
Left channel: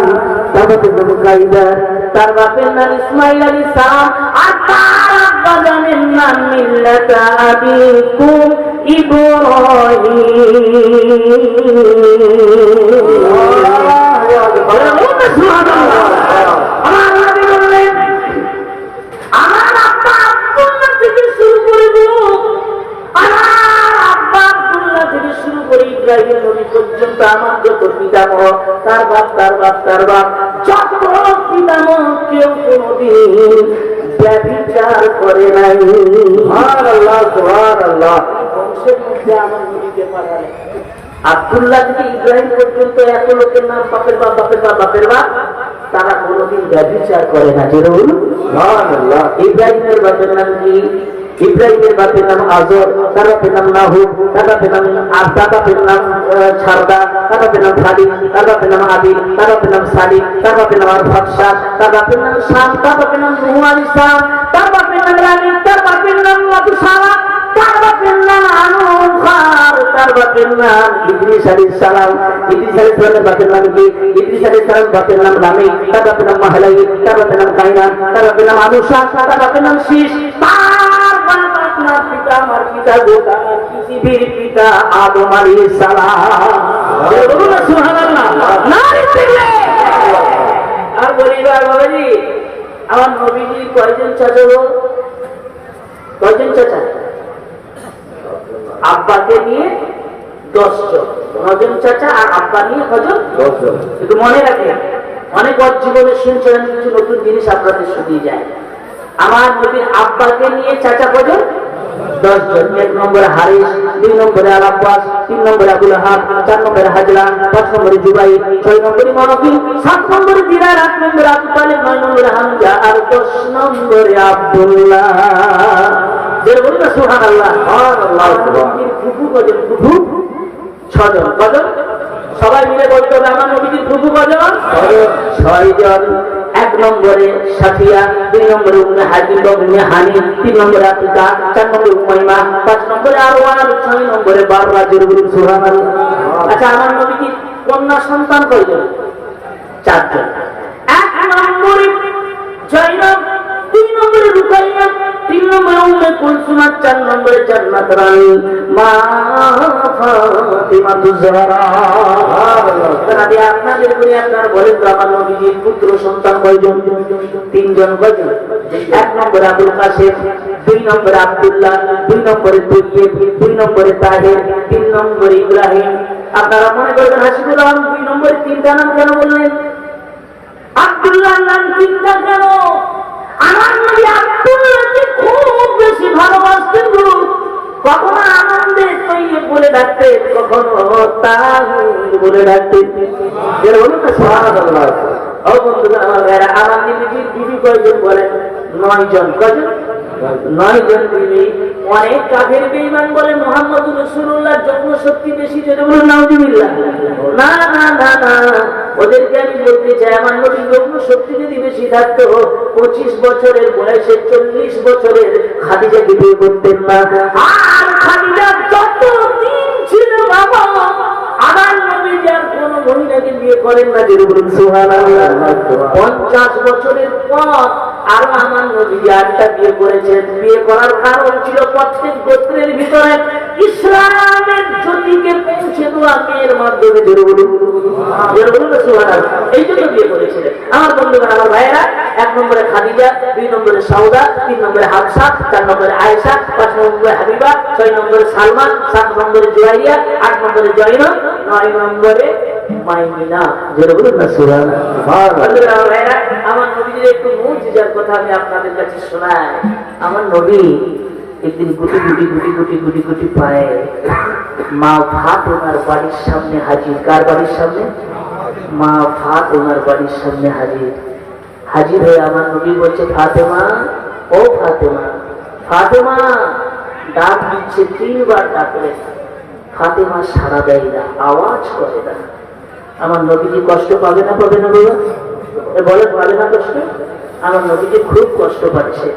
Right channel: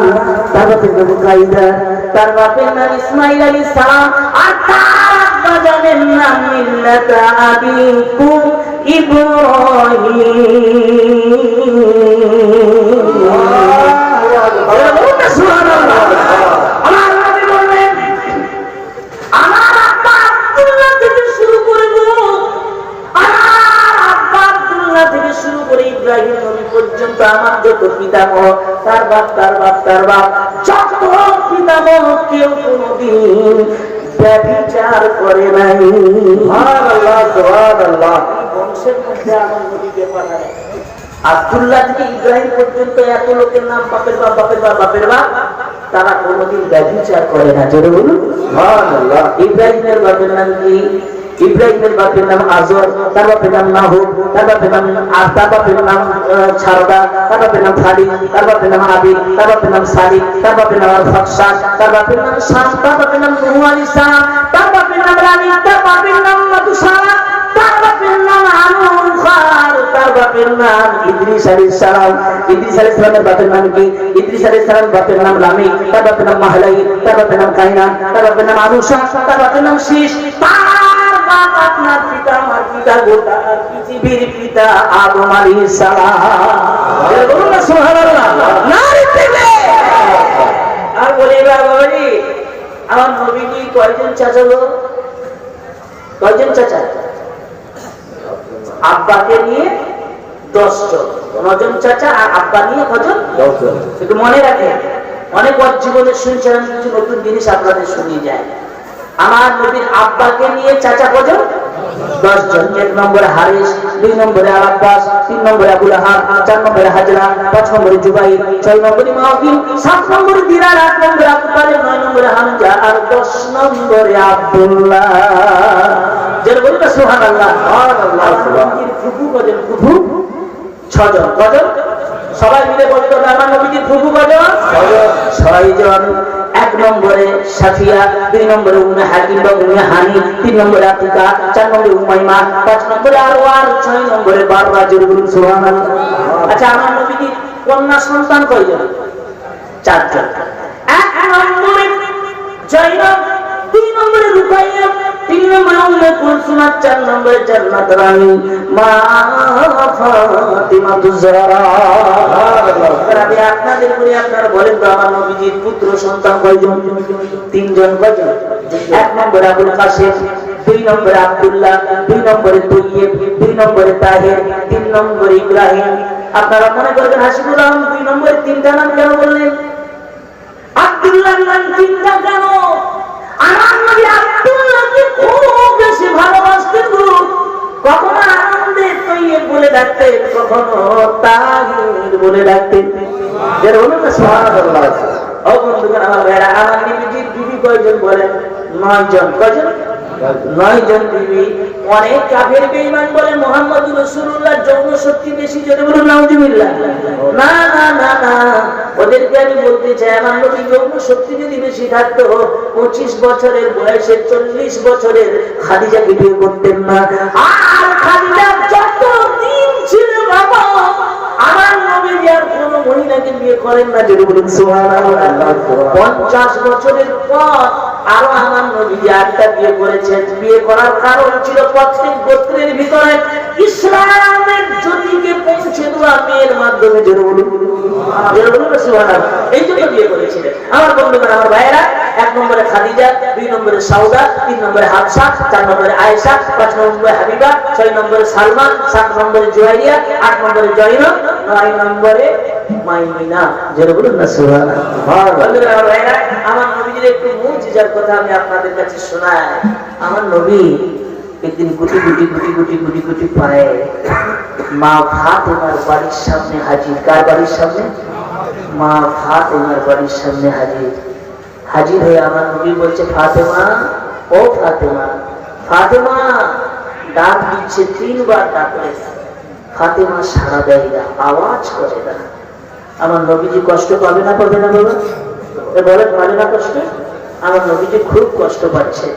তার বাপের নাম কাইদা, তার বাপের নাম ইসমাইল আলাইহিস সালাম, আর তার আব্বা জানেন নাম মিল্লাতা আবিকুম ইব্রাহিম। আমার নবী বললেন আমার আব্বা আব্দুল্লাহ থেকে শুরু করব, আমার আব্বা আব্দুল্লাহ থেকে শুরু করে ইব্রাহিম নবী পর্যন্ত আমার যত পিতামহ, তার বাপ তার বাপ তার বাপ, যত পিতামহ কেউ কোনদিন ব্যভিচার করে নাই। সুবহানাল্লাহ সুবহানাল্লাহ। বংশের মধ্যে আমার নবীকে পাঠালেন। আব্দুল্লাহ থেকে ইব্রাহিম পর্যন্ত এত লোকের নাম বাপের বাপ বাপের বাপ বাপের বাপ, তারা কোনদিন ব্যভিচার করে না। যেটা বলুন সুবহানাল্লাহ। ইব্রাহিমের বাপের নাম কি? ইব্রাহিমের বাপের নাম আজর, তার বাপের নাম নাহুদ, তার বাপের নাম তার বাপের নাম ছারদা, তার বাপের নাম ফালি, তার বাপের নাম আবিল, তার বাপের নাম সালিক, তার বাপের নাম ফাকশাস, তার বাপের নাম শাম, তার বাপের নাম নূহ আলাইহিস সালাম, তার বাপের নাম রানী, তার বাপের নাম মাতুসালা, তার বাপের নাম আনুখার, তার বাপের নাম ইদ্রিস আলাইহিস সালাম। ইদ্রিস আলাইহিস সালামের বাপের নাম কি? ইদ্রিস আলাইহিস সালামের বাপের নাম লামি, তার বাপের নাম মাহলাই, তার বাপের নাম কাইনান, তার বাপের নাম আনুশা, তার বাপের নাম শীশ। আপনার পিতা আমার পিতা গোটা পৃথিবীর পিতা আদম আলাইহিস সালাম। বলুন না সুবহানাল্লাহ। নারে দিলে আর বলি বাবাজি, আমার নবীজি কয়জন চাচা গো? কয়জন চাচা? আব্বাকে নিয়ে 10 জন, 9 জন চাচা, আর আব্বা নিয়ে কজন? 10 জন। একটু মনে রাখেন, অনেক জীবনে শুনছেন, কিছু নতুন জিনিস আপনাদের শুনিয়ে যায়। আমার নবীর আব্বাকে নিয়ে চাচা কজন? 10 জন। 1 নম্বরে হারিস, 2 নম্বরে আল আব্বাস, 3 নম্বরে আবুল আহাব, 4 নম্বরে হাজরা, 5 নম্বরে জুবাইর, 6 নম্বরে মাওকিল, 7 নম্বরে দিরার, 8 নম্বরে আবু তালিব, 9 নম্বরে হামজা, আর 10 নম্বরে আব্দুল্লাহ। যারা বলুন না সুবহানাল্লাহ। সুবহানাল্লাহ। নবীর ফুফু কজন? ফুফু 6 জন। কজন? সবাই মিলে বলতে হবে আমার নবীর ফুফু কজন? 6 জন। 1 নম্বরে সাফিয়া, 2 নম্বরে উম্মে হাকিম বা উম্মে হানি, 3 নম্বরে আতিকা, 4 নম্বরে উমাইমা, 5 নম্বরে আরওয়ান, 6 নম্বরে বাররা। যারা বলুন সুবহানাল্লাহ। আচ্ছা, আমার নবীর কন্যা সন্তান কয়জন? 4 জন। 1 নম্বরে জয়নব, 2 নম্বরে রুকাইয়া, 3 নম্বরে উম্মে কুলসুম, 4 নম্বরে জান্নাত রানী মা ফাতিমাতুজ জাহরা। তাহলে আপনাদের বলি, আপনারা বলেন তো আমার নবীজির পুত্র সন্তান কয়জন? 3 জন। কয়জন? 1 নম্বরে আবুল কাসেম, 2 নম্বরে আব্দুল্লাহ, 2 নম্বরে তৈয়ব, 2 নম্বরে তাহের, 3 নম্বরে ইব্রাহিম। আপনারা মনে করবেন হাসিবুল আলম 2 নম্বরে 3টা নাম কেন বললেন? আব্দুল্লাহর নাম 3টা কেন? আমার নবী আব্দুল্লাহকে খুব বেশি ভালোবাসতেন। কখনো আনন্দে তৈয়ব বলে ডাকতেন, কখনো তাহির বলে ডাকতেন। এর হলো না সুবহানাল্লাহ। ও বন্ধুগণ আমার ভাইরা, আমার নবীজির বিবি কয়জন বলেন? 9 জন। কয়জন? 9 জন বিবি। অনেক কাফের বেঈমান বলে মুহাম্মদুর রাসূলুল্লাহ যৌন শক্তি বেশি। যদি বলুন নাউজুবিল্লাহ। না না না না, ওদেরকে আমি বলতে চাই আমার নবী যৌন শক্তি যদি বেশি থাকতো 25 বছরের বয়সে 40 বছরের খাদিজাকে বিয়ে করতেন না। আর খাদিজা যত দিন ছিল বাবা, আমার নবী আর কোন মহিলাকে বিয়ে করেন না। যদি বলুন সুবহানাল্লাহ। 50 বছরের পর আরো আমার নবী আটটা বিয়ে করেছেন। বিয়ে করার কারণ ছিল প্রত্যেক গোত্রের ভিতরে ইসলামের জ্যোতিকে পৌঁছে দেওয়া মেয়ের মাধ্যমে। জোরে বলুন সুবহানাল্লাহ। এই জন্য বিয়ে করেছিলেন। আমার বন্ধুগণ, আমার ভাইয়েরা, 1 নম্বরে খাদিজা, 2 নম্বরে সাউদা, 3 নম্বরে হাফসা, 4 নম্বরে আয়েশা, 5 নম্বরে হাবিবা, 6 নম্বরে সালমা, 7 নম্বরে জুয়াইরিয়া, 8 নম্বরে জয়নব, 9 নম্বরে মাইমিনা। জোরে বলুন না সুবহানাল্লাহ। বন্ধুগণ, আমার ভাইয়েরা, আমার নবীর একটু মুজিজার কথা আমি আপনাদের কাছে শোনাই। আমার নবী একদিন গুটি গুটি গুটি গুটি গুটি গুটি পায়ে মা ফাতেমার বাড়ির সামনে হাজির। কার বাড়ির সামনে? মা ফাতেমার বাড়ির সামনে হাজির। হাজির হয়ে আমার নবী বলছে, ফাতেমা, ও ফাতেমা, ফাতেমা। ডাক দিচ্ছে, 3 বার ডাকলে ফাতেমা সাড়া দেয় না, আওয়াজ করে না। আমার নবীজি কষ্ট পাবে না, পাবে না বাবা? বলে পাবে না কষ্ট? আমার নবীজি খুব কষ্ট পাচ্ছে।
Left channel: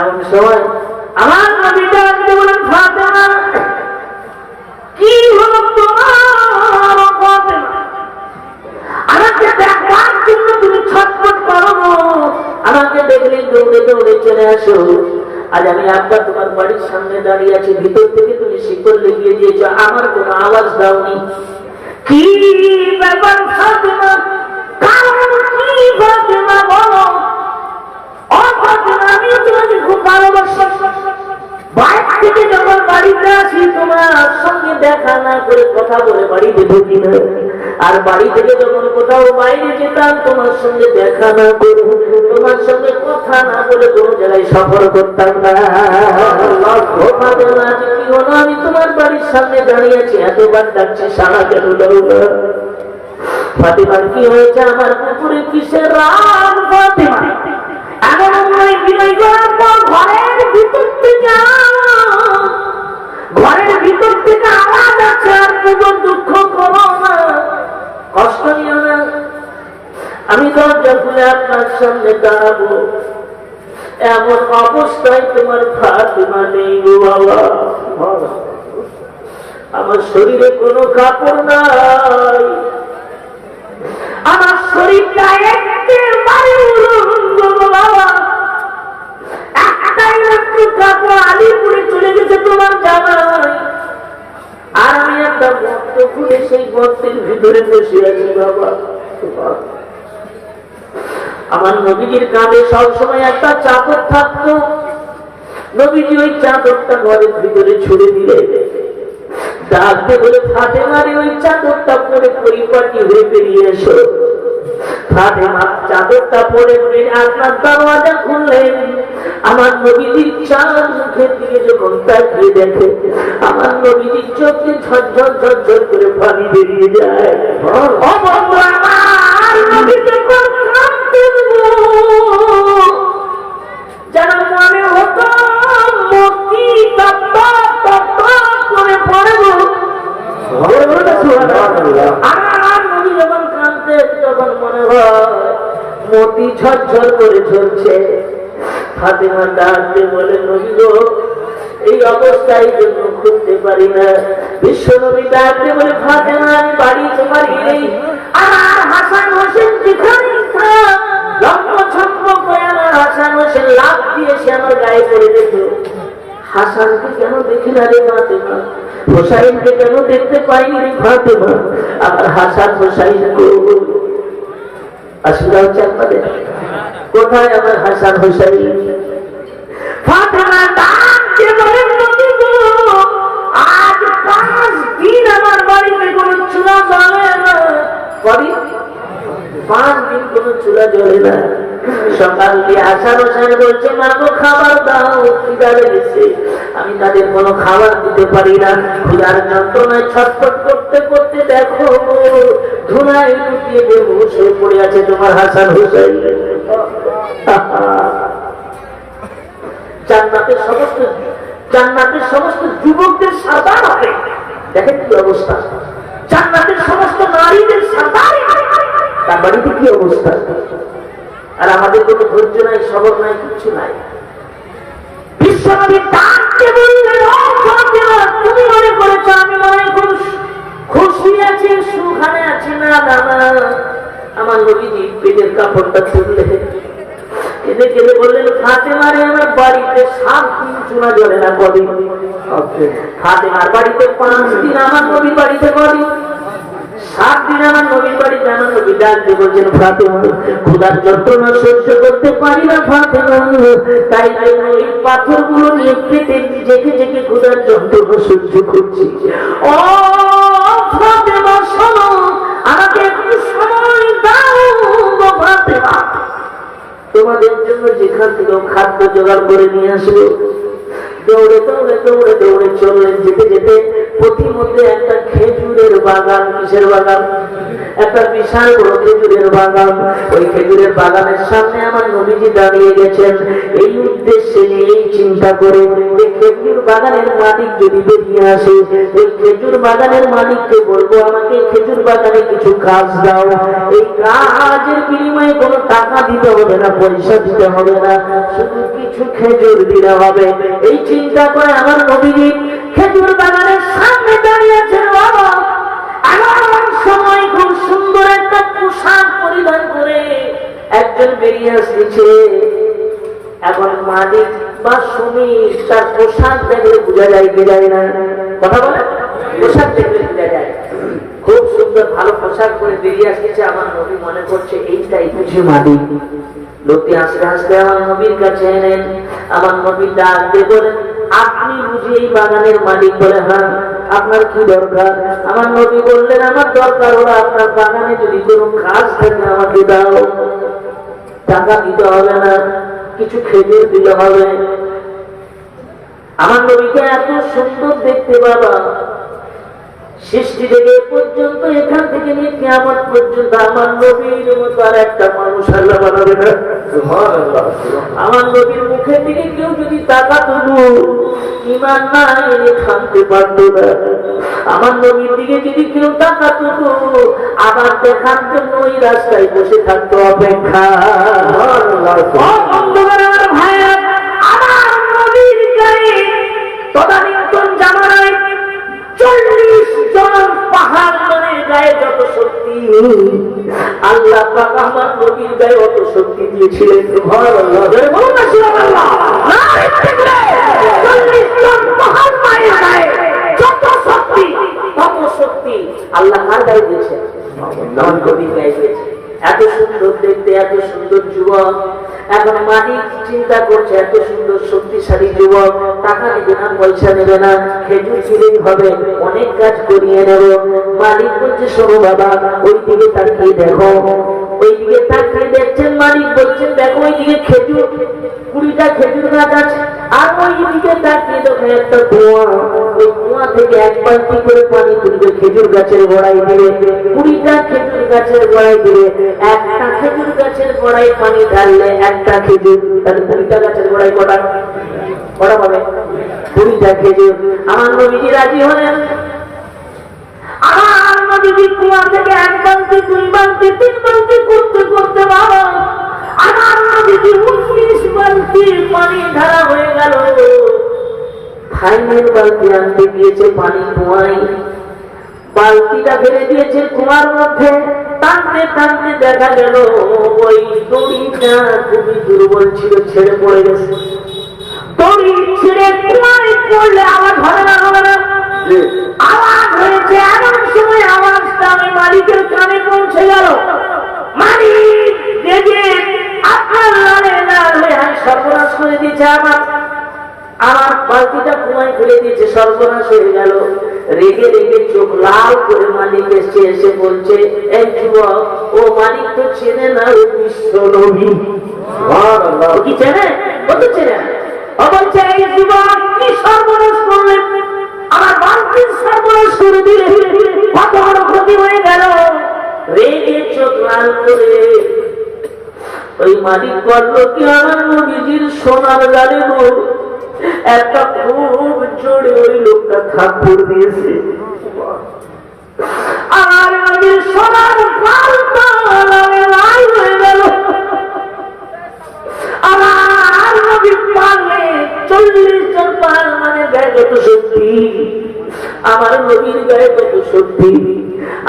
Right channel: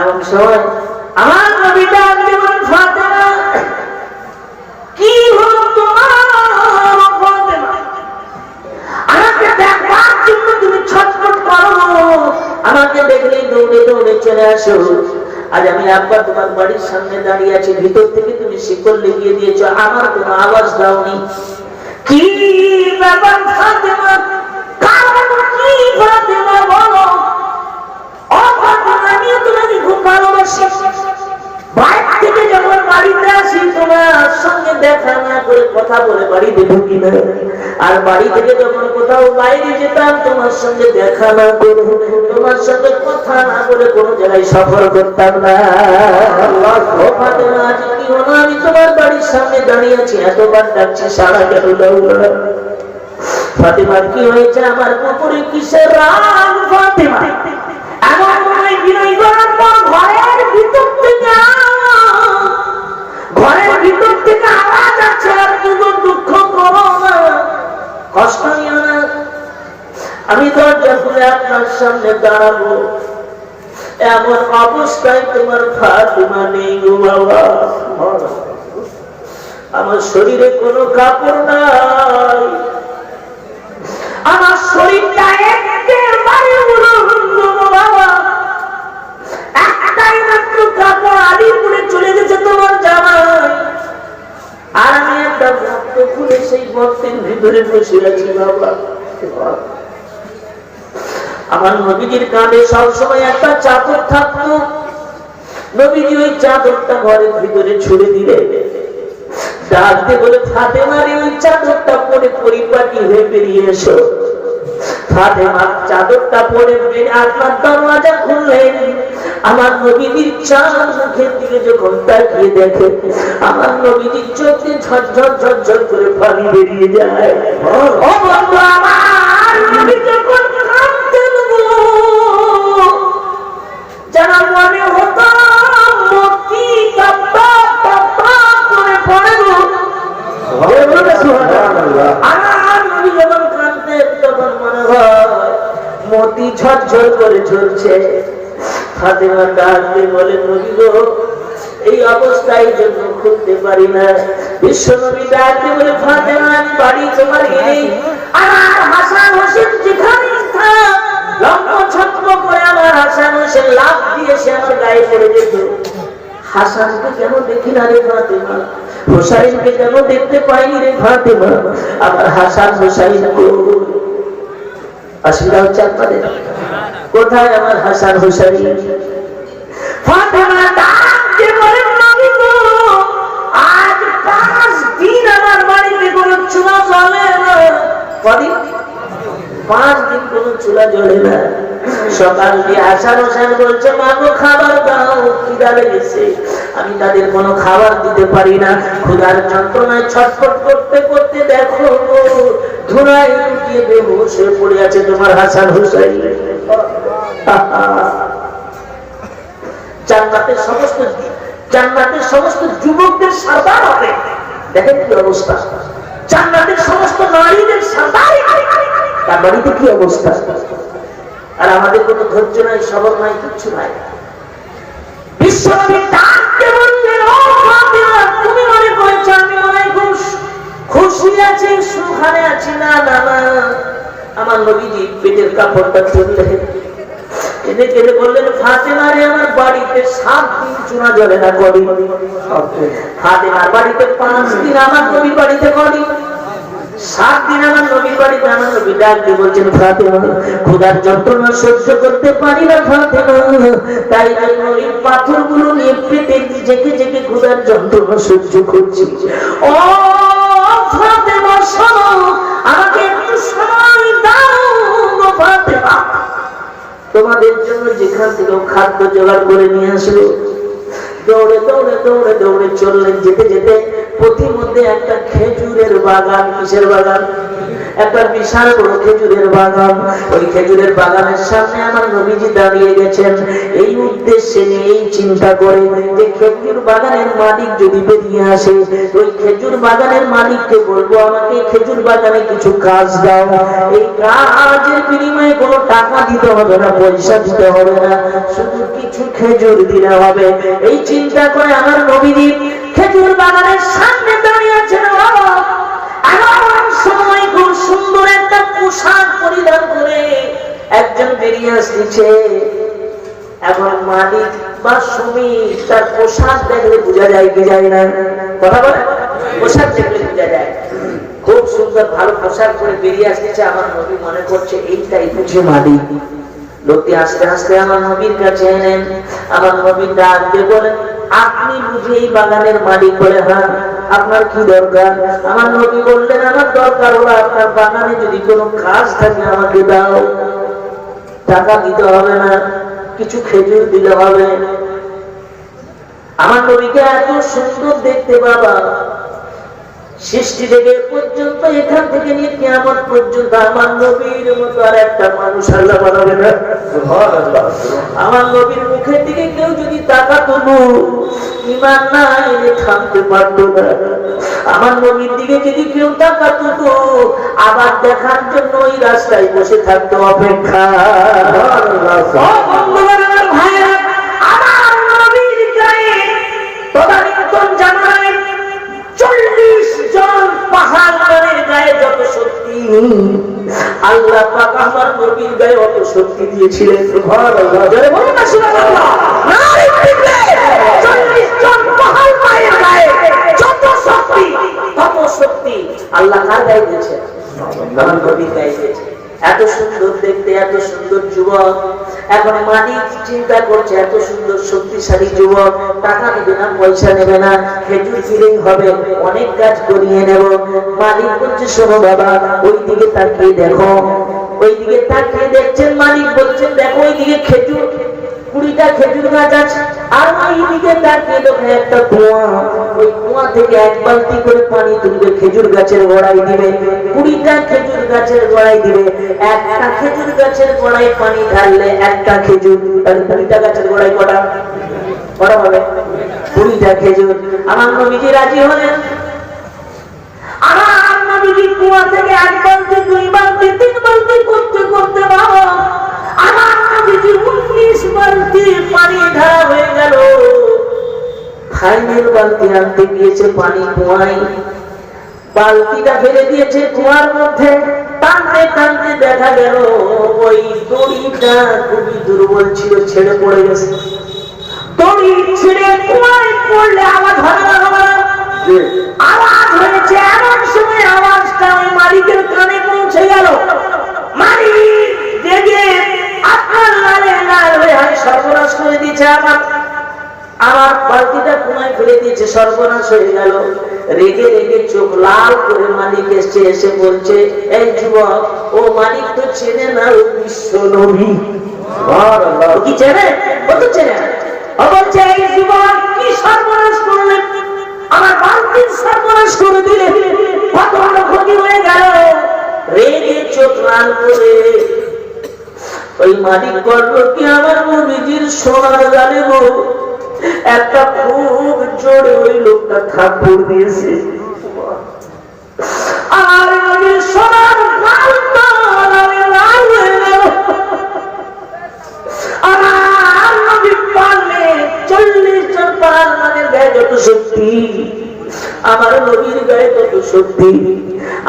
এমন সময় আমার নবী ডাক দিয়ে বলেন, ফাতেমা, কি হলো তোমার? ফাতেমা, আমাকে দেখবার জন্য তুমি ছটফট করো, আমাকে দেখলেই দৌড়ে দৌড়ে চলে আসো। আজ আমি আব্বা তোমার বাড়ির সামনে দাঁড়িয়ে আছি, ভিতর থেকে তুমি শিকল লেগিয়ে দিয়েছো, আমার কোনো আওয়াজ দাওনি। কি ব্যাপার ফাতেমা? কারণ কি ফাতেমা বলো? ও ফাতেমা, আমি তোমাকে খুব ভালোবাসি। বাইরে থেকে যখন বাড়িতে আসি তোমার সঙ্গে দেখা না করে কথা বলে বাড়িতে ঢুকি না, আর বাড়ি থেকে যখন কোথাও বাইরে যেতাম তোমার সঙ্গে দেখা না করে, তোমার সঙ্গে কথা না বলে কোনো জায়গায় সফর করতাম না। ও ফাতেমা, আজ কি হলো? আমি তোমার বাড়ির সামনে দাঁড়িয়ে আছি, এতবার ডাকছি, সারা কেন দাও না? ফাতেমার কি হয়েছে? আমার উপরে কিসের রাগ? ফাতেমা এমন মনে বিনয় করার পর ঘরের ভিতর থেকে আওয়াজ আছে, আর কোনো দুঃখ করো না, কষ্ট নিও না, আমি দরজা খুলে আপনার সামনে দাঁড়াবো। এমন অবস্থায় তোমার ফাতেমা নেই গো বাবা। আমার শরীরে কোনো কাপড় নাই, আমার শরীরটা একেবারে উলঙ্গ বাবা। একটাই মাত্র কাপড় আলিপুরে চলে গেছে তোমার জামা, আর আমি একটা গর্ত খুলে সেই গর্তের ভিতরে বসে আছি বাবা। আমার নবীজির কাঁধে সবসময় একটা চাদর থাকতো। নবীজি ওই চাদরটা ঘরের ভিতরে ছুড়ে দিলে, ডাকতে বলে, ফাতেমারে ওই চাদরটা পরে পরিপাটি হয়ে বেরিয়ে এসো। ফাতেমা চাদরটা পরে বেরিয়ে আপনার দরওয়াজা খুললেন। আমার নবীজির চাঁদ মুখের দিকে যখন তাকিয়ে দেখে, আমার নবীজির চোখে ঝরঝর ঝরঝর করে পানি বেরিয়ে যায়। ও বন্ধু, আমার নবী যখন কাঁদতেন যারা মনে হতো মতি তপ্পা তপ্পা করে পড়ে গো। আমার নবী যখন কাঁদতেন তখন মনে হয় মতি ঝরঝর করে ঝরছে। ফাতেমা ডাকতে বলে, নবী গো, এই অবস্থায় জন্য খুলতে পারি না। বিশ্ব নবী ডাকতে বলে, ফাতেমা, আমি বাড়ি তোমার এই, আমার হাসান হোসেন যেখানেই থাক, লম্ব ছত্র করে আমার হাসান হোসেন লাফ দিয়ে সে আমার গায়ে পড়ে যেত। হাসানকে কেন দেখি না রে ফাতেমা? হোসাইনকে কেন দেখতে পাইনি রে ফাতেমা? আমার হাসান হোসাইন অসুবিধা হচ্ছে আপনাদের? কোথায় আমার হাসান হোসাইন? ফাতেমা ডাকতে বলেন, নবী গো, আজ 5 দিন আমার বাড়িতে কোনো চুলা জ্বলে না। কদিন? 5 দিন কোনো চুলা জ্বলে না। সকাল দিয়ে হাসান হোসেন বলছে, মা গো, খাবার দাও, খিদা লেগেছে। আমি তাদের কোনো খাবার দিতে পারি না। ক্ষুধার যন্ত্রণায় ছটফট করতে করতে দেখো ধুলায় লুটিয়ে বেহুশ হয়ে পড়ে আছে তোমার হাসান হোসেন। জান্নাতের সমস্ত যুবকদের সারদার হবে, দেখেন কি অবস্থা। জান্নাতের সমস্ত নারীদের সারদার, তার বাড়িতে কি অবস্থা। আর আমাদের কোনো ধৈর্য নাই, সবর নাই, কিচ্ছু নাই। বিশ্বনবী ডাকতে বললেন, ও ফাতেমা, তুমি মনে করেছো আমি মনে খুব খুশি আছি, সুখানে আছি? না না না। আমার নবীজি পেটের কাপড়টা তুললে কেঁদে কেঁদে বললেন, ফাতেমা রে, আমার বাড়িতে 7 দিন চুনা জ্বলে না। কদিন? ফাতেমার বাড়িতে 5 দিন, আমার নবীর বাড়িতে কদিন? 7 দিন আমার নবীর বাড়িতে। আমার নবী ডাক দিয়ে বলছেন, ফাতেমা, ক্ষুধার যন্ত্রণা সহ্য করতে পারি না ফাতেমা, তাই জন্য এই পাথরগুলো নিয়ে পেটে জেগে জেগে ক্ষুধার যন্ত্রণা সহ্য করছি। ও ফাতেমা, শোনো, আমাকে একটু সময় দাও গো ফাতেমা, তোমাদের জন্য যেখান থেকে খাদ্য জোগাড় করে নিয়ে আসলো। দৌড়ে দৌড়ে দৌড়ে দৌড়ে চললেন। যেতে যেতে পথিমধ্যে একটা খেজুরের বাগান। কিসের বাগান? একটা বিশাল বড় খেজুরের বাগান। ওই খেজুরের বাগানের সামনে আমার নবীজি দাঁড়িয়ে গেছেন। এই উদ্দেশ্যে নিয়ে, এই চিন্তা করে যে খেজুর বাগানের মালিক যদি বেরিয়ে আসে, ওই খেজুর বাগানের মালিককে বলবো, আমাকে খেজুর বাগানে কিছু কাজ দাও। এই কাজের বিনিময়ে কোনো টাকা দিতে হবে না, পয়সা দিতে হবে না, শুধু কিছু খেজুর দিলে হবে। এই চিন্তা করে আমার নবীজি খেজুর বাগানের সামনে দাঁড়িয়ে আছেন। এমন সময় খুব সুন্দর একটা পোশাক পরিধান করে একজন বেরিয়ে আসছে। এখন মালিক বা শ্রমিক তার পোশাক দেখলে বোঝা যায় কি যায় না? কথা বলে, পোশাক দেখলে বোঝা যায়। খুব সুন্দর ভালো পোশাক করে বেরিয়ে আসছে। আমার নবী মনে করছে এইটাই বুঝি মালিক। লোকটি আস্তে আস্তে আমার নবীর কাছে এনেন। আমার নবীর ডাক দিয়ে বলেন, আপনি বুঝি এই বাগানের মালিক? বলে, হ্যাঁ। আপনার কি দরকার? আমার নবী বললেন, আমার দরকার হলো আপনার বাগানে যদি কোনো কাজ থাকে আমাকে দাও। টাকা দিতে হবে না, কিছু খেজুর দিলে হবে। আমার নবীকে এত সুন্দর দেখতে বাবা, সৃষ্টি থেকে পর্যন্ত, এখান থেকে নিয়ে কিয়ামত পর্যন্ত আমার নবীর মতো আর একটা মানুষ আল্লাহ বানাবে না। আমার নবীর মুখের দিকে কেউ যদি তাকাতো, ঈমান নাই থামতে পারতো না। আমার নবীর দিকে যদি কেউ তাকাতো, আবার দেখার জন্য ওই রাস্তায় বসে থাকতো অপেক্ষা। আমার ভাইরা, আমার নবীর গায়ে তদানীন্তন জামানায় 40 জন পাহাড়ের গায়ে যত শক্তি, আল্লাহ পাক আমার নবীর গায়ে অত শক্তি দিয়েছিলেন। সুবহানাল্লাহ, জোরে বলুন না সুবহানাল্লাহ। 40 জন পাহাড়ের গায়ে যত শক্তি, তত শক্তি আল্লাহ কার গায়ে দিয়েছেন? আমার নবীর গায়ে দিয়েছেন। এত সুন্দর দেখতে, এত সুন্দর যুবক। এখন মালিক চিন্তা করছে, এত সুন্দর শক্তিশালী যুবক, টাকা নেবে না, পয়সা নেবে না, খেজুর দিলেই হবে, অনেক কাজ করিয়ে নেব। মালিক বলছে, শোনো বাবা, ওই দিকে তাকিয়ে দেখো। ওই দিকে তাকিয়ে দেখছেন, মালিক বলছেন, দেখো ওই দিকে খেজুর, 20টা খেজুর গাছ আছে। আর ওই দিকে তাকিয়ে দেখো একটা কুয়া। ওই কুয়া থেকে 1 বালতি করে পানি তুলবে, খেজুর গাছের গোড়ায় দিবে। 20টা খেজুর গাছের গোড়ায় দিবে। একটা খেজুর গাছের গোড়ায় পানি ঢাললে একটা খেজুর, তাহলে 20টা গাছের গোড়ায় কটা পাবে? 20টা খেজুর। আমার নবীজি রাজি হলেন। আমার নবীজি কুয়া থেকে 1 বালতি, 2 বালতি, 3 বালতি করতে করতে বাবা, আমার নবীজি 19 বালতি পানি ঢালা হয়ে গেল। ফাইনাল বালতি আনতে গিয়েছে পানি কুয়ায়, বালতিটা ফেলে দিয়েছে কুয়ার মধ্যে। টানতে টানতে দেখা গেল ওই দড়িটা খুবই দুর্বল ছিল, ছেড়ে পড়ে গেছে। দড়ি ছেড়ে কুয়ায় পড়লে আওয়াজ হবে না? হবে না? আওয়াজ হয়েছে। এমন সময় আওয়াজটা ওই মালিকের কানে পৌঁছে গেল। মালিক জেগে আপনার লালে লাল হয়ে সর্বনাশ করে দিয়েছে, আমার বালতিটা কুয়ায় ফেলে দিয়েছে, সর্বনাশ হয়ে গেল। রেগে রেগে চোখ লাল করে মালিক এসে এসে বলছে, এই যুবক, ও মালিক তো চেনে না, ও বিশ্ব নবী। কি চেনে? ও তো চেনে। ও বলছে, এই যুবক কি সর্বনাশ করলেন, আমার বালতির সর্বনাশ করে দিলে, কত বড় ক্ষতি হয়ে গেল। রেগে চোখ লাল করে ওই মালিক বলল কি, আমার নবীজির সোনার গালে গো একটা খুব জোরে ওই লোকটা থাপ্পড় দিয়েছে। আর নবীর সোনার গালটা লালে লাল হয়ে গেল। আর নবী পারলে 40 জন পাহাড় মানে গায়ে যত শক্তি, আমার নবীর গায়ে তত শক্তি।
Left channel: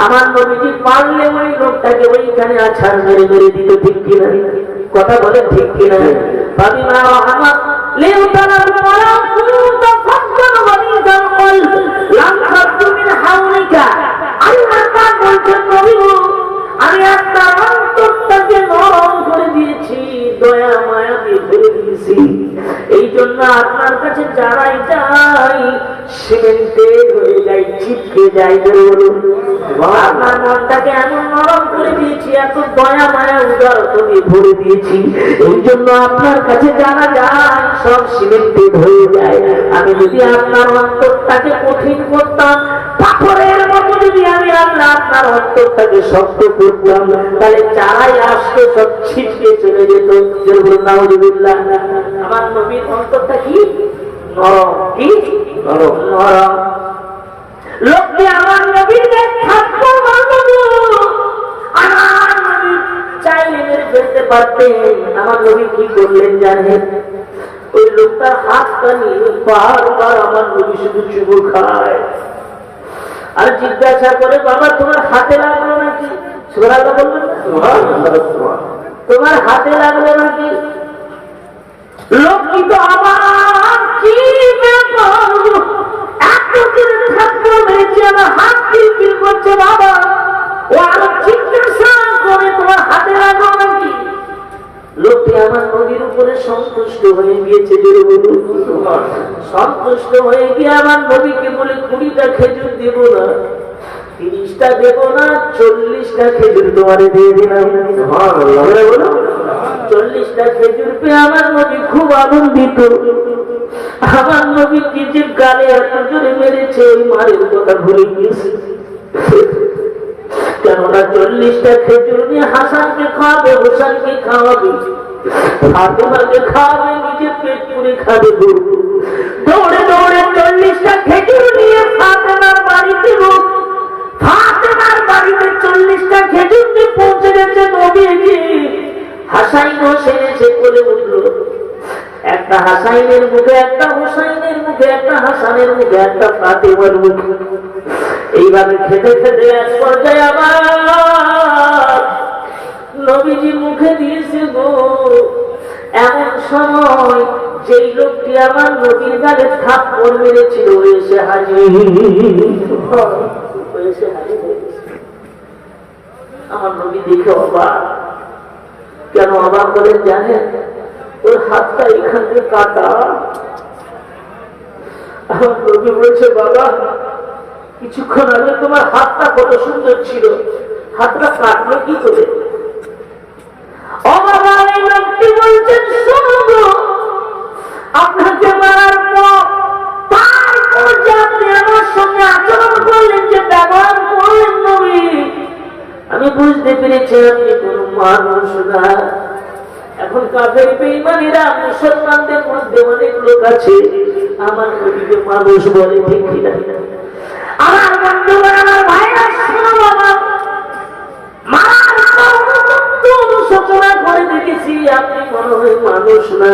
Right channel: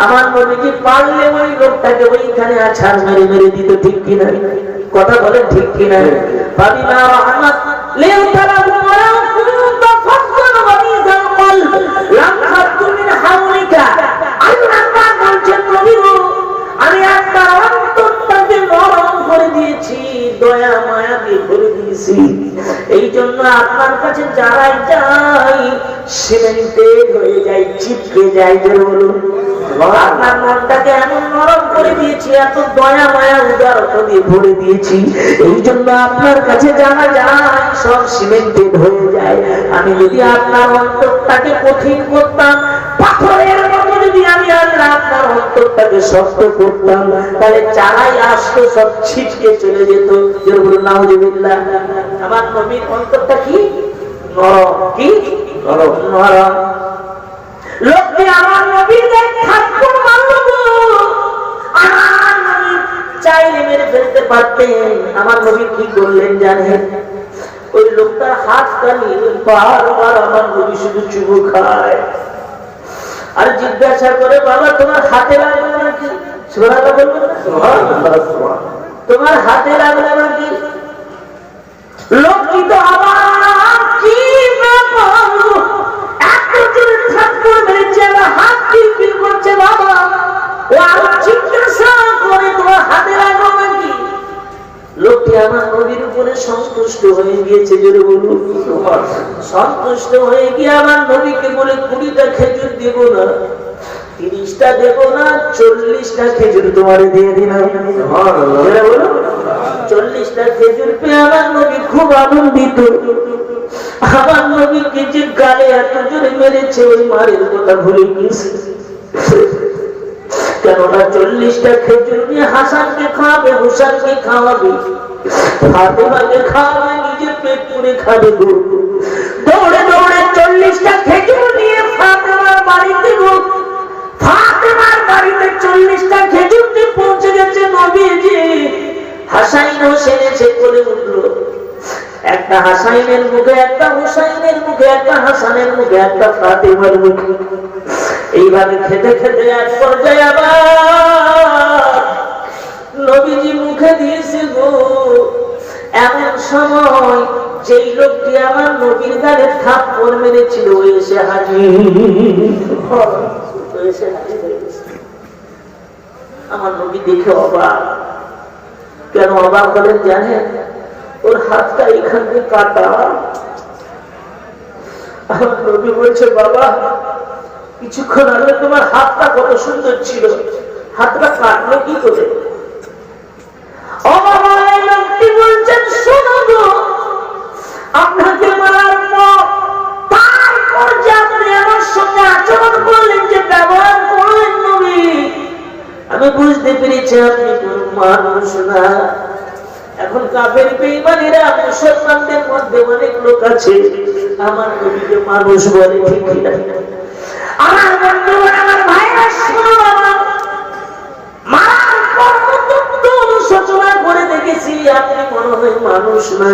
আমার নবীজি পারলে ওই লোকটাকে ওইখানে আছাড় মেরে মেরে দিত, ঠিক কিনা? কথা বলেন ঠিক কিনা? ফাবিমা রাহমাত লিউতালাহু ওয়া কুনতা ফাজ্জান ওয়ালিদাল কলব লাম খাদু মিন হাওলিকা। আল্লাহ পাক বলছেন নবী গো, আমি আপনার অন্তরটাকে নরম করে দিয়েছি, দয়া মায়া দিয়ে ভরে দিয়েছি। এই জন্য আপনার কাছে যারাই যাই সিমেন্টেড হয়ে যায়, চিপকে যায়। আপনার মনটাকে এমন নরম করে দিয়েছি, এত দয়া মায়া উদারতা দিয়ে ভরে দিয়েছি। এই জন্য আপনার কাছে যারা যায় সব সিমেন্টেড হয়ে যায়। আমি যদি আপনার অন্তরটাকে কঠিন করতাম, পাথরের মতো যদি আমি আল্লাহ আপনার অন্তরটাকে শক্ত করতাম, তাহলে যারাই আসতো সব ছিটকে চলে যেত। নাউজুবিল্লাহ। আমার নবীর অন্তরটা কি নরম, কি নরম। লোকটি আমার নবীর থাপ্পড় মারল, আমার নবী চাইলে মেরে ফেলতে পারতেন। আমার নবী কি করলেন জানেন? ওই লোকটার হাতটা নিয়ে বারবার আমার নবী শুধু চুমু খায় আর জিজ্ঞাসা করে, বাবা তোমার হাতে লাগলো নাকি? সুবহানাল্লাহ বলবেন না? তোমার হাতে লাগলো নাকি? লোকটি তো আবার কি ব্যাপার, এত জোরে থাপ্পড় মেরেছে, আমার হাত কিলকিল করছে। বাবা ও আরো জিজ্ঞাসা করে, তোমার হাতে লাগলো নাকি? লোকটি আমার নবীর উপরে সন্তুষ্ট হয়ে গিয়েছে। জোরে বলুন। সন্তুষ্ট হয়ে গিয়ে আমার নবীকে বলে, 20টা খেজুর দেব না, 30টা দেব না, 40টা খেজুর তোমারে দিয়ে দিলাম। 40টা খেজুর পেয়ে আমার নবী খুব আনন্দিত। আমার নবীকে যে গালে এত জোরে মেরেছে, ওই মারের কথা ভুলে গিয়েছে। কেননা 40টা খেজুর নিয়ে হাসানকে খাওয়াবে, হোসেনকে খাওয়াবে, ফাতেমাকে খাওয়াবে, নিজে পেট পুরে খাবে। দৌড়ে দৌড়ে 40টা খেজুর নিয়ে ফাতেমার বাড়িতে হোক, ফাতেমার বাড়িতে 40টা খেজুর নিয়ে পৌঁছে গেছে নবীজি। হাসাইন হোসেন এসে কোলে উঠলো। একটা হাসাইনের মুখে, একটা হোসাইনের মুখে, একটা হাসানের মুখে, একটা ফাতেমার মুখে। এইভাবে খেতে খেতে এক পর্যায়ে আবার নবীজি মুখে দিয়েছে গো। এমন সময় যেই লোকটি আমার নবীর গালে থাপ্পড় মেরেছিল এসে হাজির। আমার নবী দেখে অবাক। কেন অবাক হলেন জানেন? ওর হাতটা এখান থেকে কাটা। আমার নবী বলছে, বাবা কিছুক্ষণ আগে তোমার হাতটা কত সুন্দর ছিল, হাতটা কাটলো কি করে? লোকটি বলছেন, শোনো গো, আপনাকে মারার পর তারপর যে আপনি আমার সঙ্গে আচরণ করলেন, যে ব্যবহার করলেন নবী, আমি বুঝতে পেরেছি আপনি কোন মানুষ না। এখন কাফের বেঈমানেরা মুসলমানদের মধ্যে অনেক লোক আছে আমার নবীকে মানুষ বলে, ঠিক কিনা? আমার বন্ধুগণ, আমার ভাইরা, শোনো বাবা, মারার পর অনুশোচনা করে দেখেছি আপনি মনে হয় মানুষ না।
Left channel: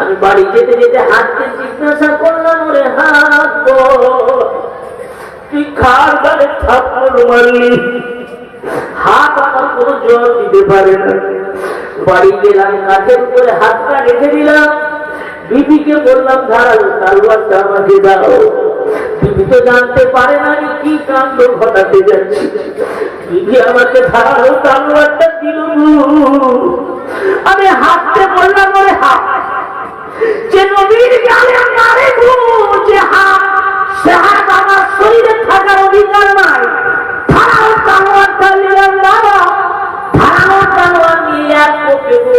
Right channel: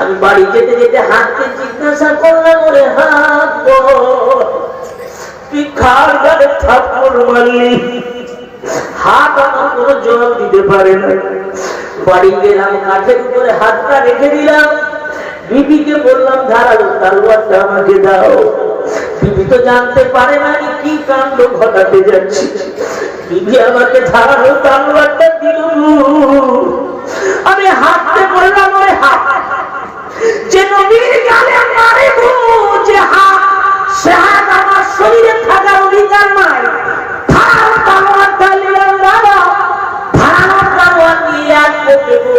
আমি বাড়ি যেতে যেতে হাতকে জিজ্ঞাসা করলাম, ওরে হাত তুই কার গালে থাপ্পড় মারলি? হাত আমার কোনো জবাব দিতে পারে না। বাড়ি গেলাম, কাঠের উপরে হাতটা রেখে দিলাম। বিবিকে বললাম, ধারালো তলোয়ারটা আমাকে দাও। বিবি তো জানতে পারে না আমি কি কাণ্ড ঘটাতে যাচ্ছি। বিবি আমাকে ধারালো তলোয়ারটা দিল। আমি হাততে বললাম, ওরে হাত, যে নবীর গালে মারে গো, যে হাত, সে হাত আমার শরীরে থাকার অধিকার নাই। ধারালো তলোয়ারটা নিলাম বাবা, ধারালো তলোয়ার নিয়ে আর দেবো।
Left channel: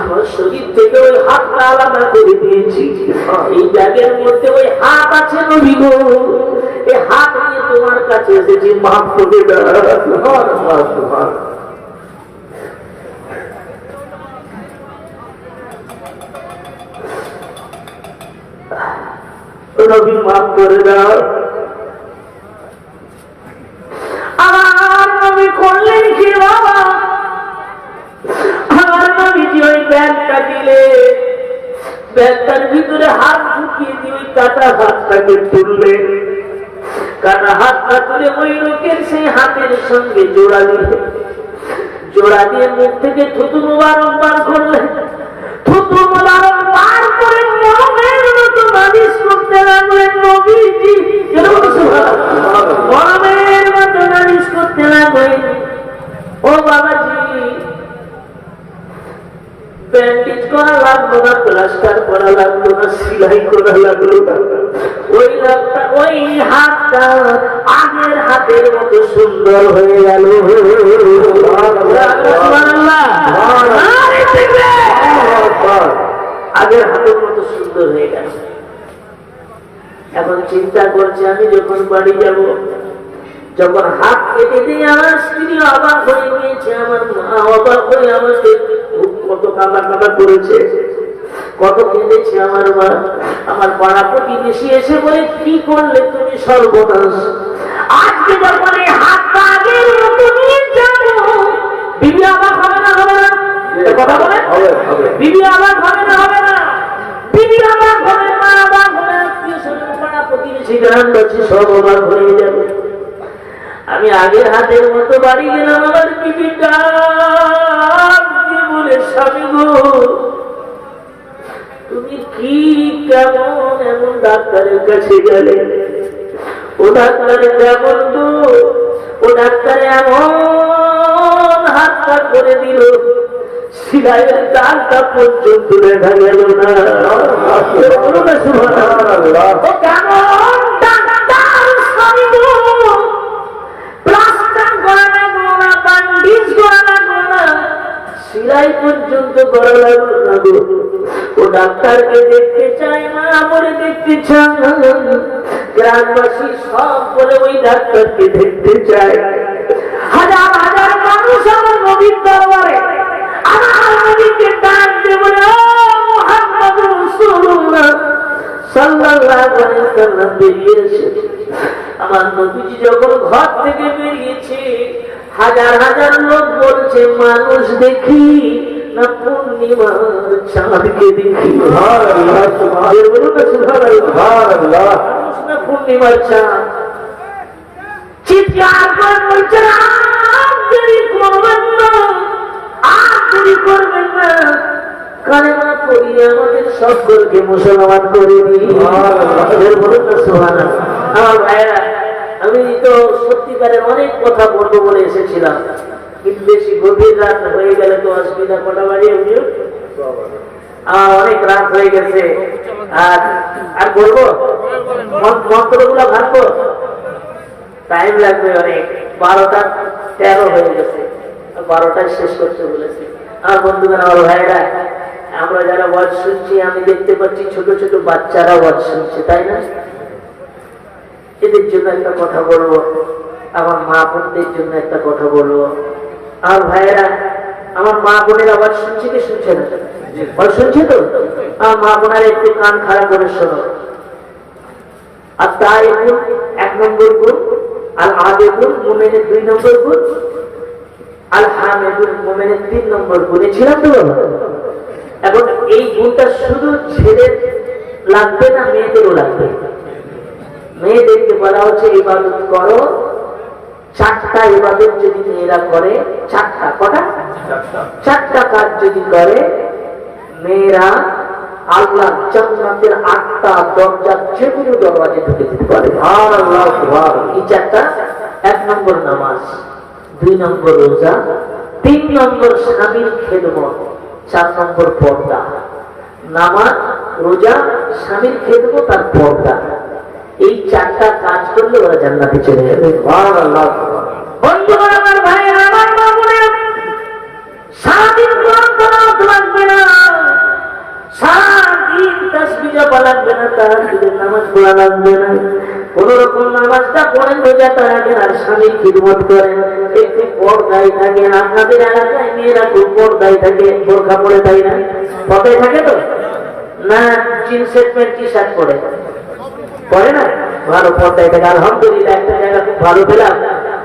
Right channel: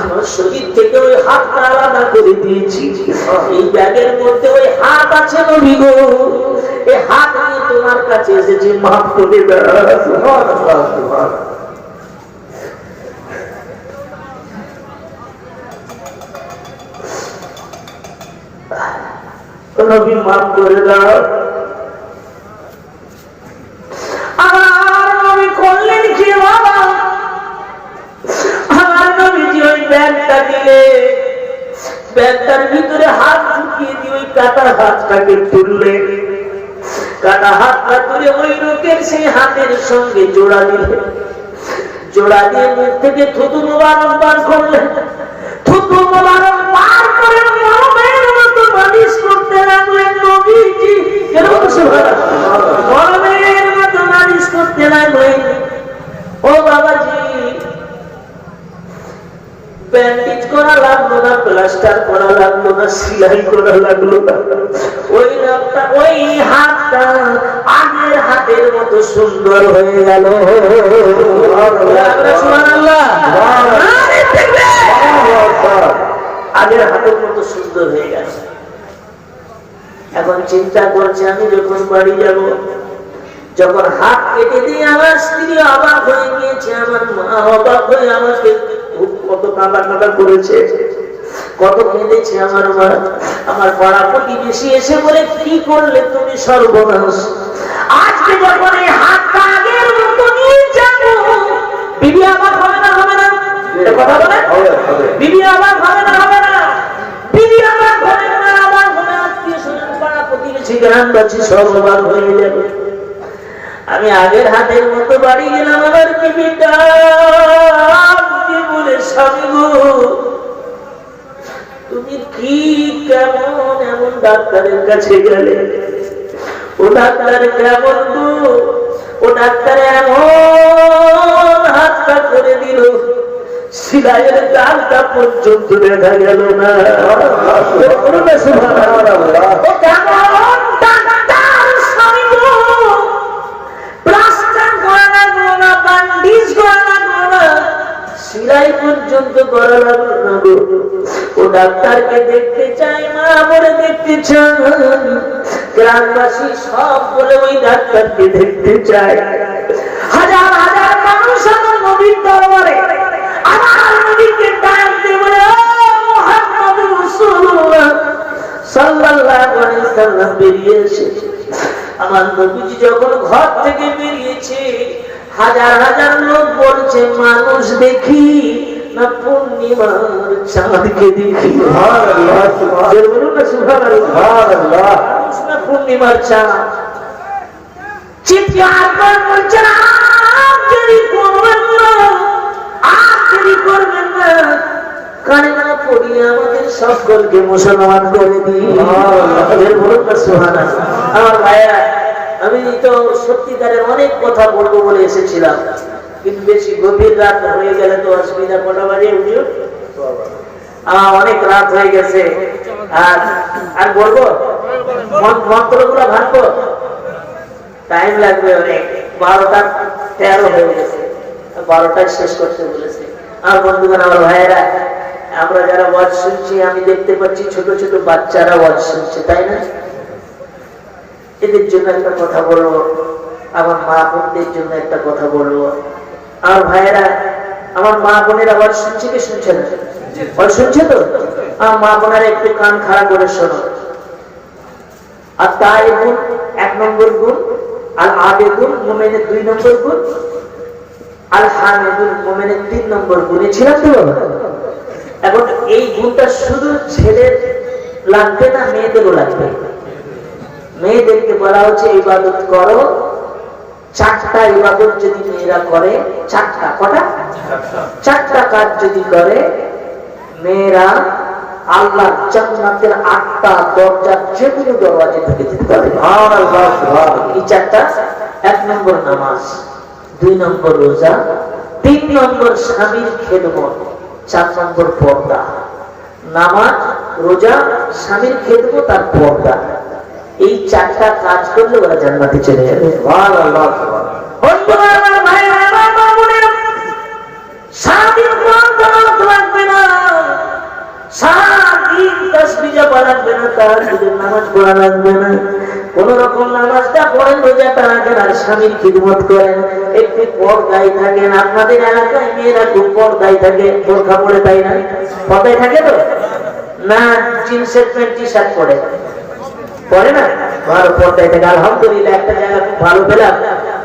আমার শরীর থেকে ওই হাতটা আলাদা করে দিয়েছি। এই ব্যাগের মধ্যে ওই হাত আছে নবী গো, এই হাত নিয়ে তোমার কাছে এসেছি, মাফ করে দাও। নবী মাফ করে দাও। আমার নবী করলেন কি বাবা? আমার নবীজি ওই ব্যাগটা দিলে, ব্যাগটার ভিতরে হাত ঢুকিয়ে দিয়ে ওই কাটা হাতটাকে তুললেন। কাটা হাতটা তুলে ওই লোকের সেই হাতের সঙ্গে জোড়া দিলেন। জোড়া দিয়ে মুখ থেকে থুতু মোবারক বার করলেন, থুতু মোবারক বার করে মরমের মতো মালিশ করতে লাগলেন নবীজি। মরমের মতো মালিশ করতে লাগলেন। ও বাবাজি, ব্যান্ডেজ করা লাগলো না, প্লাস্টার করা লাগলো না, সেলাই করা লাগলো না। ওই লোকটা, ওই হাতটা আগের হাতের মতো সুন্দর হয়ে গেল। আগের হাতের মতো সুন্দর হয়ে গেল। এখন চিন্তা করছে, আমি যখন বাড়ি যাব, যখন হাত কেটে দিয়ে আমার স্ত্রী অবাক হয়ে গিয়েছে, আমার মা অবাক হয়ে আমাকে কত কাঁদা করেছে, কত কেঁদেছে আমার মা। আমার পাড়া প্রতিবেশী এসে বলে, কি করলে তুমি সর্বনাশ। আজকে যখন এই হাতটা আগের মতো নিয়ে যাবো, বিবি অবাক হবে না, হবে না? কথা বলে বিবি অবাক হবে না, হবে না? বিবি অবাক হবে না, অবাক হবে, আত্মীয় স্বজন পাড়া প্রতিবেশী গ্রামবাসী সব অবাক হয়ে যাবে। আমি আগের হাতের মতো বাড়ি গেলাম, আমার বিবিটা বলে, স্বামী গো, তুমি কি কেমন এমন ডাক্তারের কাছে গেলে? ও ডাক্তার কেমন গো? ও ডাক্তার এমন হাতটা করে দিল, সিলাইয়ের দাগটা পর্যন্ত দেখা গেল না। কেমন ডাক্তার স্বামী গো? প্লাস্টার করা লাগলো না, ব্যান্ডেজ করা লাগলো না, সিলাই পর্যন্ত করা লাগলো না গো। ও ডাক্তারকে দেখতে চায় না, বলে দেখতে চায়। গ্রামবাসী সব বলে ওই ডাক্তারকে দেখতে চায়। হাজার হাজার মানুষ আমার নবীর দরবারে আমার নবীকে ডাক দিয়ে বলে, ও মুহাম্মদুর রাসূলুল্লাহ সাল্লাল্লাহু আলাইহি ওয়াসাল্লাম বেরিয়ে এসেছে। আমার নবীজি যখন ঘর থেকে বেরিয়েছে, হাজার হাজার লোক বলছে, মানুষ দেখি না পূর্ণিমার চাঁদকে দেখি। মানুষ না পূর্ণিমার চাঁদ। চিৎকার করে বলছেন, আর দেরি করবেন না, আর দেরি করবেন না, কানে না পড়িয়ে আমাদের সকলকে মুসলমান করে দিই। বলুন না সুবহানাল্লাহ। আমার ভাইয়া, আমি তো সত্যিকারের অনেক কথা বলবো বলে এসেছিলাম, কিন্তু বেশি গভীর রাত হয়ে গেলে তো অসুবিধা। কটা বাজে বুঝলো? অনেক রাত হয়ে গেছে। আর বলবো মন্ত্রগুলো ভাঙবো, টাইম লাগবে অনেক। 12:13 হয়ে গেছে, 12টায় শেষ করতে বলেছে। আর বন্ধুগণ, আমার ভাইয়েরা, আমরা যারা ওয়াজ শুনছি, আমি দেখতে পাচ্ছি ছোট ছোট বাচ্চারা ওয়াজ শুনছে, তাই না? এদের জন্য একটা কথা বলবো, আমার মা বোনদের জন্য একটা কথা বলবো। আমার ভাইয়েরা, আমার মা বোনের আওয়াজ শুনছে কি শুনছে না? শুনছে তো? আমার মা বোনেরা একটু কান খাড়া করে শোনো। আর তাই গুণ 1 নম্বর গুণ, আর আবেগুন মুমিনের 2 নম্বর গুণ, আর হামেদুল মুমিনের 3 নম্বর গুণে ছিলাম তো বাবা। এখন এই গুণটা শুধু ছেলের লাগবে না, মেয়েদেরও লাগবে। মেয়েদেরকে বলা হচ্ছে ইবাদত করো। 4টা ইবাদত যদি মেয়েরা করে, 4টা, কটা? 4টা কাজ যদি করে মেয়েরা, আল্লাহর জান্নাতের 8টা দরজা যে কোনো দরওয়াজে ঢুকে যেতে পারে। সুবহানাল্লাহ, সুবহানাল্লাহ। এই 4টা: 1 নম্বর নামাজ, 2 নম্বর রোজা, 3 নম্বর স্বামীর খেদমত, 4 নম্বর পর্দা। নামাজ, রোজা, স্বামীর খেদমত আর পর্দা, এই 4টা কাজ করলে ওরা জান্নাতে চলে যাবে। সুবহানাল্লাহ, সুবহানাল্লাহ। বন্ধুরা, আমার ভাইরা, আমার মা বোনেরা, সারাদিন কোরআন তেলাওয়াত লাগবে না, সারাদিন তাসবিহ জপা লাগবে না, তাহাজ্জুদের নামাজ পড়া লাগবে না, কোন রকম নামাজটা পড়েন, রোজাটা রাখেন, আর স্বামীর খিদমত করেন, একটু পর্দায় থাকেন। আপনাদের এলাকায় মেয়েরা খুব পর্দায় থাকে, বোরকা পরে, তাই না? পর্দায় থাকে তো না? জিন্সের প্যান্ট, টি শার্ট পরে পরে না? ভালো পর্দায় থাকে, আলহামদুলিল্লাহ। একটা জায়গা খুব ভালো পেলাম,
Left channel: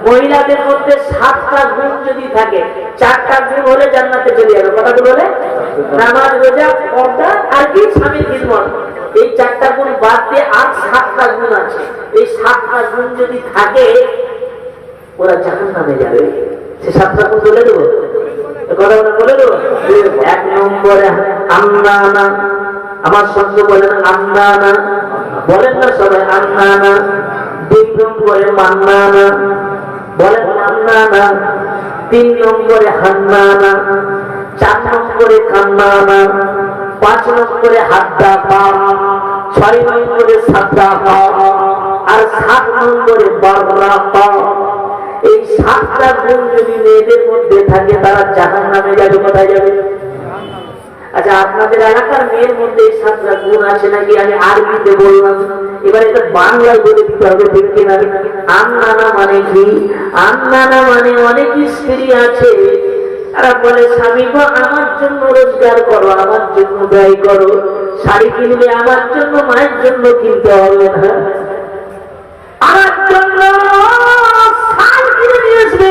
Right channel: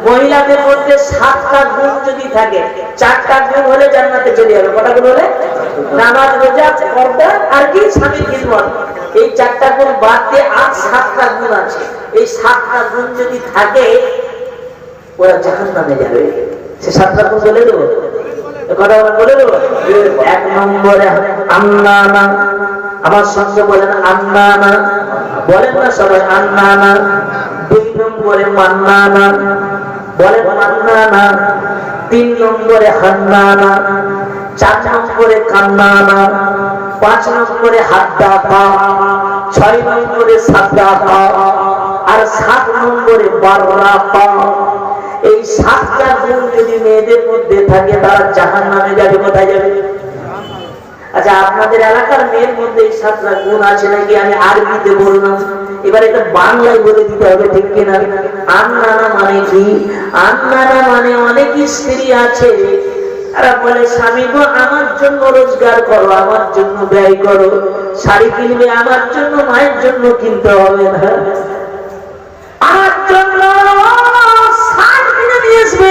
মহিলাদের মধ্যে 7টা গুণ যদি থাকে, 4টা গুণ হলে জান্নাতে চলে যাবে। কটা গুণ হলে? নামাজ, রোজা, পর্দা আর কি? স্বামীর খিদমত। এই 4টা গুণ বাদ দিয়ে আর 7টা গুণ আছে। এই 7টা গুণ যদি থাকে, ওরা জাহান্নামে যাবে। সে 7টা গুণ বলে দেবো? কথা বলে দেবো। 1 নম্বরে আন্নানা, আমার সঙ্গে বলেন আন্নানা, বলেন না সবাই আন্নানা। 2 নম্বরে মান্নানা, বলেন মান্নানা। 3 নম্বরে হান্নানা, 4 নম্বরে কান্নানা, 5 নম্বরে হাদ্দাফা, 6 নম্বরে সাদ্দাফা, আর 7 নম্বরে বাররাফা। এই 7টা গুণ যদি মেয়েদের মধ্যে থাকে তারা জাহান্নামে যাবে। কোথায় যাবে? আচ্ছা, আপনাদের এলাকার মেয়ের মধ্যে এই 7টা গুণ আছে নাকি? আমি আরবিতে বললাম, এবার এটা বাংলায় বলে দিতে হবে, ঠিক কিনা? আন্নানা মানে কি? আন্নানা মানে অনেক স্ত্রী আছে, তারা বলে স্বামী গো আমার জন্য রোজগার করো, আমার জন্য ব্যয় করো, শাড়ি কিনবে আমার জন্য, মায়ের জন্য কিনতে হবে না, আমার জন্য শাড়ি কিনে নিয়ে আসবে,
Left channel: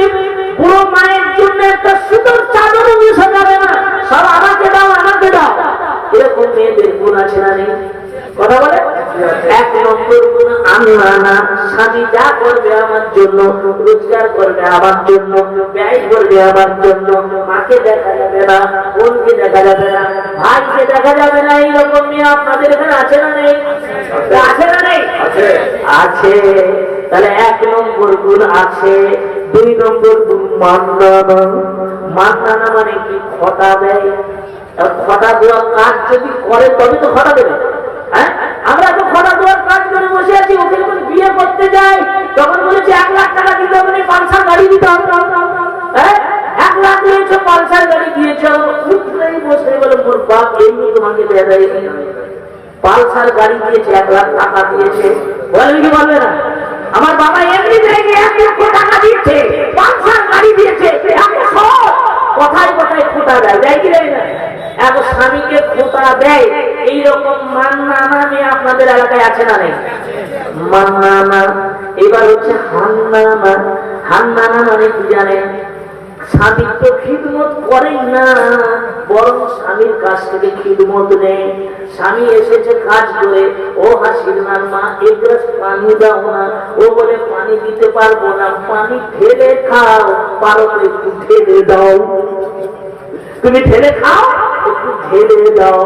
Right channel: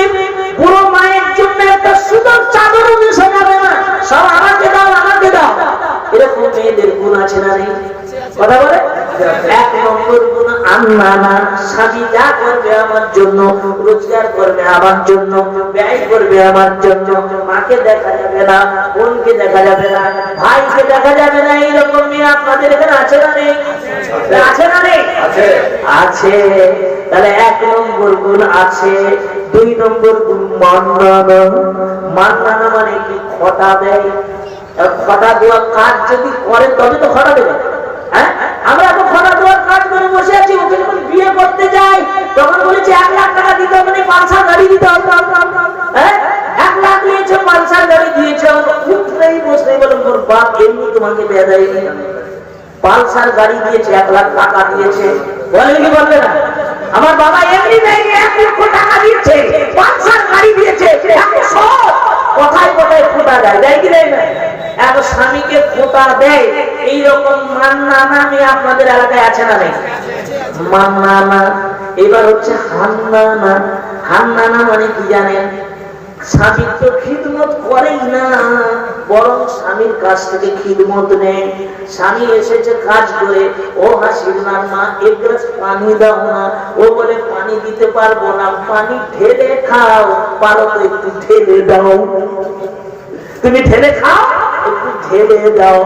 পুরো মায়ের জন্য একটা সুন্দর চাদরও মিশে যাবে না, সব আমাকে দাও আমাকে দাও। এরকম মেয়েদের গুণ আছে না নেই? কথা বলে। 1 নম্বর গুণ আন্নানা, স্বামী যা করবে আমার জন্য, রোজগার করবে আমার জন্য, ব্যয় করবে আমার জন্য, মাকে দেখা যাবে না, বোনকে দেখা যাবে না, ভাইকে দেখা যাবে না। এইরকম মেয়ে আপনাদের এখানে আছে না নেই? আছে না নেই? আছে। তাহলে 1 নম্বর গুণ আছে। 2 নম্বর গুণ মান্নানা। মান্নানা মানে কি? খটা দেয়। খটা দেওয়ার কাজ যদি করে তবে তো খটা দেবে। হ্যাঁ, আমরা তো খটা দেওয়ার কাজ করে বসে আছি। ওকে যখন বিয়ে করতে যাই তখন বলেছে 1 লাখ টাকা দিতে হবে, পালসার গাড়ি দিতে হবে। হ্যাঁ, 1 লাখ দিয়েছে, পালসার গাড়ি দিয়েছে, উঠলেই বসে বলে মোর বাপ এমনি তোমাকে দেয়া দেয়, পালসার গাড়ি দিয়েছে, 1 লাখ টাকা দিয়েছে। বলবে কি বলবে না? আমার বাবা এমনি দেয়নি, 1 লক্ষ টাকা দিয়েছে, পালসার গাড়ি দিয়েছে। কোথায় কোথায় খোটা দেয়, দেয় কি দেয় না? এক স্বামীকে খোটা দেয়। এইরকম মান্নানা মেয়ে আপনাদের এলাকায় আছে না নেই? মান্নানা। এবার হচ্ছে হান্নানা। হান্নানা মানে কি জানেন? স্বামীর তো খিদমত করেই না, বরং স্বামীর কাছ থেকে খিদমত নেই। স্বামী এসেছে কাজ করে, ও হাসিনার মা 1 গ্লাস পানি দাও না, ও বলে পানি দিতে পারবো না, পানি ঢেলে খাও, পারো তো একটু ঢেলে দাও, তুমি ঢেলে খাও, একটু ঢেলে দাও।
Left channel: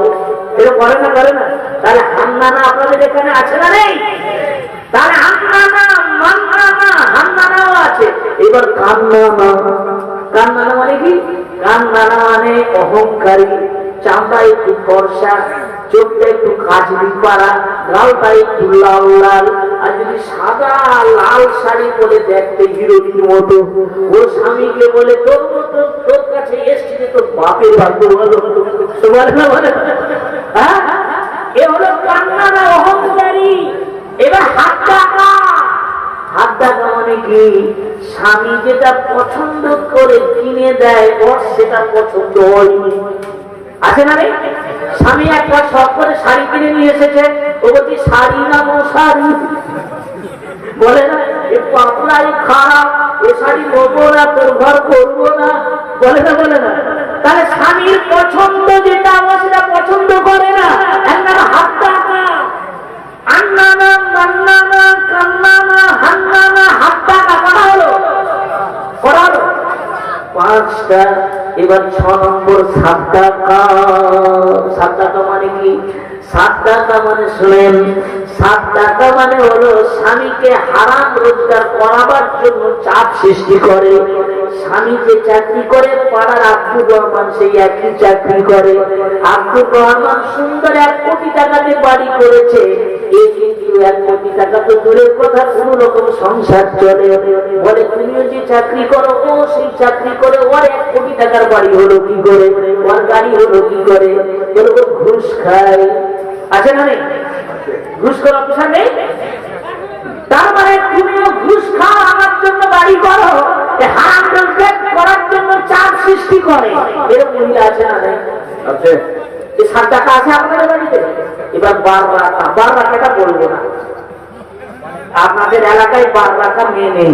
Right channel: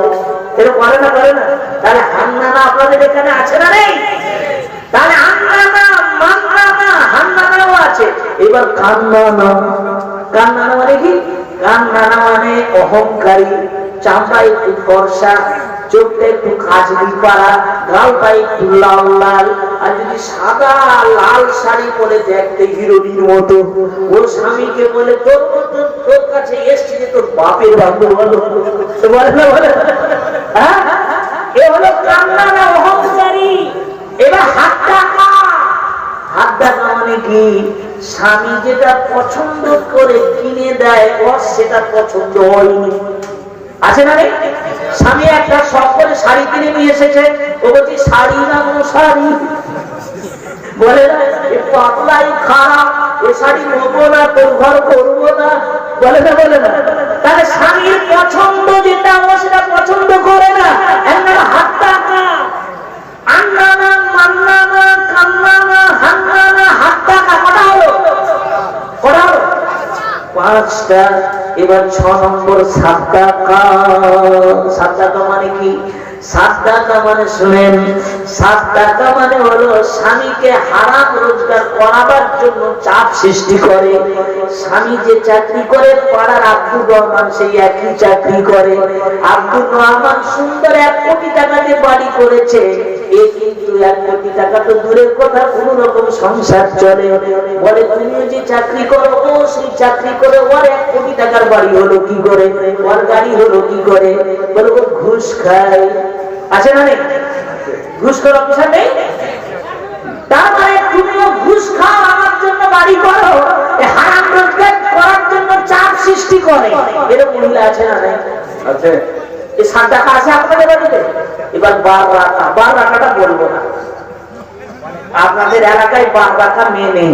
এটা করে না? করে না? তাহলে হান্নানা আপনাদের এখানে আছে না নেই? তাহলে আন্নানা, মান্নানা, হান্নানাও আছে। এবার কান্নানা। কান্নানা মানে কি? কান্নানা মানে অহংকারী, চামড়া একটু ফর্সা, চোখটা একটু কাজলি পাড়া, গালটা একটু লাল লাল, আর যদি সাদা লাল শাড়ি পরে দেখতে হিরোইনের মতো, ওর স্বামীকে বলে তোর মতো তোর কাছে এসছি যে তোর বাপের বান্ধব বলো, বলে না? বলে হ্যাঁ, এ হলো কান্নানা, অহংকারী। এবার হাত টাকা। হাত টাকা মানে কি? স্বামী যেটা পছন্দ করে কিনে দেয়, ওর সেটা পছন্দ হয়নি। আছে না রে? স্বামী একটা শখ করে শাড়ি কিনে নিয়ে এসেছে, ও বলছি শাড়ি না মশারি, বলে না এ পাতলাই খারাপ, এ শাড়ি নেবো না, তোর ঘর করবো না, বলে না? বলে না? তাহলে স্বামীর পছন্দ যেটা, ও সেটা পছন্দ করে না। হাত টাকা। আন্নানা, মান্নানা, কান্নানা, হান্নানা, হাত টাকা। করা হলো? করা হলো 5টা। এবার 6 নম্বর সাদ্দাকা। সাদ্দাকা মানে কি? সাদ্দাকা মানে শুনেন, সাদ্দাকা মানে হলো স্বামীকে হারাম রোজগার করাবার জন্য চাপ সৃষ্টি করে। স্বামী যে চাকরি করে, পাড়ার আব্দুর রহমান সেই একই চাকরি করে। আব্দুর রহমান সুন্দর 1 কোটি টাকাতে বাড়ি করেছে, এই কিন্তু 1 কোটি টাকা তো দূরের কথা, কোন রকম সংসার চলে। বলে তুমিও যে চাকরি করো, ও সেই চাকরি করে, ওর 1 কোটি টাকার বাড়ি হলো কি করে, ওর গাড়ি হলো কি করে? বলে ও ঘুষ খায়। আছে না নেই? ঘুষ করার অপশন নেই। তার মানে তুমিও ঘুষ খাও, আমার জন্য বাড়ি করো, হারাম রোজগার করার জন্য চাপ সৃষ্টি করে। এরকম মহিলা আছে না নেই? আছে। এই 7 টাকা আছে আপনাদের বাড়িতে? এবার 12 রাখা। 12 রাখাটা বলবো না, আপনাদের এলাকায় 12 রাখা মেয়ে নেই।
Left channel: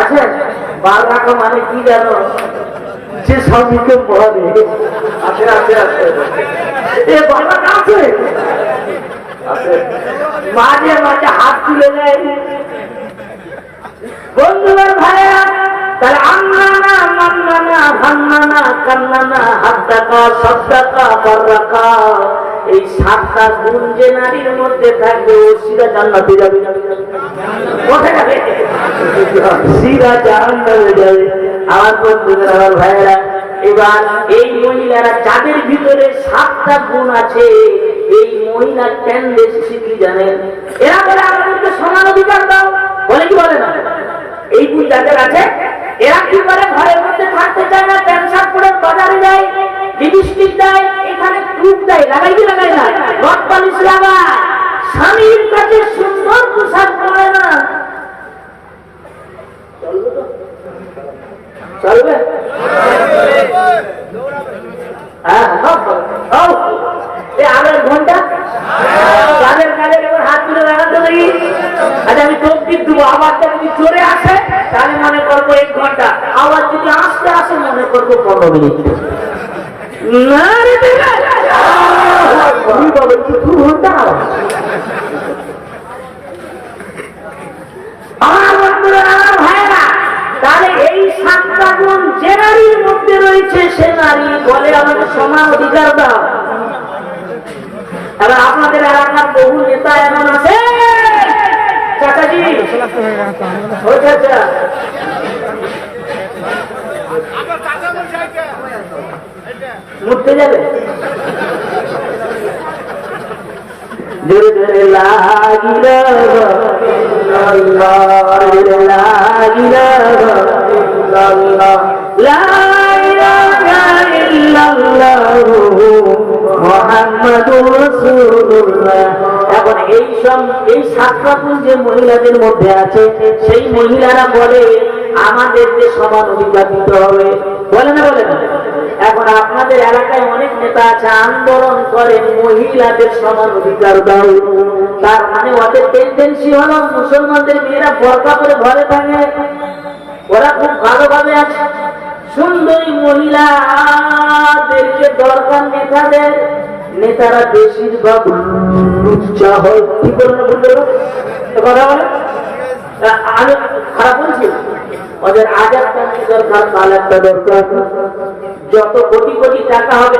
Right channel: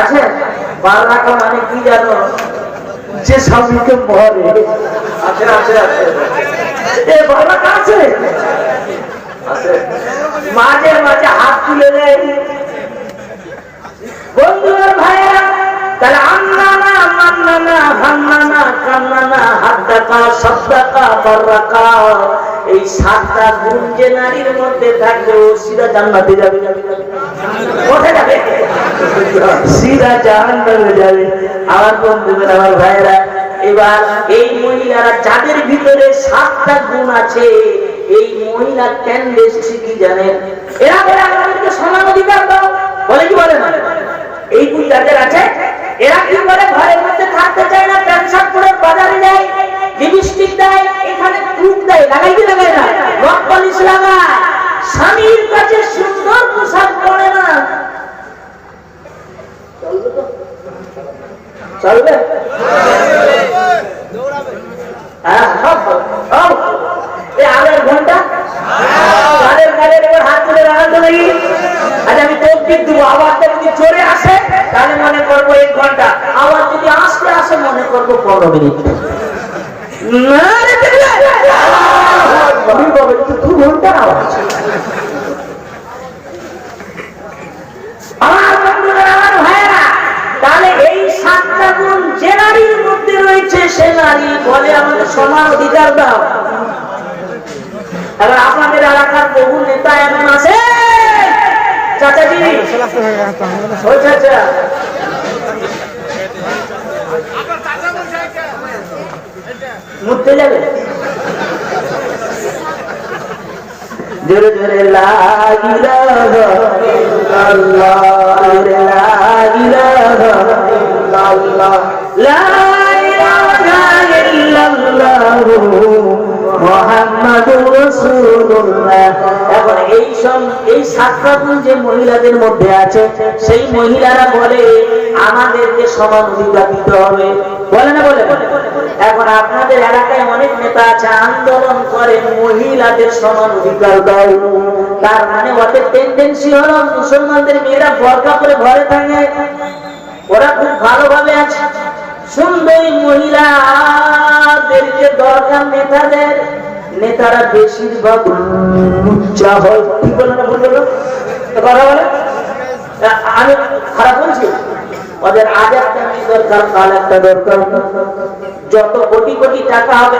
আছে? 12 রাখা মানে কি জানো? যে স্বামীকে মরে। আছে আছে আছে। এ 12 রাখা আছে? আছে। মাঝে মাঝে হাত তুলে নেয়। বন্ধুরা, ভাইয়া, তাহলে আন্নানা মান্নানা হান্নানা কান্নানা হাদ্দাকা সাদ্দাকা বাররাকা, এই 7টা গুণ যে নারীর মধ্যে থাকবে ও সিধা জান্নাতে যাবে। কোথায় যাবে? সিধা জান্নাতে যাবে। আমার বন্ধুরা, আমার ভাইরা, এবার এই মহিলারা যাদের ভিতরে 7টা গুণ আছে, এই মহিলা টেন্ডেন্সি কি জানেন? এরা বলে আমাদেরকে সমান অধিকার দাও, বলে কি বলে না? এই গুণ যাদের আছে এরা কি করে? ঘরের মধ্যে থাকতে চায় না, প্যান্ট শার্ট পরে বাজারে যায়, লিপস্টিক দেয়, এখানে ক্রুপ দেয়, লাগাই কি লাগায় না, রক পলিশ লাগায়, স্বামীর কাছে সুন্দর পোশাক পরে না। চলবে তো? চলবে? হ্যাঁ, আড়াই ঘন্টা কাদের কাদের এবার হাত তুলে লাগাতে লাগি। আচ্ছা, আমি তকবীর দেবো, আওয়াজটা যদি জোরে আসে তাহলে মনে করবো 1 ঘন্টা, আওয়াজ যদি আস্তে আসে মনে করবো 15 মিনিট। তাহলে এই 7টা গুণ যে নারীর মধ্যে রয়েছে সে নারী বলে আমাদের সমান অধিকার দাও। এবার আপনাদের এলাকার বহু নেতা এমন আছে, চাচাজি, ও চাচা, মুড়তে যাবে, জোরে জোরে লা ইলাহা ইল্লাল্লাহ, লা ইলাহা ইল্লাল্লাহ, লা ইলাহা ইল্লাল্লাহ মুহাম্মাদুর রাসূলুল্লাহ। এখন এই 7টা গুণ যে মহিলাদের মধ্যে আছে, সেই মহিলারা বলে আমাদেরকে সমান অধিকার দিতে হবে, বলে না? বলে না? এখন আপনাদের এলাকায় অনেক নেতা আছে, আন্দোলন করেন মহিলাদের সমান অধিকার দাও। তার মানে ওদের টেন্ডেন্সি হলো মুসলমানদের মেয়েরা বোরকা পরে ঘরে থাকে, ওরা খুব ভালোভাবে আছে। সুন্দরী মহিলাদেরকে দরকার নেতাদের, নেতারা বেশিরভাগ লুচ্চা হয়। কি বলো না? ভুল বলো? কথা বলে? আমি খারাপ বলছি? ওদের আজ একটা মেয়ে দরকার, কাল একটা দরকার, যত কোটি কোটি টাকা হবে,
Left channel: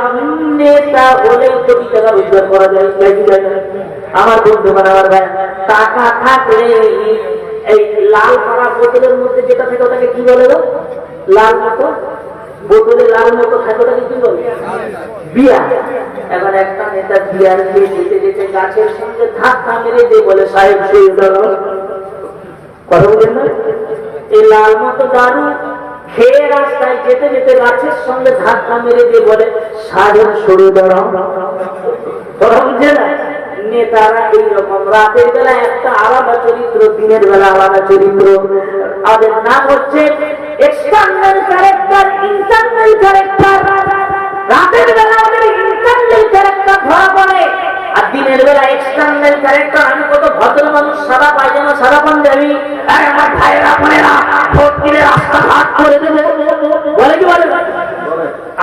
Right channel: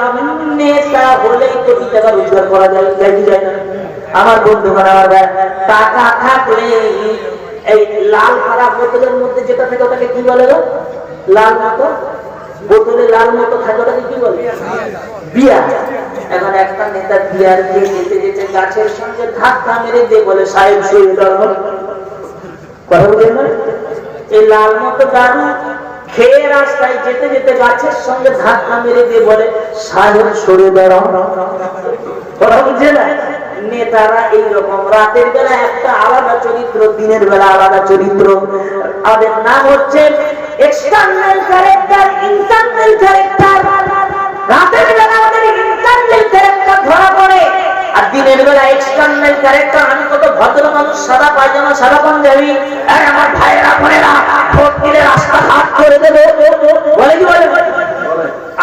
নেতা হলেই কোটি টাকা রোজগার করা যায়, যায় না? আমার বন্ধু, আমার ভাই, টাকা থাকলে এই লাল করা বোতলের মধ্যে যেটা থাকে ওটাকে কি বলে? লাল মতো বোতলে লাল মতো থাকে ওটাকে কি বলে? বিয়ার। এখন একটা নেতা বিয়ার দিয়ে যেতে যেতে গাছের সঙ্গে ধাক্কা মেরে দিয়ে বলে, সাহেব শুয়ে দাঁড়ান। কথা বলেন না? এই লাল মতো দারু খেয়ে রাস্তায় যেতে যেতে গাছের সঙ্গে ধাক্কা মেরে দিয়ে বলে, সাহেব সরে দাঁড়াও। কথা বুঝছে না? নেতারা এইরকম, রাতের বেলা একটা আলাদা চরিত্র, দিনের বেলা আলাদা চরিত্র। আমাদের নাম হচ্ছে এক্সটার্নাল ক্যারেক্টার, ইন্টারনাল ক্যারেক্টার। রাতের বেলা আমাদের ইন্টারনাল ক্যারেক্টার ধরা পড়ে, আর দিনের বেলা এক্সটার্নাল ক্যারেক্টার। আমি কত ভদ্র মানুষ, সাদা পায়জামা, সাদা পাঞ্জাবি, আমার ভাইয়েরা বোনেরা ভোট দিলে রাস্তাঘাট করে দেবে, বলে কি বলে?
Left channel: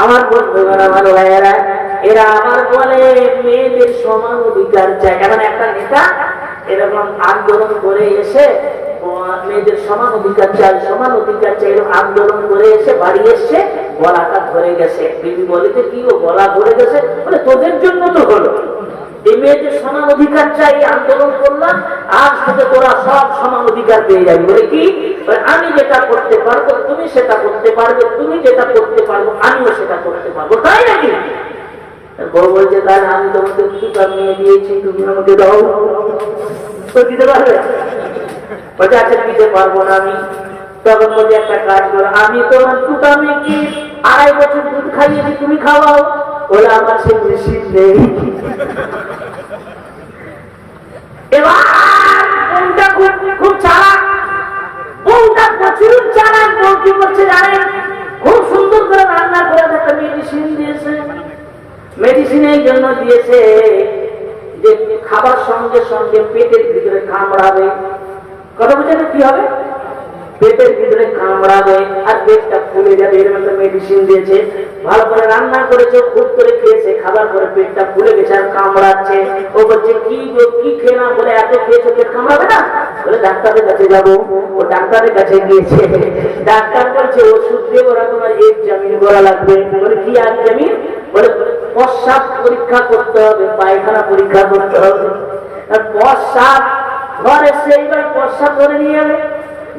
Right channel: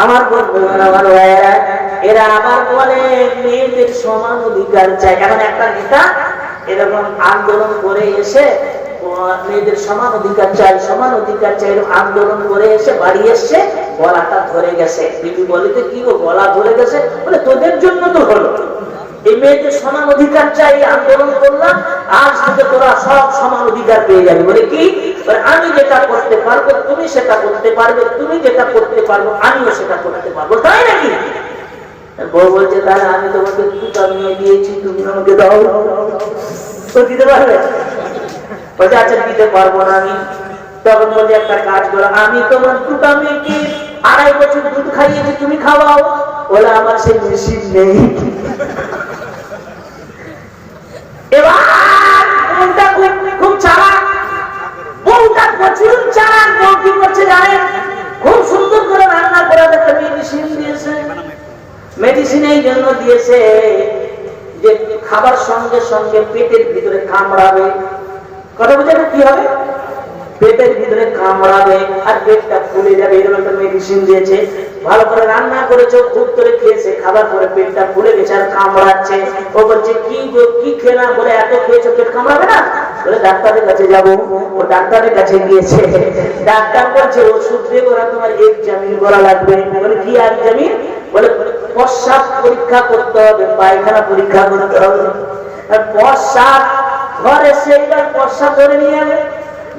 আমার বন্ধুরা, আমার ভাইয়েরা, এরা আবার বলে মেয়েদের সমান অধিকার চাই। এখন একটা নেতা এরকম আন্দোলন করে এসে মেয়েদের সমান অধিকার চাই, সমান অধিকার চাই, এরকম আন্দোলন করে এসে বাড়ি এসছে, গলাটা ধরে গেছে। বিবি বলে, কি গো গলা ধরে গেছে? বলে, তোদের জন্য তো হলো, এই মেয়েদের সমান অধিকার চাই, আন্দোলন করলাম, আজ থেকে তোরা সব সমান অধিকার পেয়ে যাবি। বলে কি? আমি যেটা করতে পারবো তুমি সেটা করতে পারবে, তুমি যেটা করতে পারবো আমিও সেটা করতে পারবো, তাই নাকি? বউ বলছে, তাহলে আমি তোমাকে দুটা মেয়ে দিয়েছি, তুমি আমাকে দাও, তো দিতে পারবে? বলছে, আচ্ছা দিতে পারবো না আমি। তখন বলছে, একটা কাজ করো, আমি তোমার দুটা মেয়েকে 2.5 বছর দুধ খাইয়েছি, তুমি খাওয়াও। বলে, আমার সেই মেশিন নেই। এবার বউটা খুব চালাক, বউটা প্রচুর চালাক। বউ কি করছে জানেন? খুব সুন্দর করে রান্না করে একটা মেডিসিন দিয়েছে। মেডিসিন এই জন্য দিয়েছে যে খাবার সঙ্গে সঙ্গে পেটের ভিতরে কামড়াবে। কথা বুঝে কি হবে? পেটের ভিতরে কামড়াবে আর পেটটা ফুলে যাবে, এরকম একটা মেডিসিন দিয়েছে। ভালো করে রান্না করেছে, খুব করে খেয়েছে, খাবার পরে পেটটা ফুলে গেছে আর কামড়াচ্ছে। ও বলছে কি গো কি খেলাম? বলে এত খেয়েছো পেট কামড়াবে না? বলে ডাক্তারের কাছে যাবো। ও ডাক্তারের কাছে গিয়েছে, ডাক্তার বলছে ওষুধ দিয়ে ওরা তোমার এক্সামিন করা লাগবে। বলে কি এক্সামিন? বলে প্রস্রাব পরীক্ষা করতে হবে, পায়খানা পরীক্ষা করতে হবে। আর প্রস্রাব ঘরে সেইবার প্রস্রাব করে নিয়ে যাবে,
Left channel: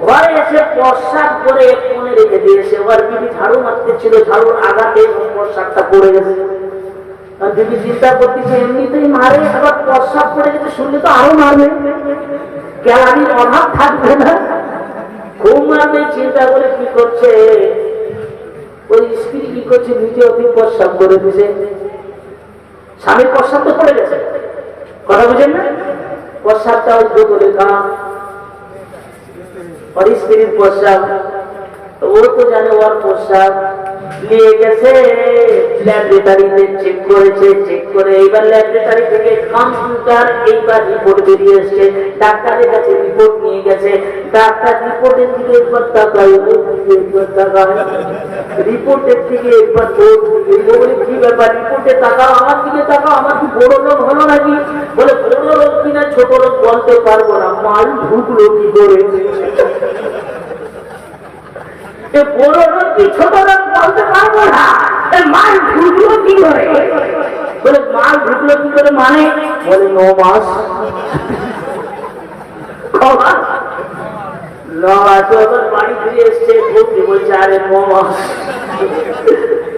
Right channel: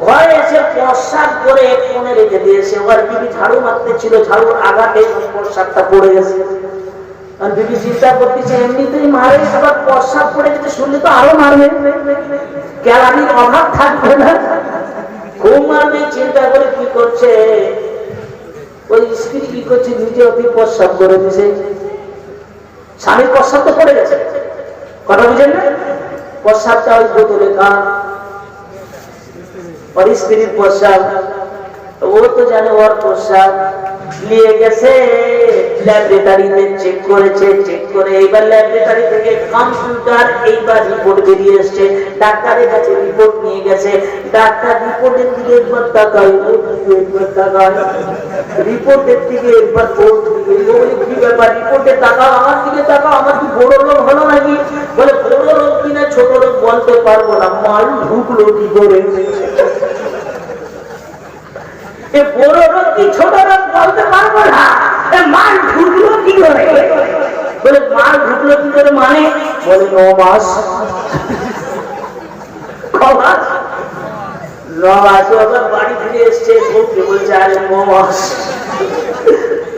ঘরে এসে প্রস্রাব করে কোণে রেখে দিয়েছে। এবার বিবি ঝাড়ু মারতে ছিল, ঝাড়ুর আঘাতে প্রস্রাবটা পড়ে গেছে। আর বিবি চিন্তা করতেছে এমনিতেই মারে, আবার প্রস্রাব পড়ে যেতে শুনলে তো আরো মারবে, গ্যালারির অভাব থাকবে না, খুব মারবে। চিন্তা করে কি করছে, ওই স্ত্রী কি করছে, নিজে অতি প্রস্রাব করে দিছে। স্বামীর প্রস্রাব তো পড়ে গেছে, কথা বুঝেন না? প্রস্রাবটা ওই বোতলে কান, और স্ত্রীর প্রস্রাব, ও তো জানে ওর প্রস্রাব নিয়ে গেছে ল্যাবরেটরিতে, চেক করেছে, চেক করে এইবার ল্যাবরেটরি থেকে কম্পিউটার এইবার রিপোর্ট বেরিয়ে এসছে। ডাক্তারের কাছে রিপোর্ট নিয়ে গেছে, ডাক্তার রিপোর্টের দিকে একবার তাকায়, একবার তাকায়, রিপোর্টের দিকে একবার বলে কি ব্যাপার? রিপোর্টে তাকাও, আমার দিকে তাকাও, আমার কি বড় রোগ হলো নাকি? বলে বড় রোগ কিনা ছোট রোগ বলতে পারবো না, মাল ঢুকলো কি করে? বড় রোগ কি ছোট রোগ বলতে পারবো না, মাল ঢুকলো কি করে? বলে মাল ঢুকলো কি করে মানে? বলে 9 মাস। 9 মাস আবার বাড়ি ফিরে এসছে, বউকে বলছে আরে 9 মাস।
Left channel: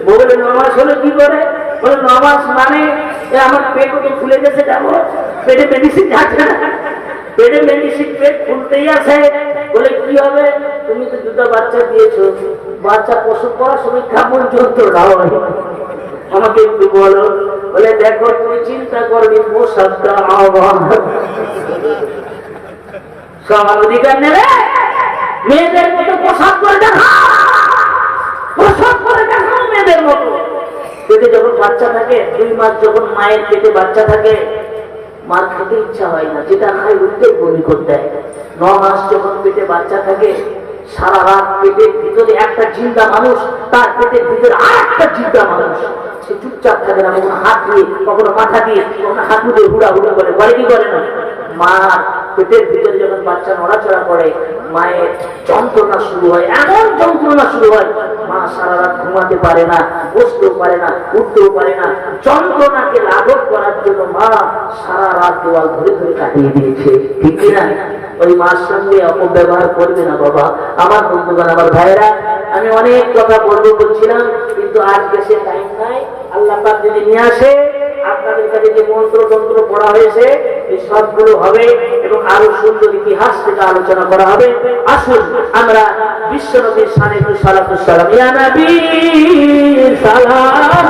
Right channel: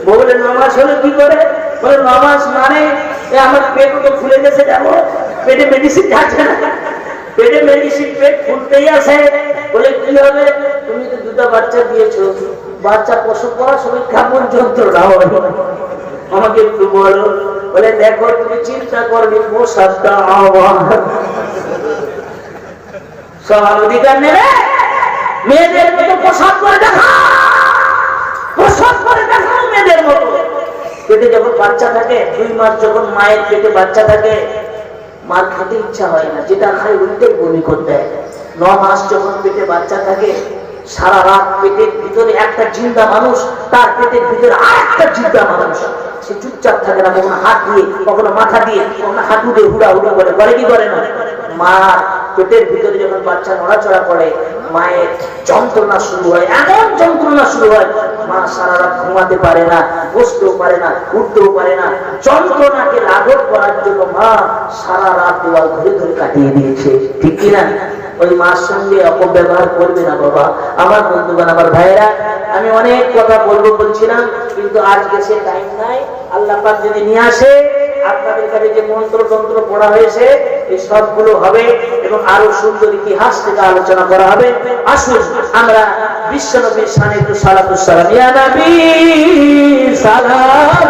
বলে 9 মাস হলো কি করে? বলে 9 মাস মানে আমার পেট তো ফুলে গেছে, যাবো পেটে মেডিসিন খাচ্ছে না, পেটে মেডিসিন পেট ফুলতেই আছে। বলে কি হবে? তুমি তো 2টা বাচ্চা দিয়েছো, বাচ্চা প্রসব করার সময় কেমন যন্ত্রণা হবে আমাকে একটু বলো। বলে দেখো তুমি চিন্তা করবে, প্রসাবটা আমার সবার অধিকার নেবে, মেয়েদের মতো প্রসাব করে দেখা, প্রসাব করে দেখাও মেয়েদের মতো। পেটে যখন বাচ্চা থাকে, 2 মাস যখন মায়ের পেটে বাচ্চা থাকে, মার খেতে ইচ্ছা হয় না, যেটা খায় উঠতেই বমি করতে হয়। 9 মাস যখন পেটে বাচ্চা থাকে, সারা রাত পেটের ভিতরে একটা জিন্দা মানুষ, তার পেটের ভিতরে আর একটা জিন্দা মানুষ, সে চুপচাপ থাকে না, কখনো হাত দিয়ে, কখনো মাথা দিয়ে, কখনো হাঁটু দিয়ে হুড়া হুড়া করে কি করে না? মার পেটের ভিতরে যখন বাচ্চা নড়াচড়া করে, মায়ের যন্ত্রণা শুরু হয়, এমন যন্ত্রণা শুরু হয়, মা সারা রাত ঘুমাতে পারে না, বসতেও পারে না, উঠতেও পারে না। যন্ত্রণাকে লাঘব করার জন্য মা সারা রাত দেওয়াল ধরে ধরে কাটিয়ে দিয়েছে, ঠিক কিনা? ওই মার সঙ্গে অপব্যবহার করবে না বাবা। আমার বন্ধুগণ, আমার ভাইয়েরা, আমি অনেক কথা বলবো বলছিলাম, কিন্তু আজকে সে টাইম নাই। আল্লাহ পাক যদি নিয়ে আসে, আপনাদের কাছে যে মন্ত্র তন্ত্র পড়া হয়েছে এই সবগুলো হবে এবং আরো সুন্দর ইতিহাস থেকে আলোচনা করা হবে। আসুন আমরা বিশ্বনবীর শানে একটু সালাতুস সালাম, ইয়া নবী সালাম।